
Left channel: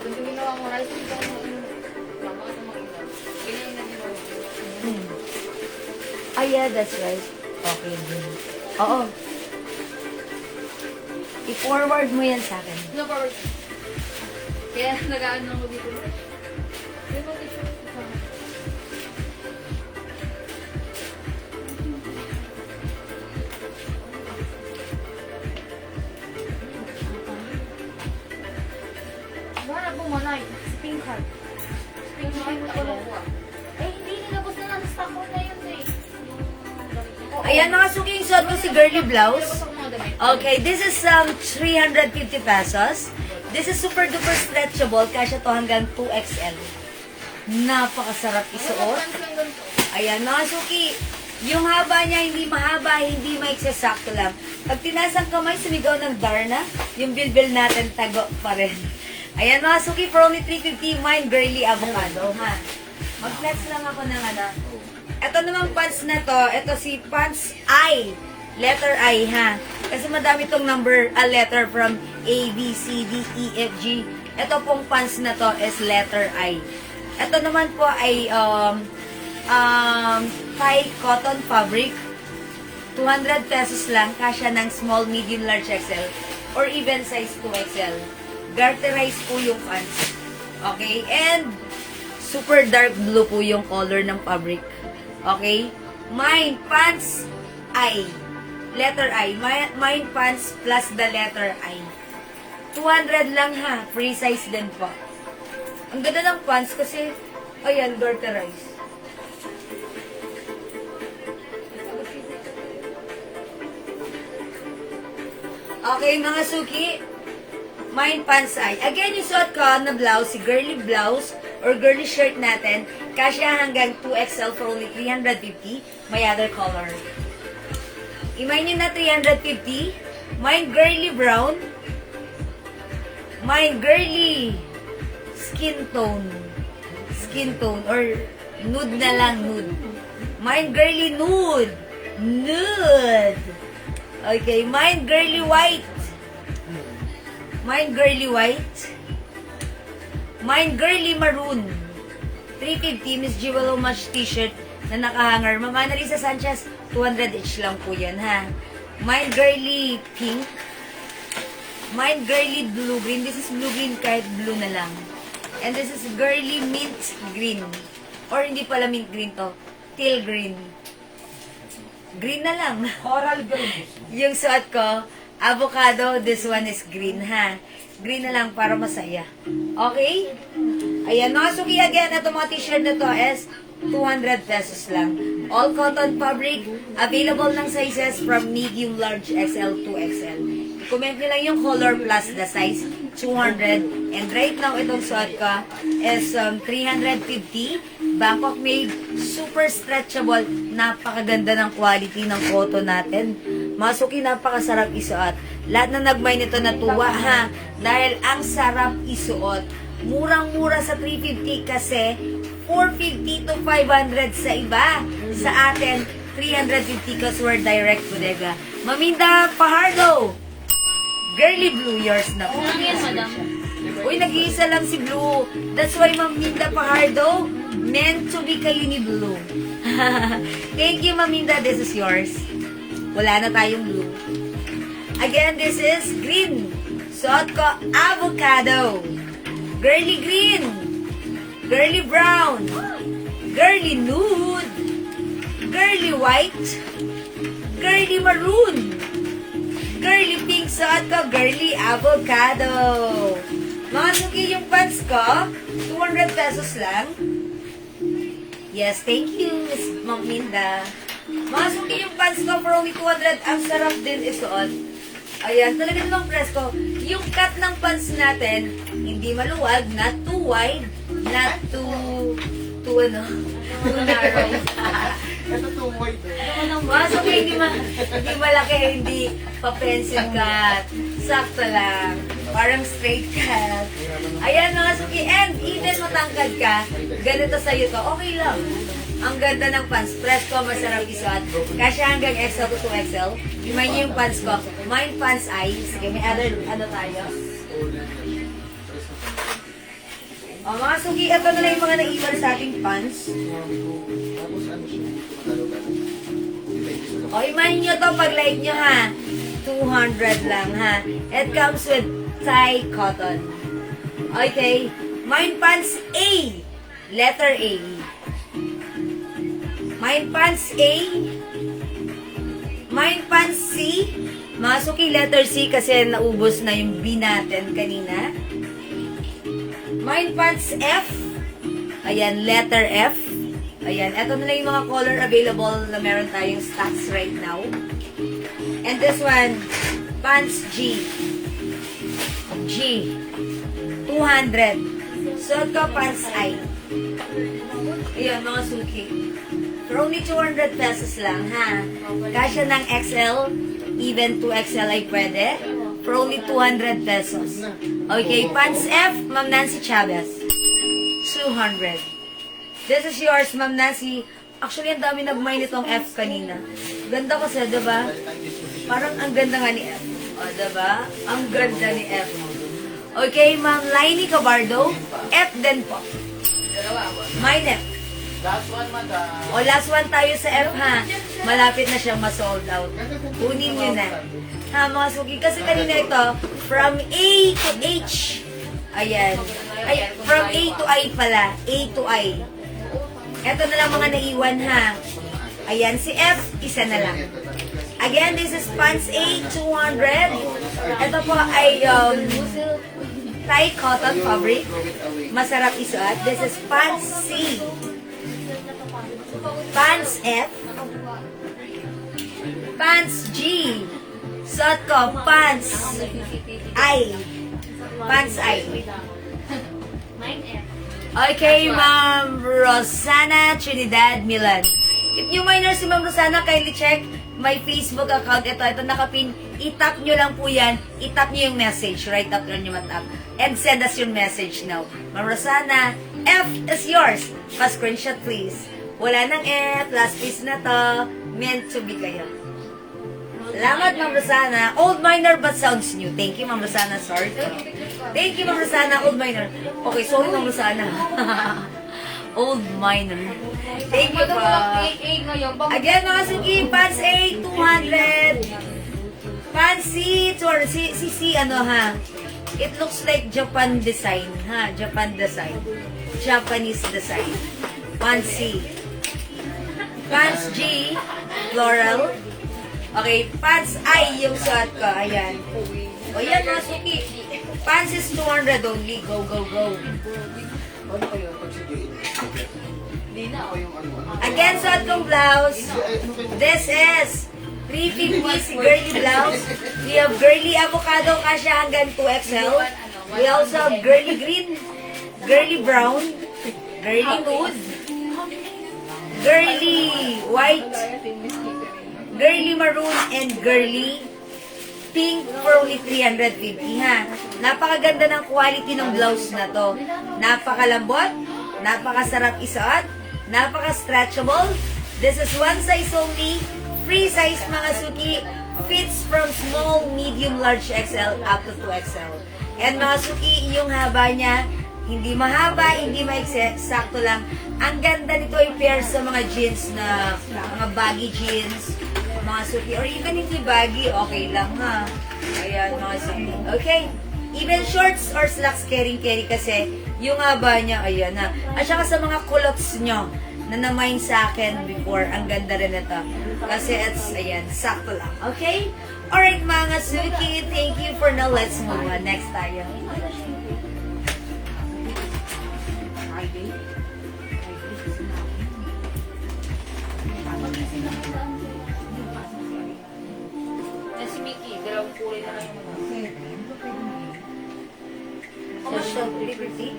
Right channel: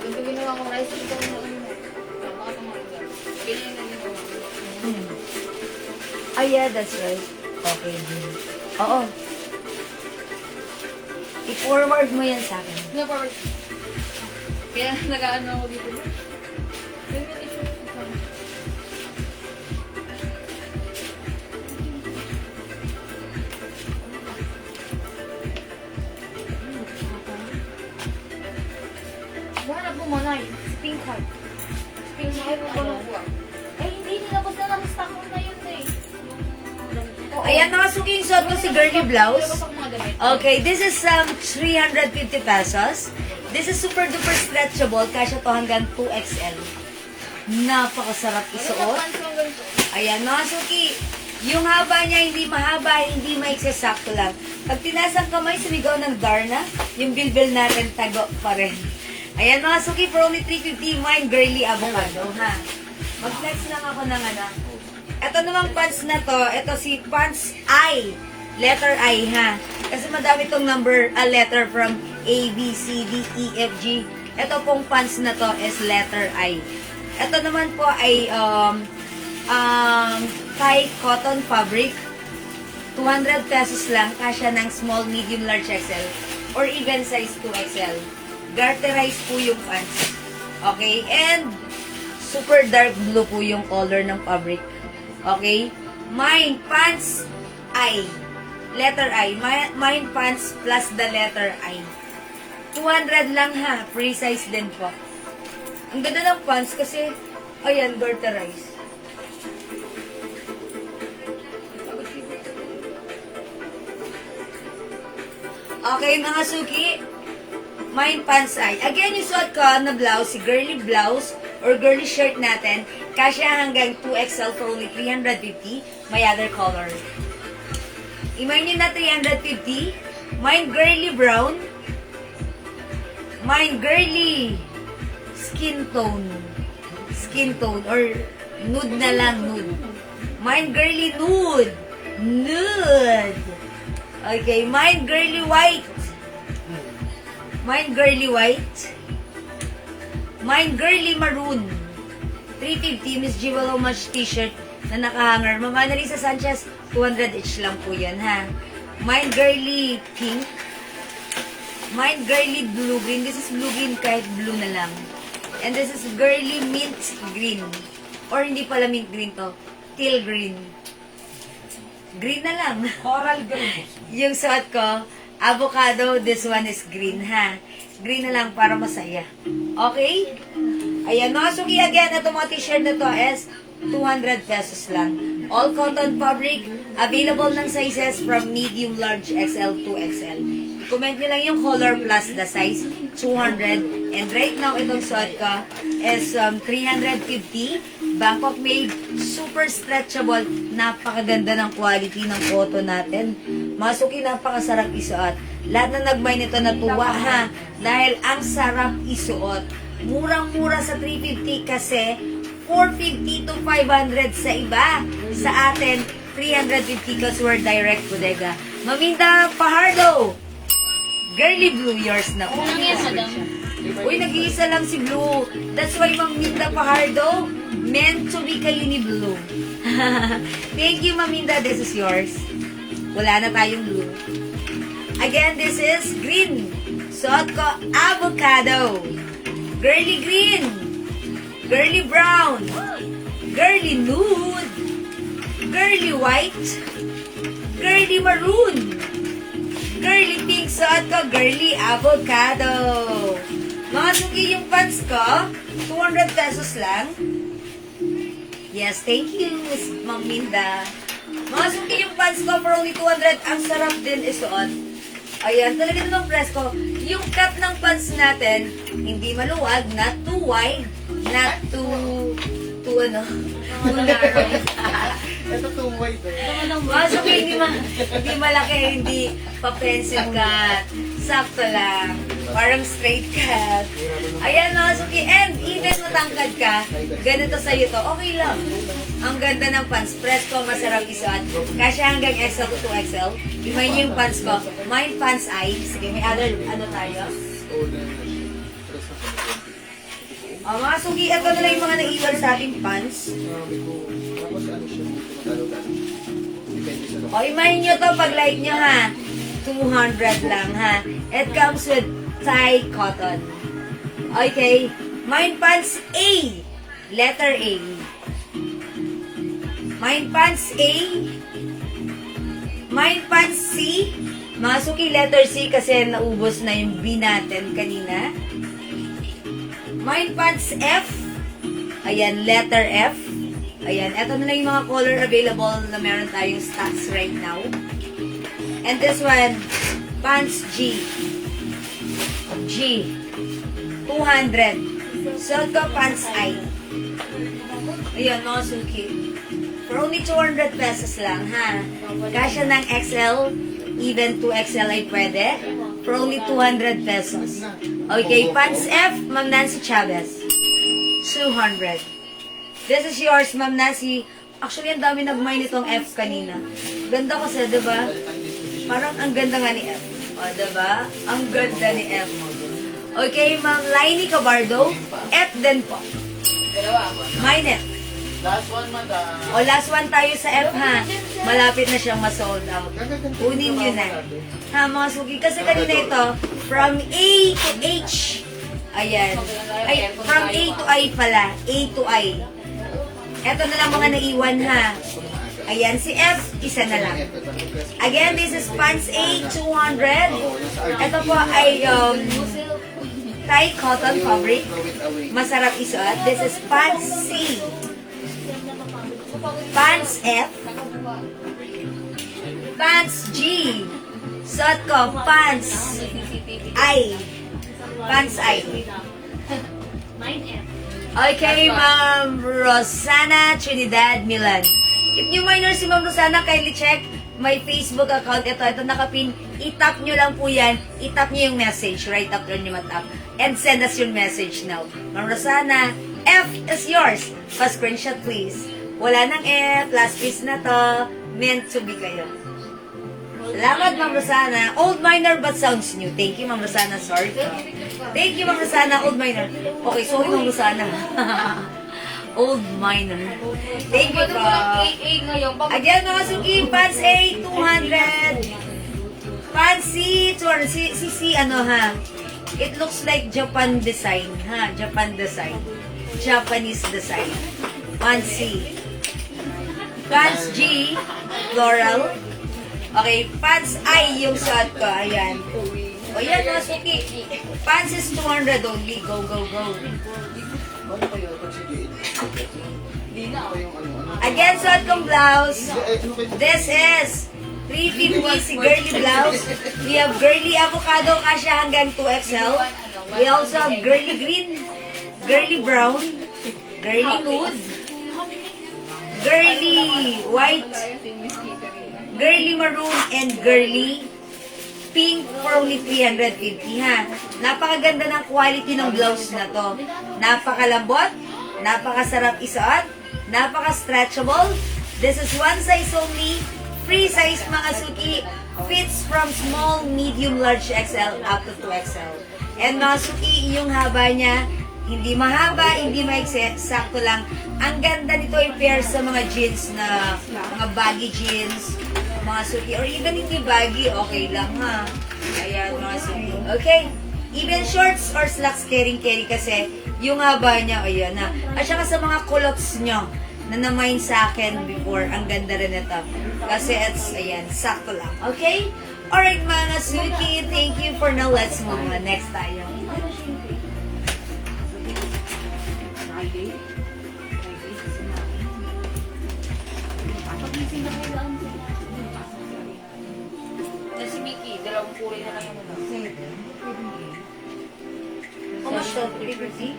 Ganito ginawa ko rice dito ko na tama ka mga ilan. Ganyan na ginawa ko. Yeah, that's right. Okay, din. Oo. I-forward mo yan sa akin. No, forward. Kaya nag-ano ako dito. Ganyan ito. Hanap mo muna eh. Pink heart. Pink heart ako lang po. Eh, hindi nilabas na lang. Stock ko na yun eh. Ayan, mga suki, yung suot ko si girly blouse. Nilabas ako mga damit. Okay, this is 350 pesos. This is super duper stretchable. Kasya to hanggang 2XL. Napakasarap isuot. Pants lang ganito. Ayan, mga suki, yung haba niya hindi mahaba, hindi maiksi-sakto lang. Pag tinasang kamay, sumigaw ng Darna, yung bilbil natin tago pa rin. Ayan, mga suki, for only 350, mine girly avocado, ha? Mag-flex lang ako ng Ito namang pants na to, ito si pants I, letter I, ha? Kasi madami tong letter from A, B, C, D, E, F, G. Ito pong pants na to is letter I. Ito naman po ay Thai cotton fabric. 200 pesos lang, kasya ng small, medium, large XL or even size 2XL. Garterized po yung pants. Okay? And super dark blue po yung color ng fabric. Okay? Mine pants I. Letter I. Mine pants plus the letter I. 200 lang ha. Free size din po. Ang ganda ng pants kasi, ayan, garterized. Okay, mga suki. Mine pants ay. Again, yung suot ko na blouse, si girly blouse or girly shirt natin, kasya hanggang 2XL for only 350. May other color. Imay nyo na 350. Mine girly brown. Mine girly skin tone. Skin tone or nude na lang, nude. Mine girly nude. Nude. Okay, mine girly white. Mine girly white. Mine girly maroon. 350 Miss Jewel Homage t-shirt na nakahanger. Ma'am Annalisa Sanchez, 200 each lang po yan, ha? Mine girly pink. Mine girly blue green. This is blue green kahit blue na lang. And this is girly mint green. Or hindi pala mint green to. Teal green. Green na lang. Coral green. Yung suot ko, avocado, this one is green, ha? Green na lang para masaya. Okay? Ayan, mga suki, again, ito mga t-shirt na to is 200 pesos lang. All cotton fabric, available ng sizes from medium, large, XL to XL. Comment nyo lang yung color plus the size, 200. And right now, itong suot ko is 350. Bangkok made, super stretchable. Napakaganda ng quality ng cotton natin. Mga suki, napakasarap isuot. Lahat na nagmay nito natuwa, ha? Dahil ang sarap isuot. Murang-mura sa 350 kasi 450 to 500 sa iba. Sa atin, 350 kasi we're direct bodega. Maminda Fajardo. Girly Blue yours na po. Ano yan, madam? Uy, nag-iisa lang si Blue. That's why Maminda Fajardo, meant to be kayo ni Blue. Thank you, Maminda. This is yours. Wala na tayong blue. Again, this is green. Suot ko, avocado. Girly green. Girly brown. Girly nude. Girly white. Girly maroon. Girly pink. Suot ko, girly avocado. Mga suki yung pants ko, 200 pesos lang. Yes, thank you, Miss Ma'am Minda. Mga suki yung pants ko for only 200. Ang sarap din isuot. Ayan, talaga namang presko. Yung cut ng pants natin, hindi maluwag, not too wide, not too ano, too narrow. Ito too white eh. Mga suki, hindi malaki, hindi pa-pencil cut. Sakto lang. Parang straight cut. Ayan mga suki, and even matangkad ka, ganito sa'yo to, okay lang. Ang ganda ng pants. Presko, masarap isuot. Kasi hanggang XL to 2XL. Imayin niyo yung pants ko. Mine pants ay. Sige, may other, ano tayo? Mga suki, ito na lang yung mga naiwan sa ating pants. Tapos ano siya, depende sa Imayin niyo to pag live niyo ha. 200 lang ha. It comes with Thai cotton. Okay. Mine pants A. Letter A. Mine pants A. Mine pants C. Mga suki, letter C kasi naubos na yung B natin kanina. Mine pants F. Ayan, letter F. Ayan, eto na lang yung mga color available na meron tayong stocks right now. And this one, pants G. G. 200. So, ito pants I. Ayan, mga suki. For only 200 pesos lang, ha? Kasya ng XL, even 2XL ay pwede. For only 200 pesos. Okay, pants F, Ma'am Nancy Chavez. 200. This is yours, Ma'am Nancy. Actually, ang dami nag-mine itong F kanina. Ganda kasi, diba? Parang ang ganda nga ni F. O, diba? Ang ganda ni F. Okay, Ma'am Lainey Cabardo. F din po. Mine F. last one, madam. O, last one tayo sa F, ha? Malapit na siyang ma-sold out. Kunin nyo na. Ha, mga suki. Kasi kanina ito, from A to H. Ayan. Ay, from A to I pala. A to I. Ito na lang mga naiwan, ha? Ayan, si F, isa na lang. Again, this is pants A, 200. Ito po ay Thai cotton fabric. Masarap isuot. This is pants C. Pants F. Pants G. Suot ko, pants I. Pants I. Okay, Ma'am Rosana Trinidad Milan. If new minor si Ma'am Rosana, kindly check my Facebook account. Ito nakapin. I-tap nyo lang po yan. I-tap nyo yung message. Right up doon nyo matap. And send us your message now. Ma'am Rosana, F is yours. Pa-screenshot please. Wala nang F. Last piece na to. Meant to be kayo. Salamat, Ma'am Rosana. Old minor but sounds new. Thank you, Ma'am Rosana. Sorry. Thank you, Ma'am Rosana. Old minor. Okay, sorry, Ma'am Rosana. Old minor. Thank you, po. Again, mga suki, pants A, 200. Pants C, 200. C, ano ha? It looks like Japan design, ha? Japan design. Japanese design. Pants C. Pants G, floral. Okay, pants I yung suot ko. Ayan. O yan, mga suki. Pants is 200 only. Go, go, go. Again, suot kong blouse. This is 350 si girly blouse. We have girly avocado kasya hanggang 2XL. We also have girly green, girly brown, girly nude, girly white, girly maroon, and girly pink for only 350, ha. Napakaganda ng quality ng blouse na to. Napakalambot, Napakasarap isuot. Napaka-stretchable. This is one size only. Free size mga suki. Fits from small, medium, large XL up to 2XL. And mga suki, yung haba niya, hindi mahaba, hindi maikse, sakto lang. Ang ganda nito yung pair sa mga jeans na, mga baggy jeans, mga suki, or even hindi baggy, okay lang ha. Ayan, mga suki. Okay? Even shorts or slacks, carry kasi, yung haba niya, ayan ha. At saka sa mga culottes nyo, na namain sa akin before, ang ganda rin ito. Kasi it's, ayan, sakto lang. Okay? Alright mga suki, thank you for now. Let's move on. Next tayo. Si Mickey, dalawang kulay na lang yung mga. How much that? 350?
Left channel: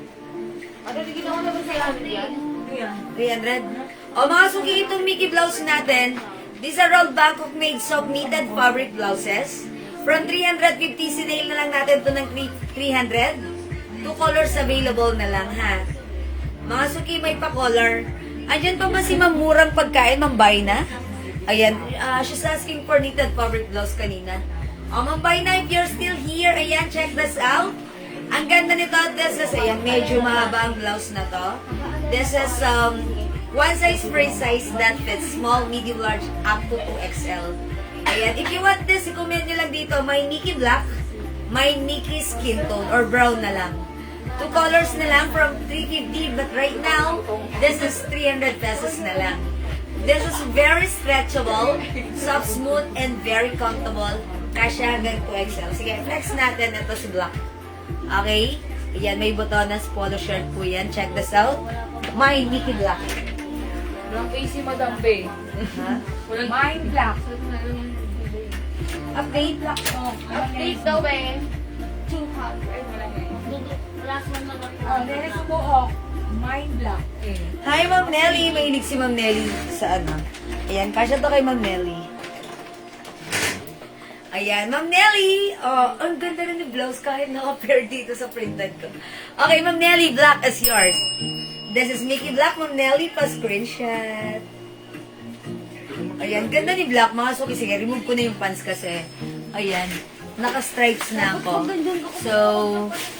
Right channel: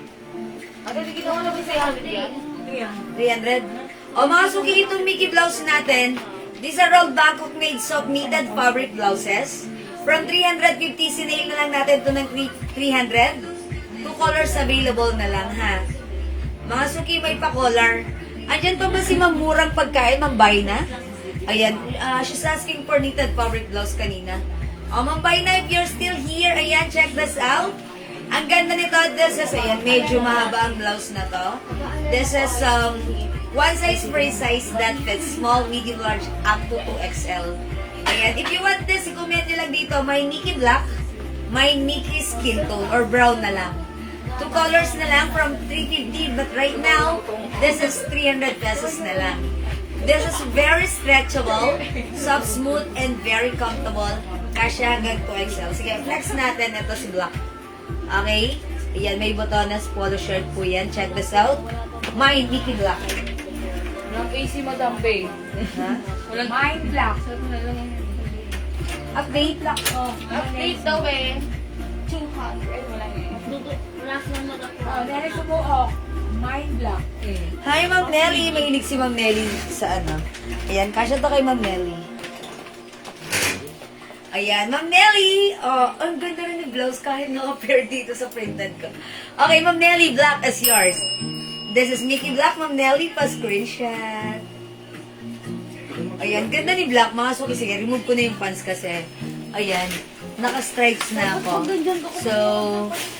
Ano, hindi ginawa namin sa yan? 300? O mga suki, itong Mickey blouse natin, these are all Bangkok made soft knitted fabric blouses. From 350, sinail na lang natin ito ng 300. Two colors available na lang, ha? Mga suki, may pa-color. Andyan to ba si mamurang pagkain, mambay na? Ayan, she's asking for knitted fabric blouse kanina. O, mambay na, if you're still here, ayan, check this out. Ang ganda nito, this is, ayan, medyo mahaba ang blouse na to. This is, one size free size that fits small, medium, large, up to 2XL. Ayan, if you want this, comment nyo lang dito, may Mickey black, may Mickey skin tone, or brown na lang. Two colors na lang from 350, but right now, this is 300 pesos na lang. This is very stretchable, soft, smooth, and very comfortable. Kasya hanggang 2XL. Sige, flex natin. Ito si black. Okay? Ayan, may botones, polo shirt po yan. Check this out. My Mickey black. Walang AC, Madam Bay. Ha? Walang Mine black. Sabi mo na lang yung Update. Black. Oh, update daw eh. 200. Ay, wala na eh. Last one na daw. Oh, then ito po, oh. Mine black. Hi, Ma'am Nelly. Mahilig si Ma'am Nelly sa ano. Ayan, kasya to kay Ma'am Nelly. Ayan, Ma'am Nelly. Oh, ang ganda rin yung blouse kahit naka-pair dito sa printed ko. Okay, Ma'am Nelly, black is yours. This is Mickey Black, Ma'am Nelly, pa-screenshot. Ayan, ganda ni Black. Mga suki, sige, remove ko na yung pants kasi. Ayan, naka-stripes na ako. So,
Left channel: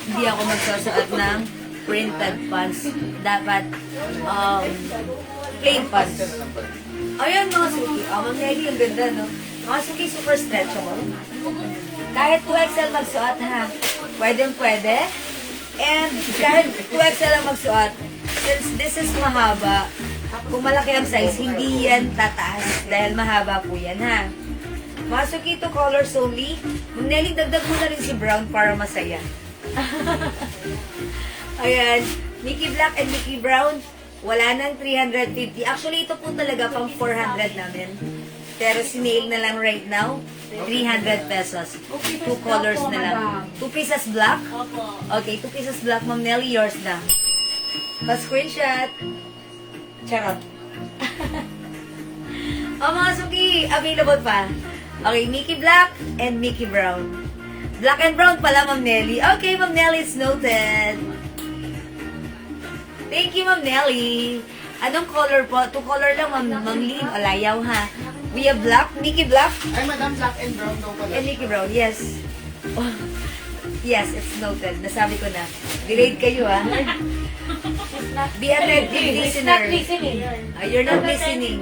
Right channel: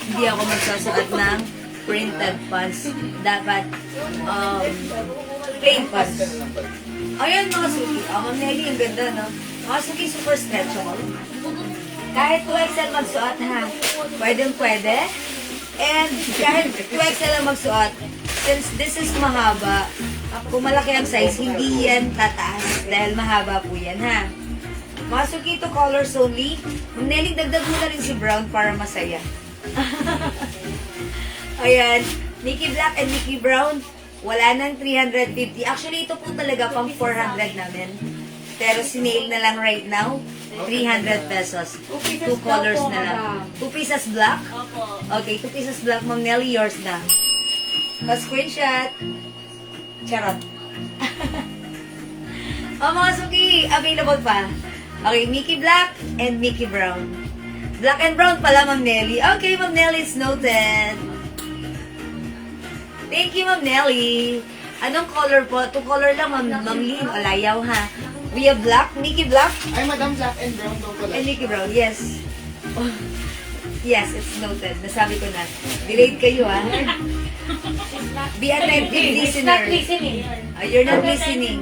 hindi ako magsasuot ng printed pants. Dapat, plain pants. Ayan, mga suki. Ma'am Nelly, ang ganda, no? Mga suki, super stretchable. Kahit 2XL magsuot, ha? Pwede. And kahit 2XL ang magsuot, since this is mahaba, kung malaki ang size, hindi yan tataas dahil mahaba po yan, ha? Mga suki, ito colors only. Ma'am Nelly, dagdag mo na rin si brown para masaya. Ayan, Mickey Black and Mickey Brown, wala nang 350. Actually, ito po talaga pang 400 namin. Pero sinail na lang right now, 300 pesos. Two colors na lang. 2 pieces black? Okay, 2 pieces black. Ma'am Nelly, yours na. Pa-screenshot. Charot. Mga suki, available pa. Okay, Mickey Black and Mickey Brown. Black and brown pala, Ma'am Nelly. Okay, Ma'am Nelly, it's noted. Thank you, Ma'am Nelly. Anong color po? 2 color lang, Ma'am Lee. Alayaw, ha? We have black, Mickey Black, Ay, Madam, black and brown daw pala. and Mickey Brown. Yes. Oh. Yes, it's noted. Nasabi ko na. Delayed kayo, ha? Be attentive, listener. listening. You're not listening.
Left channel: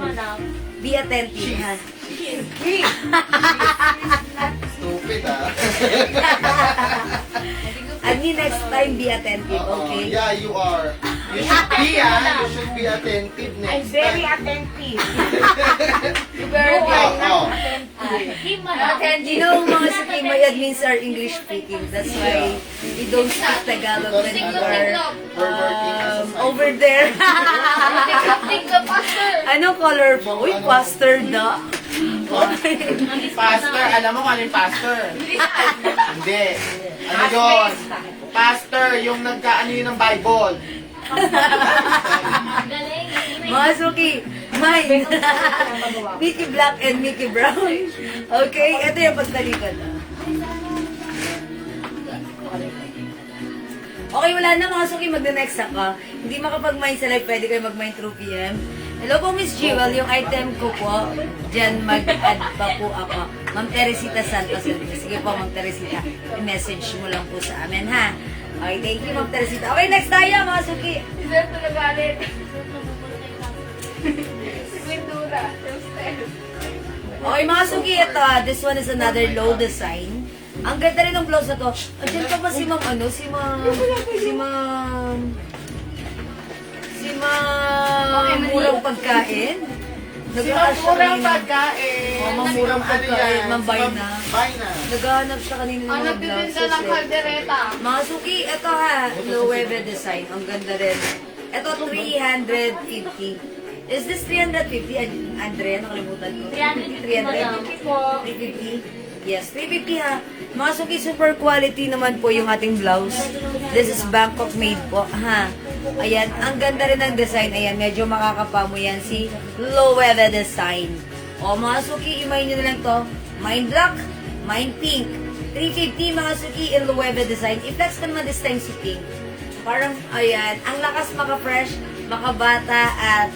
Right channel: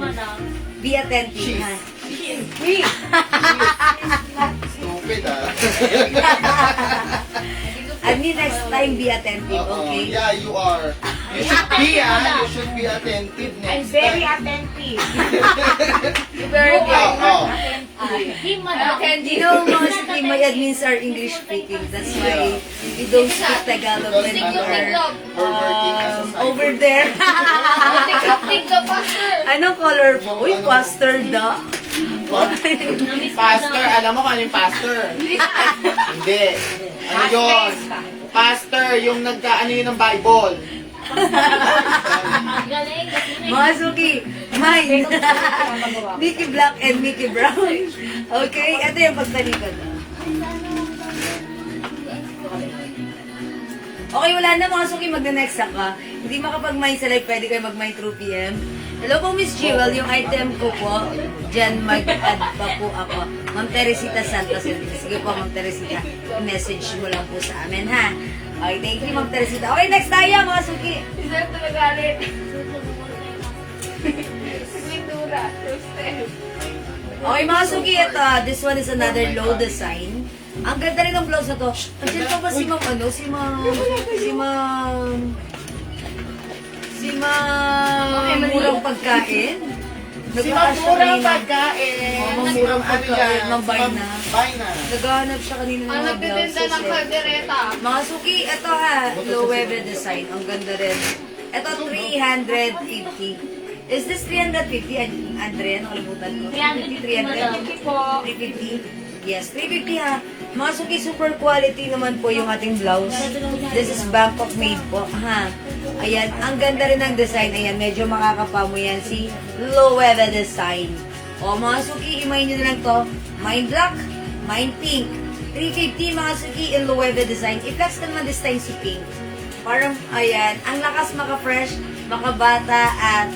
Be attentive, ha? Stupid, ah. I mean, next time, be attentive, okay? Yeah, you are. You should be, You should be attentive I'm next very time. attentive. Very You know, mga suki, my admins are English speaking. That's why we don't speak Tagalog when we are We're working as a side. over there. Take the pastor. Anong color po? Uy, pastor da. Pastor, alam mo kung ano yung pastor? Hindi. Ano yun? Pastor, yung nagkaano yun ng Bible. Mga suki, mine. Mickey Black and Mickey Brown. Okay, ito yung pagtalikod. Okay, wala na mga suki, magna-next ka. Hindi makapag-mine sa live, pwede kayo mag-mine through PM. Hello po, Miss Jewel, yung item ko po, dyan mag-add pa po ako. Ma'am Teresita Santos. Sige po, Ma'am Teresita, i-message mo lang po sa amin, ha? Okay, thank you, Ma'am Teresita. Okay, next tayo, mga suki. Sir, tulagalit. Pintura. Okay, mga suki, ito, this one is another low design. Ang ganda rin ng blouse na to. Actually, ito ba si Ma'am, ano? Si Ma'am murang pagkain? Si Murang Pagkain. Oh, Ma'am Murang Pagkain, Ma'am Bayna. Bayna. Naghahanap siya kanina ng Ang mga nagtitinda blouses. ng kaldereta. Mga suki, ito ha, low weather design. Ang ganda rin. Ito, 350. Is this 350, Andrea? Nakalimutan ko. 350 po. 350. Yes, 350 ha. Mga suki, super quality naman po yung ating blouse. This is Bangkok made po. Ha. Ayan, ang ganda rin ng design. Ayan, medyo makakapa mo yan si low weather design. O mga suki, imayin nyo na lang to. Mine black, mine pink. 350 mga suki in low weather design. I-flex ka naman this time si pink. Parang, ayan, ang lakas maka-fresh, maka-bata, at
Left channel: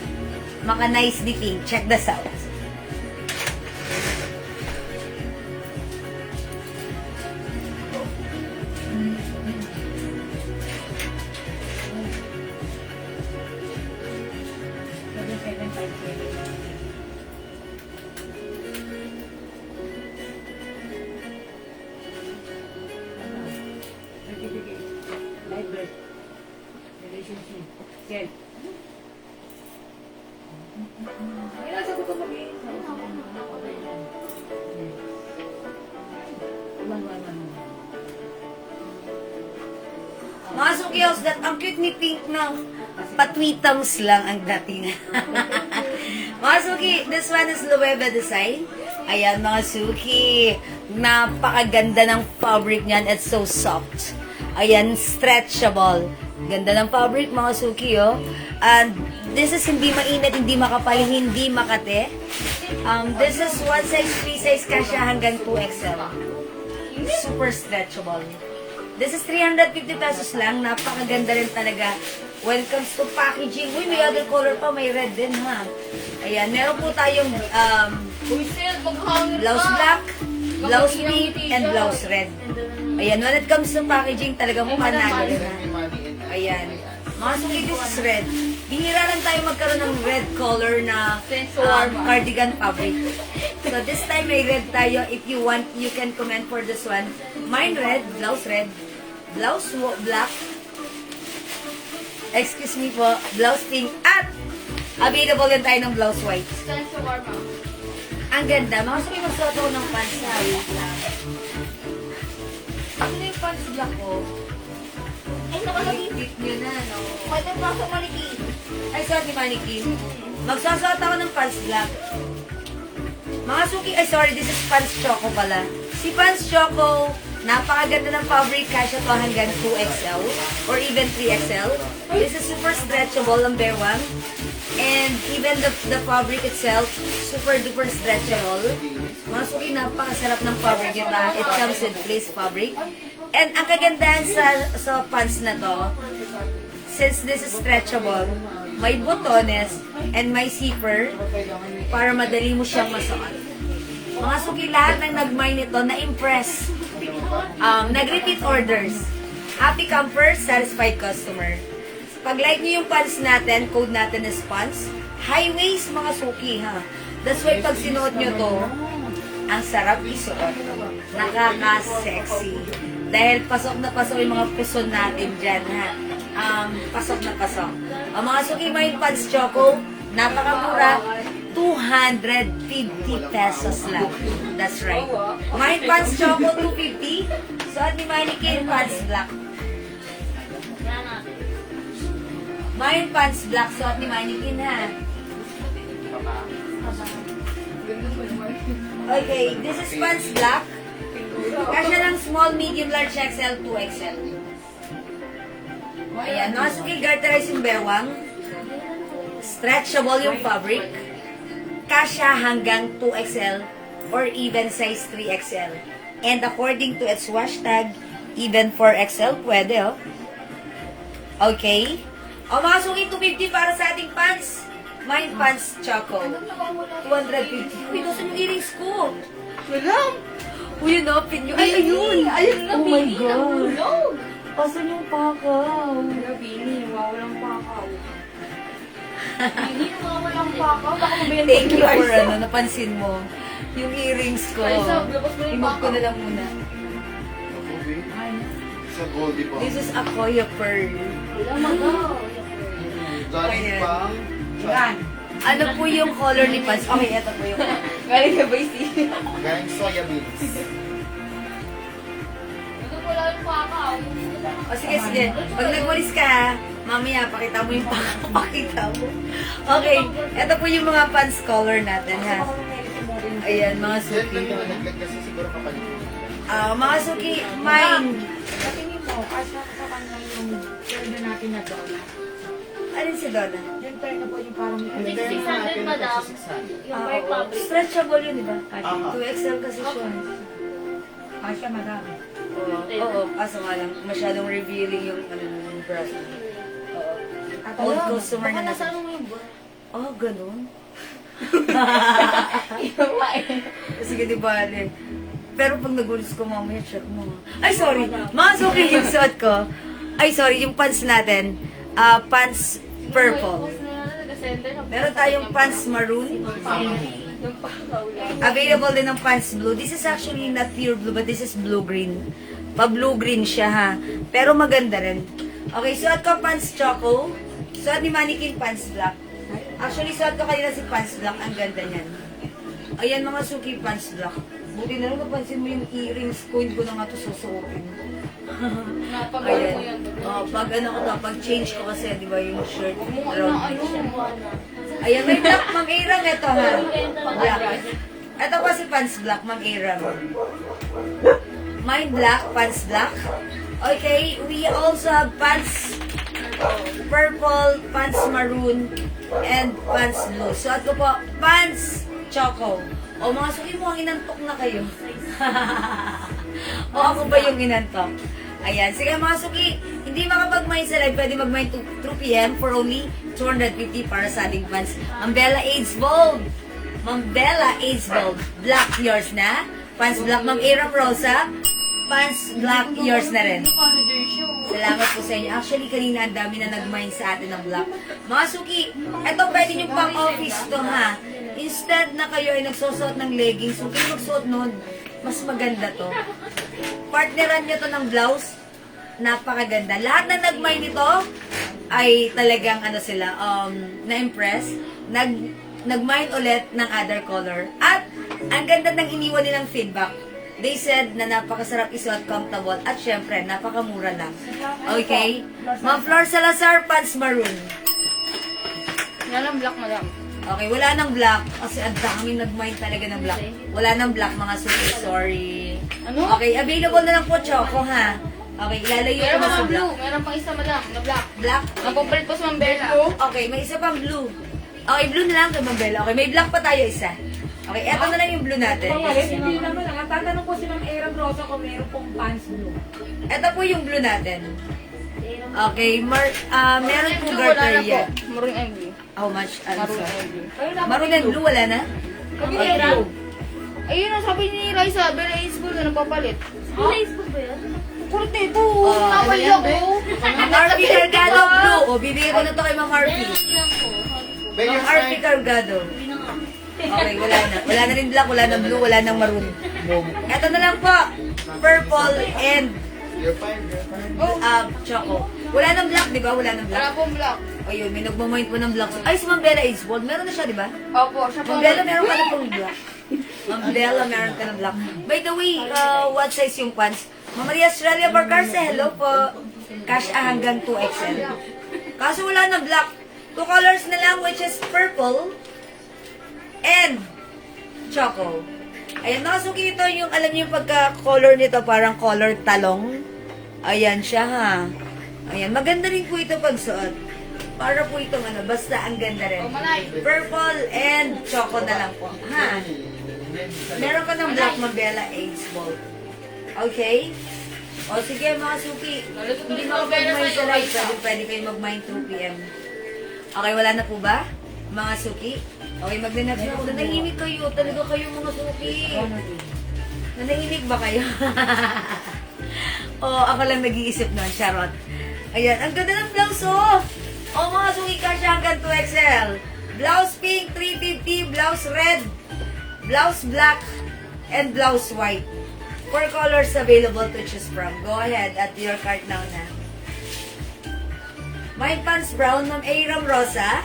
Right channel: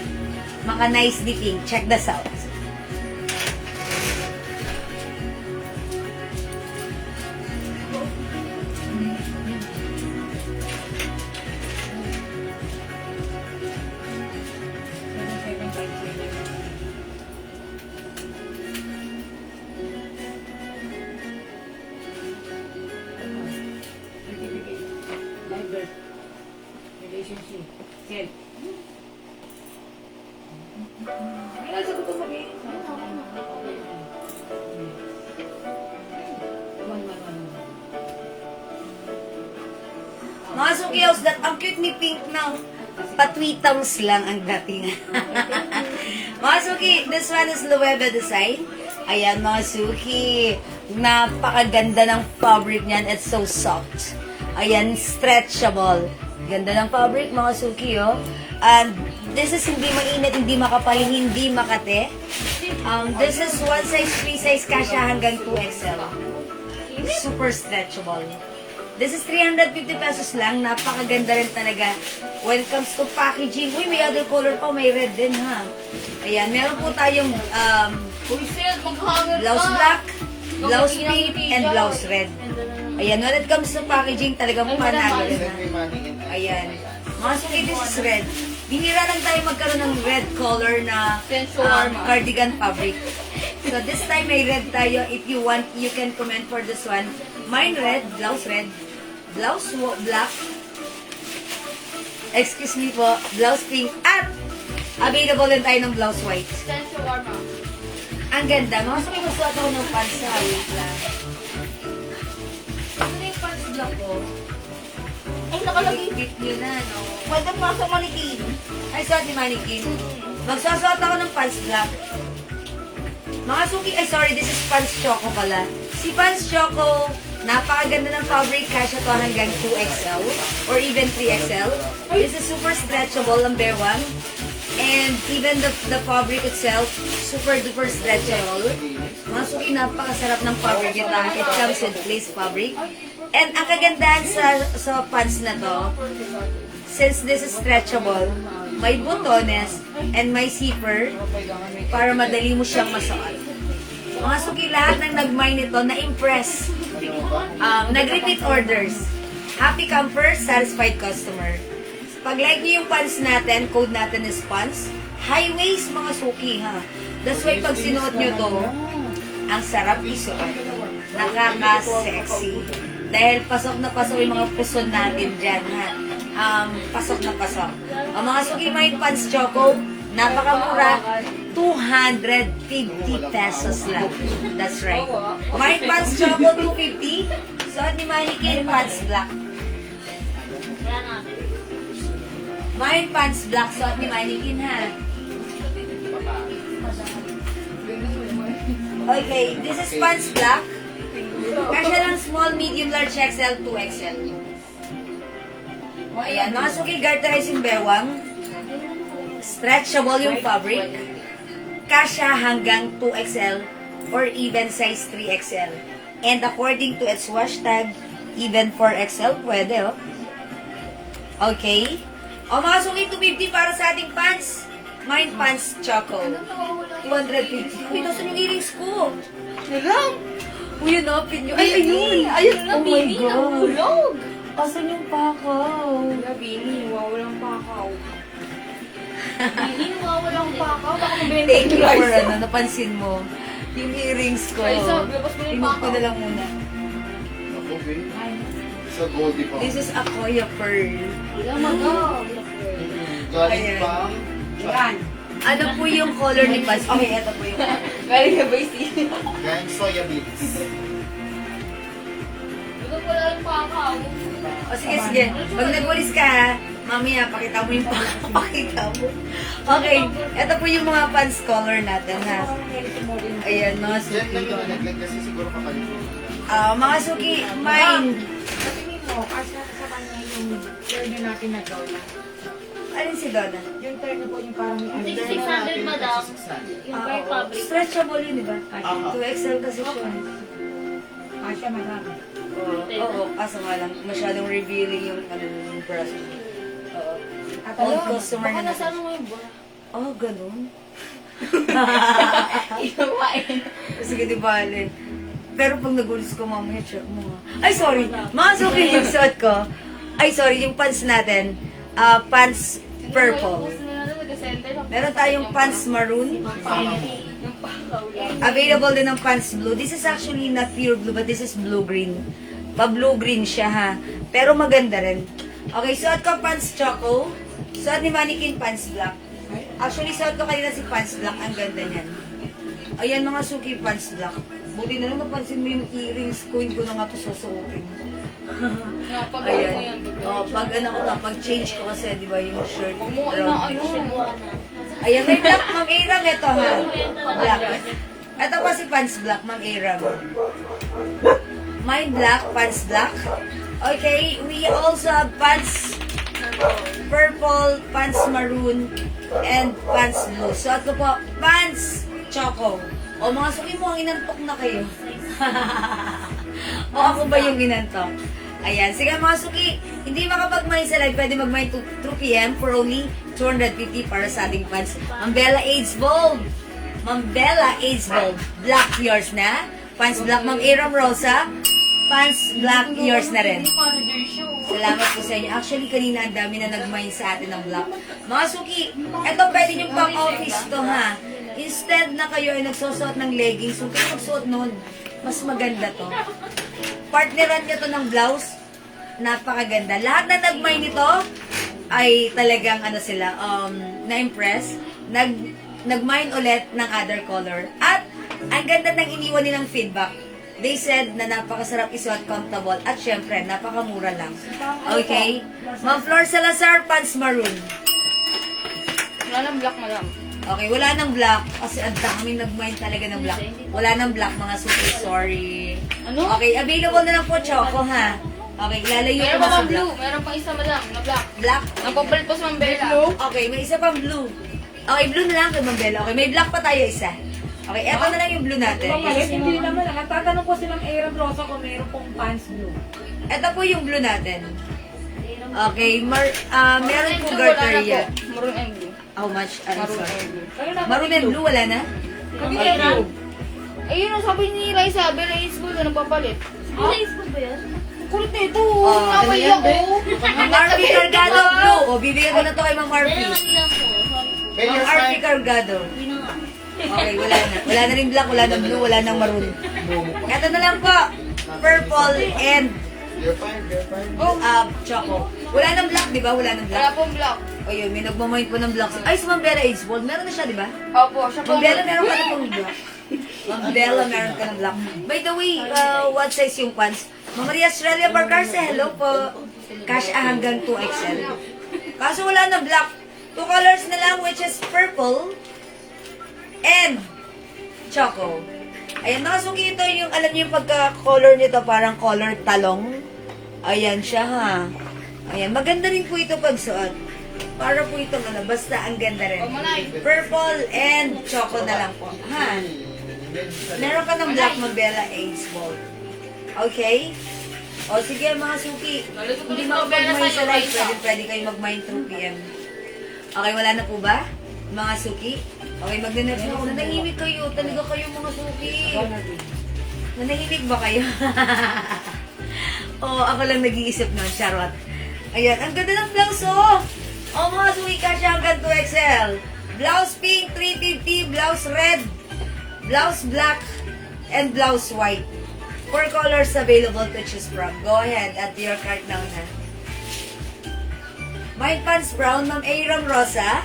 maka-nice ni King. Check this out. Relationship. Ken. Kailan sagot ko sabihin? Mga sukiyaws, that ang cute ni Pink na patwitangs lang ang dating. Mga suki, this one is Lueva design. Ayan mga suki, napakaganda ng fabric niyan. It's so soft. Ayan, stretchable. Ganda ng fabric mga suki, oh. And this is hindi mainit, hindi makapal, hindi makate. This is one size, free size, kasya hanggang 2XL. Super stretchable. This is 350 pesos lang. Napakaganda rin talaga. When it comes to packaging, uy, may other color pa, may red din, ha. Ayan, meron po tayong Uy, sir, maghangin blouse ka. black, blouse pink, and blouse red. Ayan, when it comes to packaging, talagang panalo rin, ha. Ayan. Mga suki, this is red. Bihira lang tayo magkaroon ng red color na cardigan fabric. So this time may red tayo. If you want, you can comment for this one. Mine red, blouse black. Excuse me po, blouse pink. At available din tayo ng blouse white. Send to warm up. Ang ganda. Mga suki, magsuot ako ng pants sa wait lang. Ano yung pants black ko? Ay, nakalagay. Bit nyo na, no? Pwede pa sa manikin. Ay, suot ni Mannequin. Magsusuot ako ng pants black. Mga suki, ay sorry, this is Pants Choco pala. Si Pants Choco, napakaganda ng fabric, kasya to hanggang 2XL or even 3XL. This is super stretchable, number one. And even the fabric itself, super duper stretchable. Mga suki, napakasarap ng fabric yung lahat. It comes with lace fabric. And ang kagandahan sa pants na to, since this is stretchable, may butones and may zipper para madali mo siyang masuot. Mga suki, lahat ng nag-mine nito, na-impress. Nag-repeat orders. Happy camper, satisfied customer. Pag like niyo yung pants natin, code natin is pants. High waist, mga suki, ha. That's why pag sinuot nyo to, ang sarap isuot. Nakaka-sexy. Dahil pasok na pasok yung mga puson natin dyan, ha. Pasok na pasok. Ang mga suki, may pants choco, napakamura, 250 pesos lang. That's right. May pants choco, 250. Suot ni Mannequin, pants black. May pants black, suot ni Mannequin, ha. Okay, this is pants black. Kasya lang small, medium, large, XL, 2XL. Ayan, mga suki, garterize yung bewang. Stretchable yung fabric. Kasya hanggang 2XL or even size 3XL. And according to its wash tag, even 4XL pwede, oh. Okay? O mga suki, 250 para sa ating pants. Mine pants choco. 250. Uy, nasa yung earrings ko? Yan lang. Uy, yun, open nyo. Ay, ayun! Ayun na, Oh my baby, God. nahulog. Asan yung pakaw? Bini, wawalang pakaw. Bini, wawalang pakaw. Baka mabenta Thank you yung for Raisa. napansin mo. Yung earrings ko. Raisa, labas mo yung Remove ko pakaw. na lang muna. Ako, babe. Sa Goldie pa. This is Akoya Pearl. Ilang magaw. Galing Ayan. pang... Yan. Ano po yung color ni pants? Okay, ito po yung... Galing na ba yung Galing soya beans. Ito wala yung pakaw. O sige, sige. Pag nagwalis ka, ha, mamaya, pakita mo yung pakita mo. Okay, ito po yung mga pants color natin, ha. Ayan, mga Yan suki. lang yung nalaglag kasi siguro kapalitin. Mga suki, mine. Patingin mo, kasi sa kanya yung order natin na dola. Alin si Donna? Yung turn na po yung parang may 600, madam. Yung white fabric. Stretchable yun, di ba? Aha. 2XL kasi siya. Kasya madami. Oo, kaso nga lang, masyadong revealing yung ano yung breast. Oo. At Old ayun, customer Baka na nasa natin. ano mo yung bra. Oh, ganun? Iyawain. Sige, di bale. Pero pag nagulis ko mamaya, check mo. Ay, sorry. Mga suki yung suot ko. Ay, sorry, yung pants natin. Pants purple. Meron tayong pants maroon. Yung pakaw lang. Available din ng pants blue. This is actually not pure blue, but this is blue-green. Pa-blue-green siya, ha. Pero maganda rin. Okay, suot ko pants choco. Suot ni Mannequin pants black. Actually, suot ko kanina si pants black. Ang ganda niyan. Ayan, mga suki pants black. Buti na lang napansin mo yung earrings ko. Hindi ko na nga po susuotin. Napagawa mo yan. Ayan. Oh, pag ano ko na, pag change ko kasi, di ba, yung shirt. Huwag mo round inaano. Ayan, may black, mang-iram ito, ha? Black. Ito pa si pants black, mang-iram. Mine black, pants black. Okay, we also have pants purple, pants maroon, and pants blue. So, ako po, pants choco. O, mga suki mo, ang inantok na kayo. O, ako ba yung inantok? Ayan. Sige mga suki, hindi makapag-mine sa live, pwede mag-mine 2 p.m. for only 250 para sa ating pants. Ma'am Bella AIDS Bold. Ma'am Bella AIDS Bold. Black yours na. Pants black. Ma'am Aram Rosa. Pants black yours na rin. Manager show. Salamat po sa inyo. Actually, kanina ang dami na nag-mine sa atin ng black. Mga suki, eto pwede nyo pang office to, ha. Instead na kayo ay nagsusuot ng leggings, kung kayo magsuot nun, mas maganda to. Partneran nyo to ng blouse. Napakaganda. Lahat na nag-mine nito ay talagang ano sila, na-impress. Nag-mine ulit ng other color. At ang ganda ng iniwan nilang feedback. They said na napakasarap isuot, comfortable, at syempre, napakamura lang. Okay? Ma'am Flor Salazar, pants maroon. Wala ng black, madam. Okay, wala nang black. Kasi ang daming nag-mine talaga ng black. Wala nang black, mga suki. Sorry. Ano? Okay, available na lang po, Choco, ha? Okay, lalayo ko Meron na pa sa mga black. blue. Meron pang isa, madam, na black. Black? Ang papalit po sa Mambela. Okay, may isa pang blue. Okay, blue na lang kay Mambela. Okay, may black pa tayo isa. Okay, eto na lang yung blue natin. Hindi naman lang. Ang tatanong ko si Ma'am Aaron Rosa kung meron pong pants blue. Ito po yung blue natin. Okay, meron po Blue, wala na garter po. yan. Maroon and blue. How much? I'm Maroon sorry. and blue. Kayo naman Maroon and blue, wala na? Kami Okay. na blue. Ayun ang sabi ni Raisa, Bella is blue na nagpapalit. Facebook ba yan? Kulit ito. Oh, Nakay ano yan, ako. Ma'am Arby Cargado, blue. O, bibigay ko na to kay Ma'am Arby. Babe, Ma'am yes, Arby Cargado. Okay, wala na. Wala na rin black, wala na blue, wala nang maroon. Ito na lang po. Purple and You're fine, you're fine. choco. Wala nang black, di ba? Wala nang Wala black. pong black. Ayun, may nagmamind po ng black. Ay, si Ma'am Bella Ace Bold. Meron na siya, di ba? Opo, siya po. Ma'am Bella, meron ka na pong black. Ma'am Bella, meron ka ng black. By the way, what size yung pants? Ma'am Maria Australia Barcarce, hello po. Cash hanggang 2XL. Kaso wala na black. 2 colors na lang, which is purple and choco. Ayan, mga suki, ito yung, alam niyo yung pagka-color nito, parang color talong. Ayan siya, ha. Ayan, maganda rin po ito pagsuot. Para po itong ano, basta ang ganda rin. Purple and choco na lang po, ha. Meron ka ng black Mabella Ace Ball. Okay? O sige mga suki, Nalit ko hindi tuloy sa pera makapag-mine sa'yo, sa live. Raisa. Pwede kayo mag-mine through PM. Okay, wala na po ba? Mga suki? Okay, mag-next na ako. Nanahimik kayo. Talaga kayo mga suki. Nanahimik ba kayo? Oo, ako lang nag-iisip nun. Charot. Ayan, ang ganda ng blouse, oh! Oh, mga suki kasya hanggang 2XL. Blouse pink, 350. Blouse red. Blouse black. And blouse white. 4 colors available to choose from. Go ahead at your cart naman, ha? My pants brown, Ma'am Aram Rosa.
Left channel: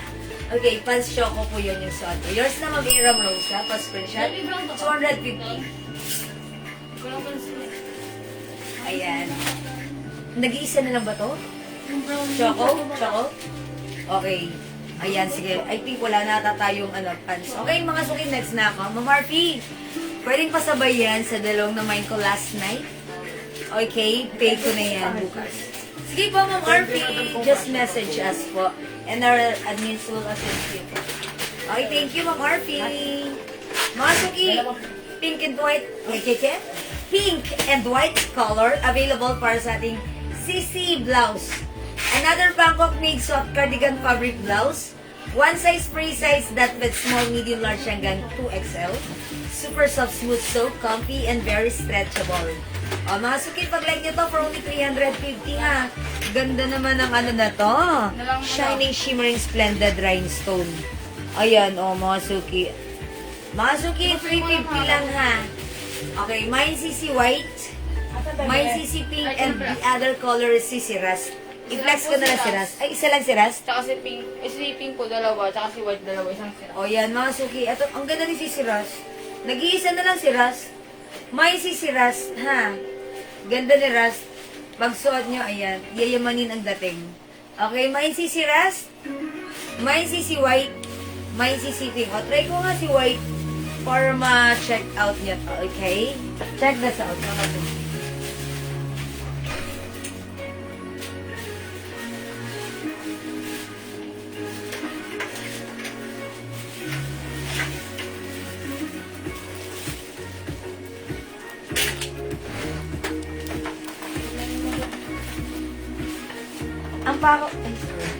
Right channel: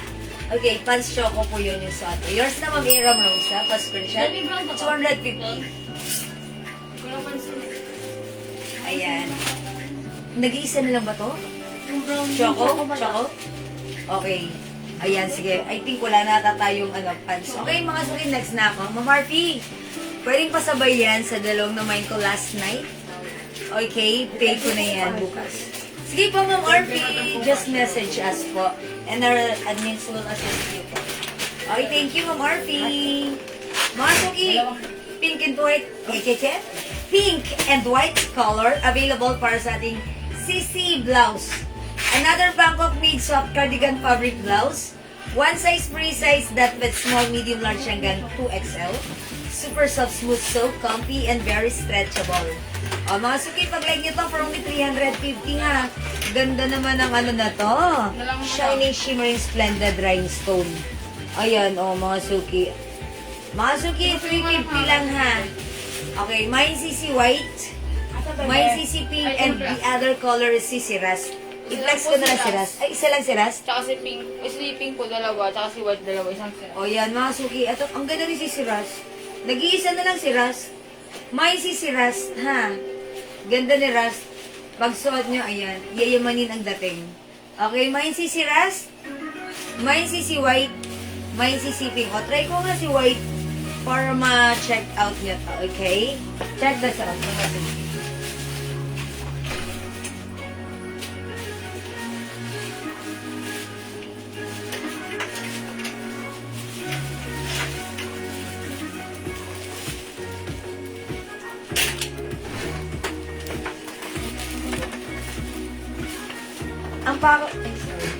Okay, pants choco po yun yung suot. Yours na, Ma'am Aram Rosa. Pa-screenshot. Baby brown ba to? 250. Ko lang pansin. Ayan. Nag-iisa na lang ba to? Yung brown. Choco? Choco? Okay. Ayan, sige. I think wala na ata tayong pants. Okay, mga suki, next na ako. Ma'am Marfi, pwedeng pasabay yan sa dalawang na mine ko last night. Okay, pay ko na yan bukas. Sige po, Ma'am Marfi, just message us po. And our admins will assist you po. Okay, thank you, Ma'am Marfi. Mga suki, pink and white, pink and white color available para sa ating CC blouse. Another Bangkok made soft cardigan fabric blouse. One size free size that fits small, medium, large hanggang 2XL. Super soft, smooth, so comfy, and very stretchable. O, mga suki, pag-like nyo to for only 350 ha. Ganda naman ang ano na to. Shining, shimmering, splendid rhinestone. Ayan, o, mga suki. Mga suki, 350 lang ha. Okay, mine CC white, mine CC pink, and the other color is CC rust. I-flex ko na lang si Ras. Ay, isa lang si Ras? Tsaka si pink. Si pink po, dalawa. Tsaka si white, dalawa. Isang sira. O yan, mga suki. Ito, ang ganda ni si Ras. Nag-iisa na lang si Ras. May si Ras, ha? Ganda ni Ras. Pag suot nyo, ayan, yayamanin ang dating. Okay, may si Ras. May si white. May si pink. O, try ko nga si white para ma-check out niya to, okay? Check this out, mga suki. Ang pako... Ay, sorry.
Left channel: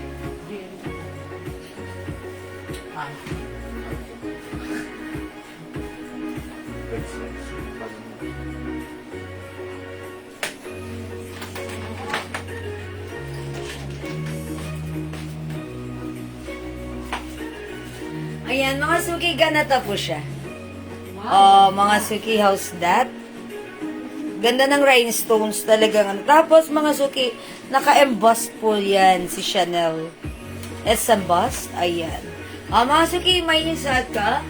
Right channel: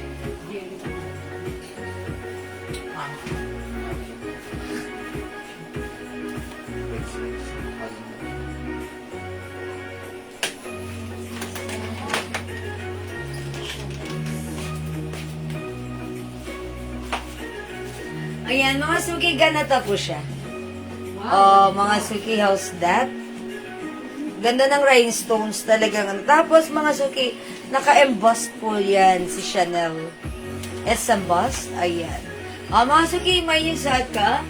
Ayan, mga suki, ganata po siya. Oh, mga suki, how's that? Ganda ng rhinestones talagang. Tapos, mga suki, naka-emboss po yan si Chanel. It's embossed. Ayan. Mga suki, may yung suot ka.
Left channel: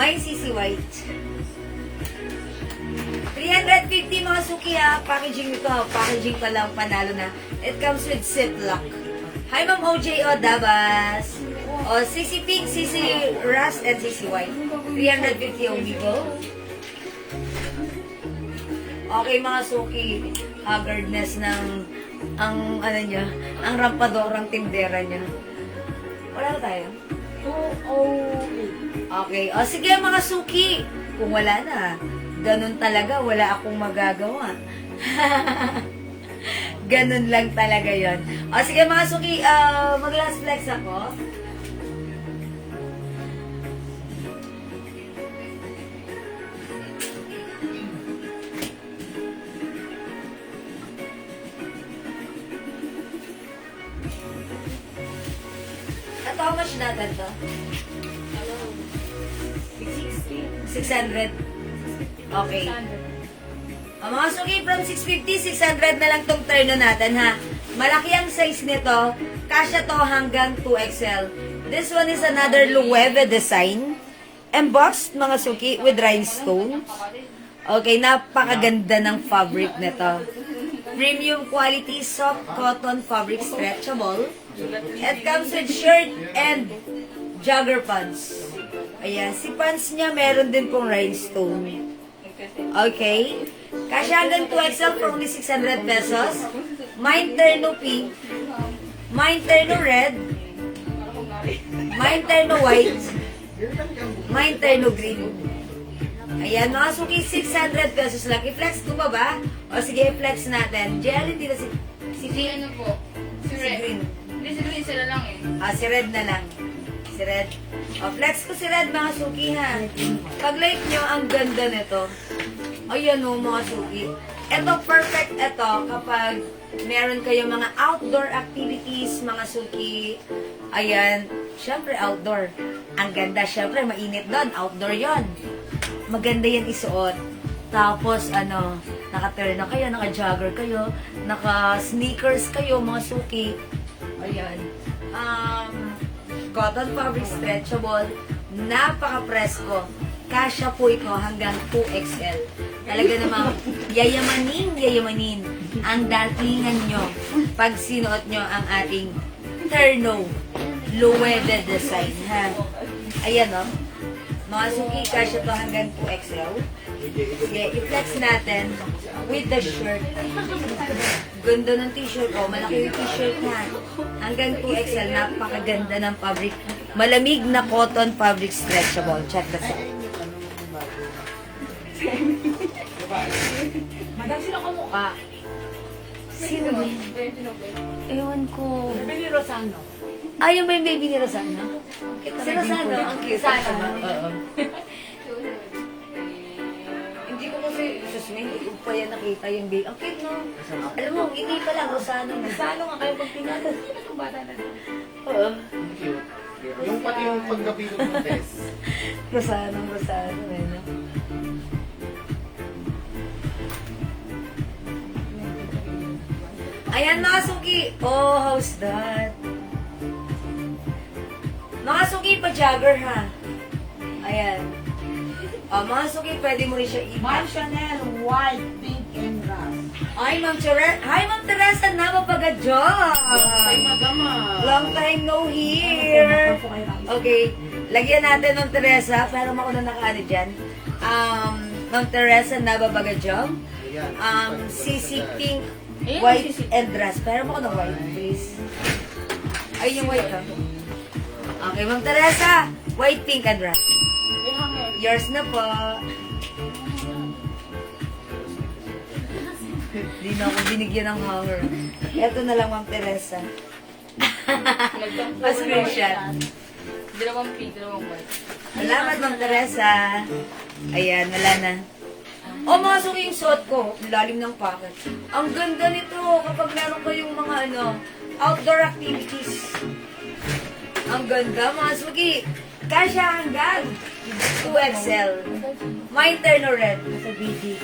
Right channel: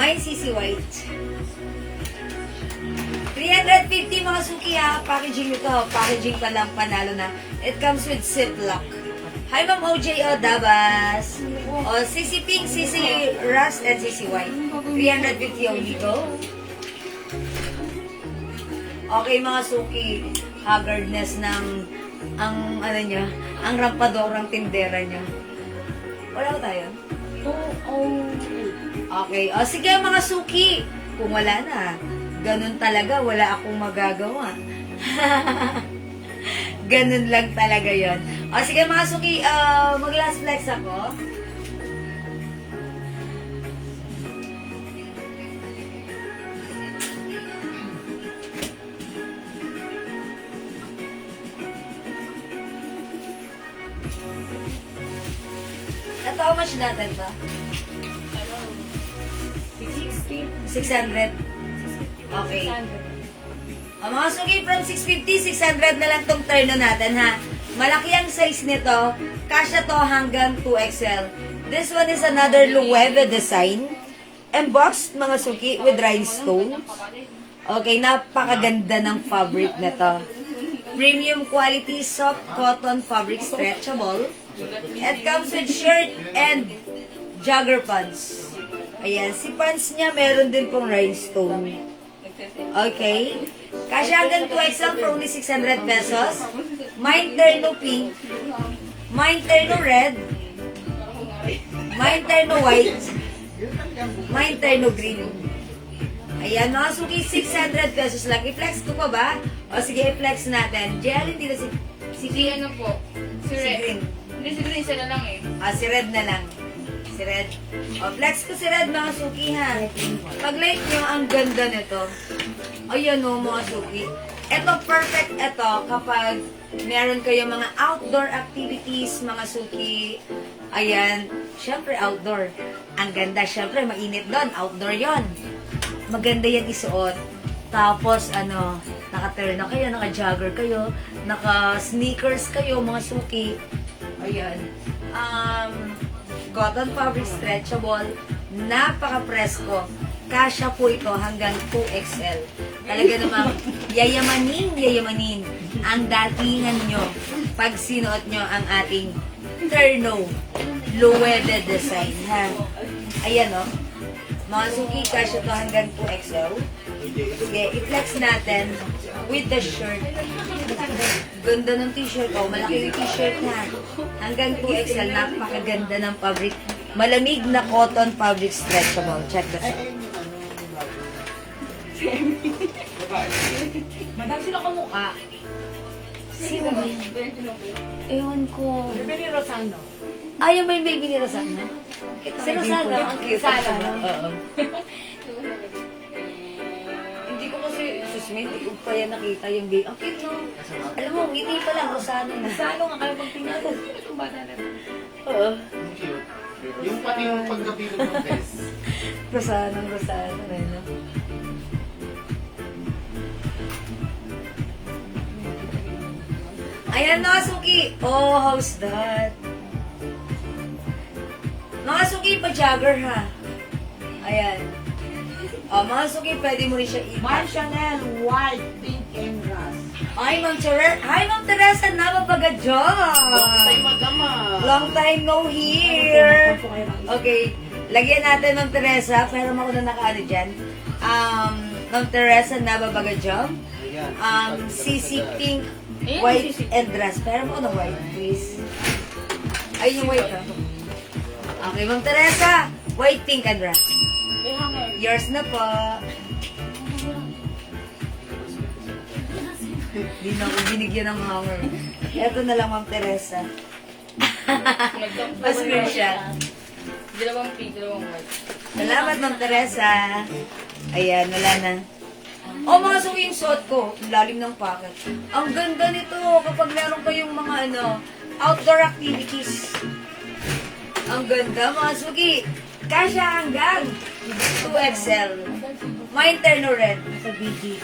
May CC white. 350 mga suki ha. Packaging ito. Packaging pa lang, panalo na. It comes with ziplock. Hi, Ma'am OJO Dabas. O, CC Pink, CC Rust, and CC White. 350 only go. Okay, mga suki. Haggardness ng, ang, ano nyo, ang rampadorang tindera nyo. Wala ba tayo? 208. Okay. O, sige, mga suki. Kung wala na, ganun talaga, wala akong magagawa. Ganun lang talaga yon. O sige mga suki, mag-last flex ako. At how much natin ba? 600. Okay. Ang mga suki, from 650, 600 na lang tong terno natin, ha? Malaki ang size nito. Kasya to hanggang 2XL. This one is another Loewe design. Embossed, mga suki, with rhinestones. Okay, napakaganda ng fabric na to. Premium quality, soft cotton fabric, stretchable. It comes with shirt and jogger pants. Ayan, si pants niya meron din pong rhinestone. Okay. Kasya hanggang 2XL for only 600 pesos. Mine terno pink. Mine terno red. Mine terno white. Mine terno green. Ayan, mga suki, 600 pesos lang. I-flex ko ba ba? O sige, i-flex natin. Jelly, hindi na si Si ano po? Si Si Red. Green. Hindi si Green, sila lang eh. Si Red na lang. Si Red. O, flex ko si Red, mga suki, ha. Pag-like nyo, ang ganda nito. Ayan o, mga suki. Ito, perfect ito kapag meron kayo mga outdoor activities, mga suki. Ayan. Syempre, outdoor. Ang ganda. Syempre, mainit doon. Outdoor yon. Maganda yan isuot. Tapos, naka-turn na kayo, naka-jogger kayo, naka-sneakers kayo, mga suki. Ayan. Cotton fabric stretchable. Napaka-presko. Kasya po ito hanggang 2XL. Talaga namang yayamanin ang datingan nyo pag sinuot nyo ang ating terno low-wedded design, ha? Ayan, o. Mga suki, kasya to hanggang 2XL. Sige, i-flex natin with the shirt. Ganda ng t-shirt, oh. Malaki yung t-shirt na. Hanggang 2XL, napakaganda ng fabric. Malamig na cotton fabric stretchable. Check this out. Madam, sino ka mukha? Sino ba? Ewan ko. Sabi ni Rosano. Yung ba yung baby ni Rosana? Si Rosana, ang cute. Rosana. Oo. Hindi ko kasi, susmin, hindi ko pa yan nakita yung baby. Ang cute, no? Alam mo, ngiti pa lang, Rosana na. Rosano nga kayo pagtingatan. Sino itong bata na to? Oo. Ang cute. Yung pati yung pagkabilog ng best. Rosana, no? Ayan, mga suki. Oh, how's that? Mga suki, pa-jogger, ha? Ayan. Mga suki, pwede mo rin siya Mar Chanel, white, pink, and rust. Ay, Ma'am Teresa. Hi, Ma'am Teresa. Napapagadjog. Long time no here. Okay. Lagyan natin, Ma'am Teresa. Pero ako na nakaano dyan. Ma'am Teresa, nababagadjog. CC Pink, white and dress. Pero ako na white, please. Ayun yung white, ha? Okay, Ma'am Teresa. White, pink, and dress. Yours na po. Hindi na ako binigyan ng hanger. Ito na lang, Ma'am Teresa. Pa-screenshot. Dalawang pink, dalawang white. Salamat, Ma'am Teresa. Ayan, wala na. Mga suki yung suot ko. Ang lalim ng pocket. Ang ganda nito kapag meron kayong mga outdoor activities. Ang ganda, mga suki. Kasya hanggang 2XL. May interno red. Sa BGC.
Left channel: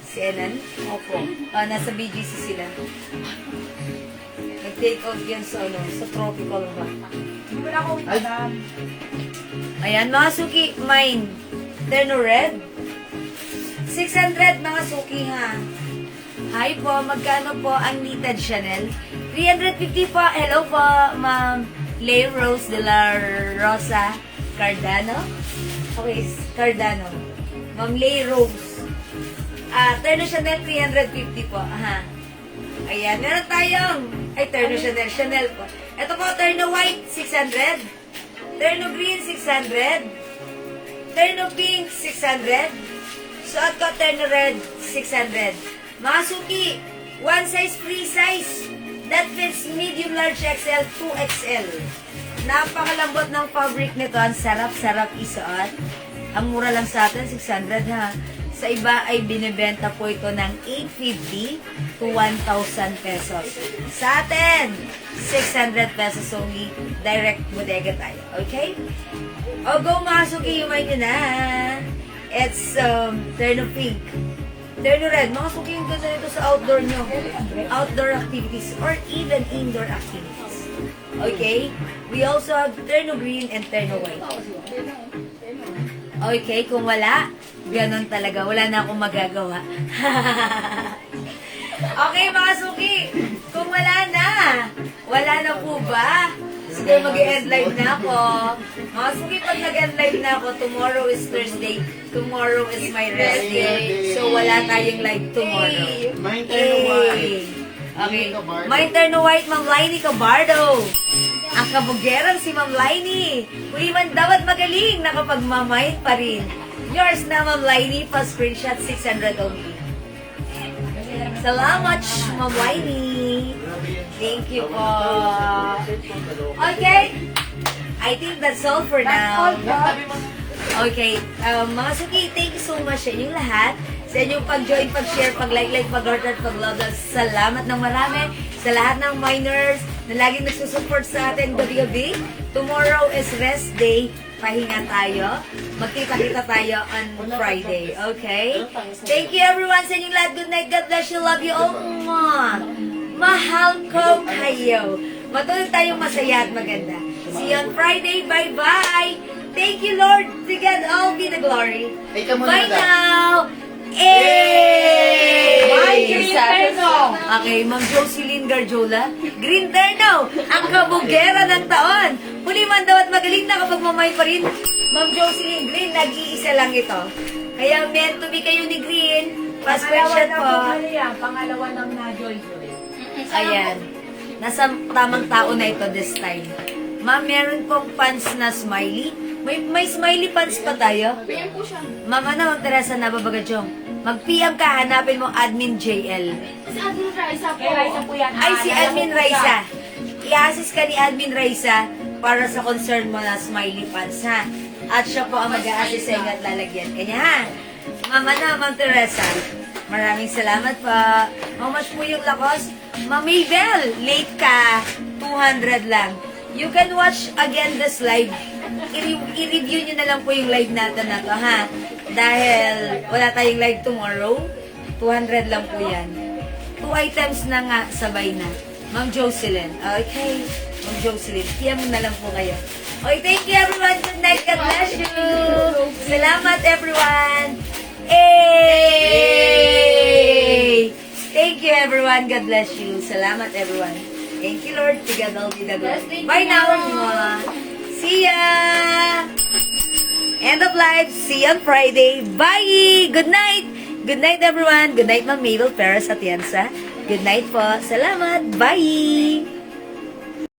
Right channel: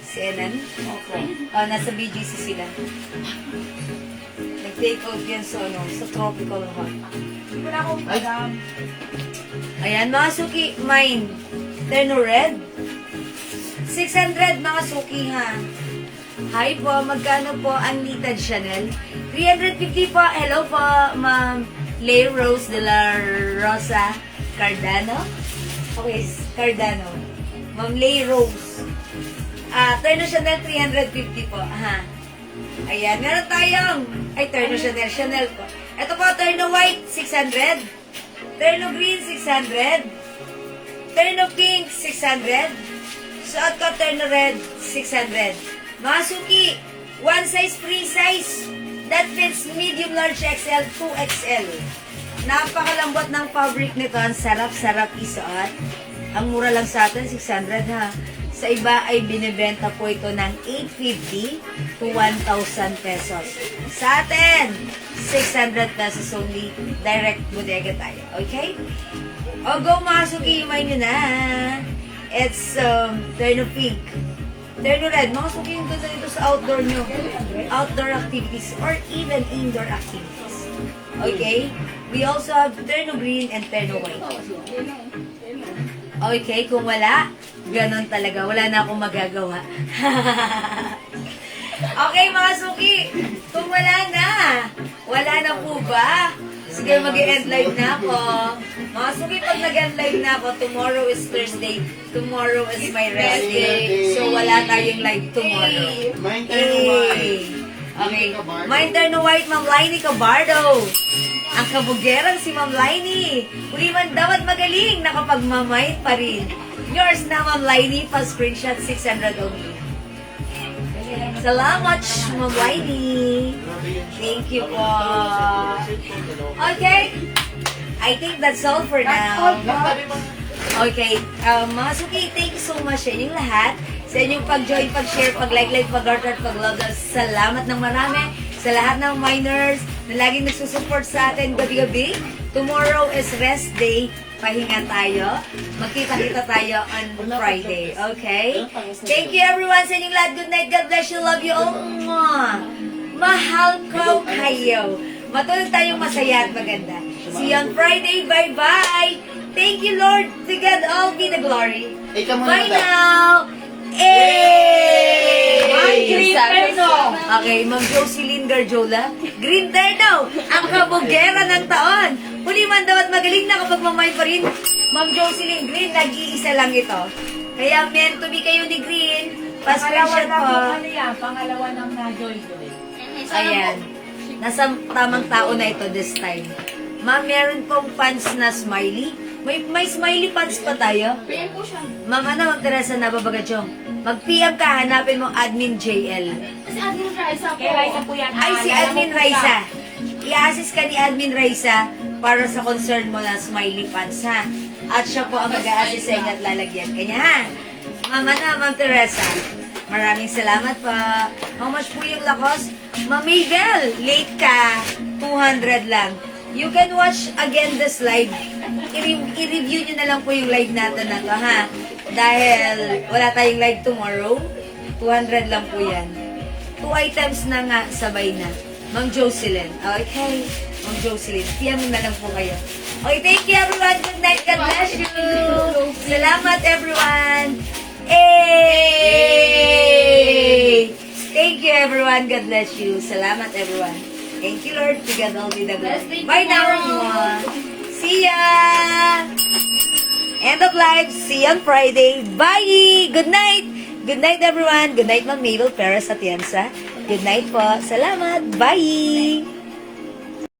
Si Enan? Opo. Nasa BGC sila. Nag-take out yan sa tropical rock. Hindi mo na ako, madam. Ayan, mga suki, mine. Terno red. 600, mga suki, ha. Hi po, magkano po ang Litad Chanel? 350 po. Hello po, Ma'am Lay Rose de la Rosa Cardano. Okay, Cardano. Ma'am Lay Rose. Terno Chanel, 350 po. Ayan, meron tayong, Terno Chanel, Chanel po. Ito po, Terno White, 600. Terno Green, 600. Terno Pink, 600. Suot ko, Terno Red, 600. Mga suki, one size, free size. That fits medium, large, XL, 2XL. Napakalambot ng fabric nito. Ang sarap-sarap isuot. Ang mura lang sa atin, 600, ha. Sa iba ay binibenta po ito ng 850 to 1,000 pesos. Sa atin, 600 pesos only. Direct bodega tayo. Okay? O, go mga suki, may nyo na. It's Terno Pink. Terno Red. Mga suki yung ganda nito sa outdoor nyo. Outdoor activities or even indoor activities. Okay? We also have Terno Green and Terno White. Okay, kung wala, ganon talaga. Wala na akong magagawa. Okay, mga suki. Kung wala na po ba? Sige, mag-end live na ako. Mga suki, pag nag-end live na ako, tomorrow is Thursday. Tomorrow is my rest day. So, wala tayong live tomorrow. May Terno White. Okay. May Terno White, Ma'am Lainey Cabardo. Ang kabugeran si Ma'am Lainey. Huli man dapat magaling, nakapagmamain pa rin. Yours na, Ma'am Lainey, pa screenshot 600 only. Salamat, Ma'am Wiley. Thank you po. Okay. I think that's all for now. Okay. Mga suki, thank you so much sa inyong lahat. Sa inyong pag-join, pag-share, pag-like, pag-heart, at pag-love. Salamat ng marami sa lahat ng minors na laging nagsusupport sa atin gabi-gabi. Tomorrow is rest day. Pahinga tayo. Magkita-kita tayo on Friday. Okay? Thank you everyone sa inyong lahat. Good night. God bless you. Love you all. Mwah. Mahal ko kayo. Matulog tayong masaya at maganda. See you on Friday. Bye-bye. Thank you, Lord. To God all be the glory. Bye now. Ay, green terno. Okay, Ma'am Jocelyn Garjola. Green terno. Ang kabugera ng taon. Huli man daw at magaling na kapag mamay pa rin. Ma'am Jocelyn Green, nag-iisa lang ito. Kaya meant to be kayo ni Green. Pangalawa Pasensya na po. po, ano yan? Pangalawa ng na-joy-joy. Ayan. Nasa tamang tao na ito this time. Ma'am, meron pong pants na smiley. May smiley pants pa tayo. PM po siya. Ma'am, ano, Teresa Nababagachong? Mag-PM ka, hanapin mo Admin JL. Si Admin Raisa po. Kay Raisa po yan. Ay, si nalala Admin ko po siya. Raisa. I-assist ka ni Admin Raisa para sa concern mo na smiley pants, ha? At siya po ang mag-a-assist sa inyo at lalagyan kanya, ha? Ma'am, ano, Ma'am Teresa? Maraming salamat pa. How much po yung lakos? Ma'am Miguel, late ka. 200 lang. You can watch again this live. I-review nyo na lang po yung live natin na to, ha? Dahil wala tayong live tomorrow. 200 lang po yan. 2 items na nga, sabay na. Ma'am Jocelyn. Okay. Ma'am Jocelyn. PM mo na lang po kayo. Okay, thank you everyone. Good night. God bless you. Salamat everyone. Hey! Thank you everyone. God bless you. Salamat everyone. Thank you Lord. To God all be the glory. Bye now everyone. See ya! End of live. See you on Friday. Bye! Good night! Good night everyone. Good night Ma'am Mabel Perez Atienza. Good night po. Salamat. Bye!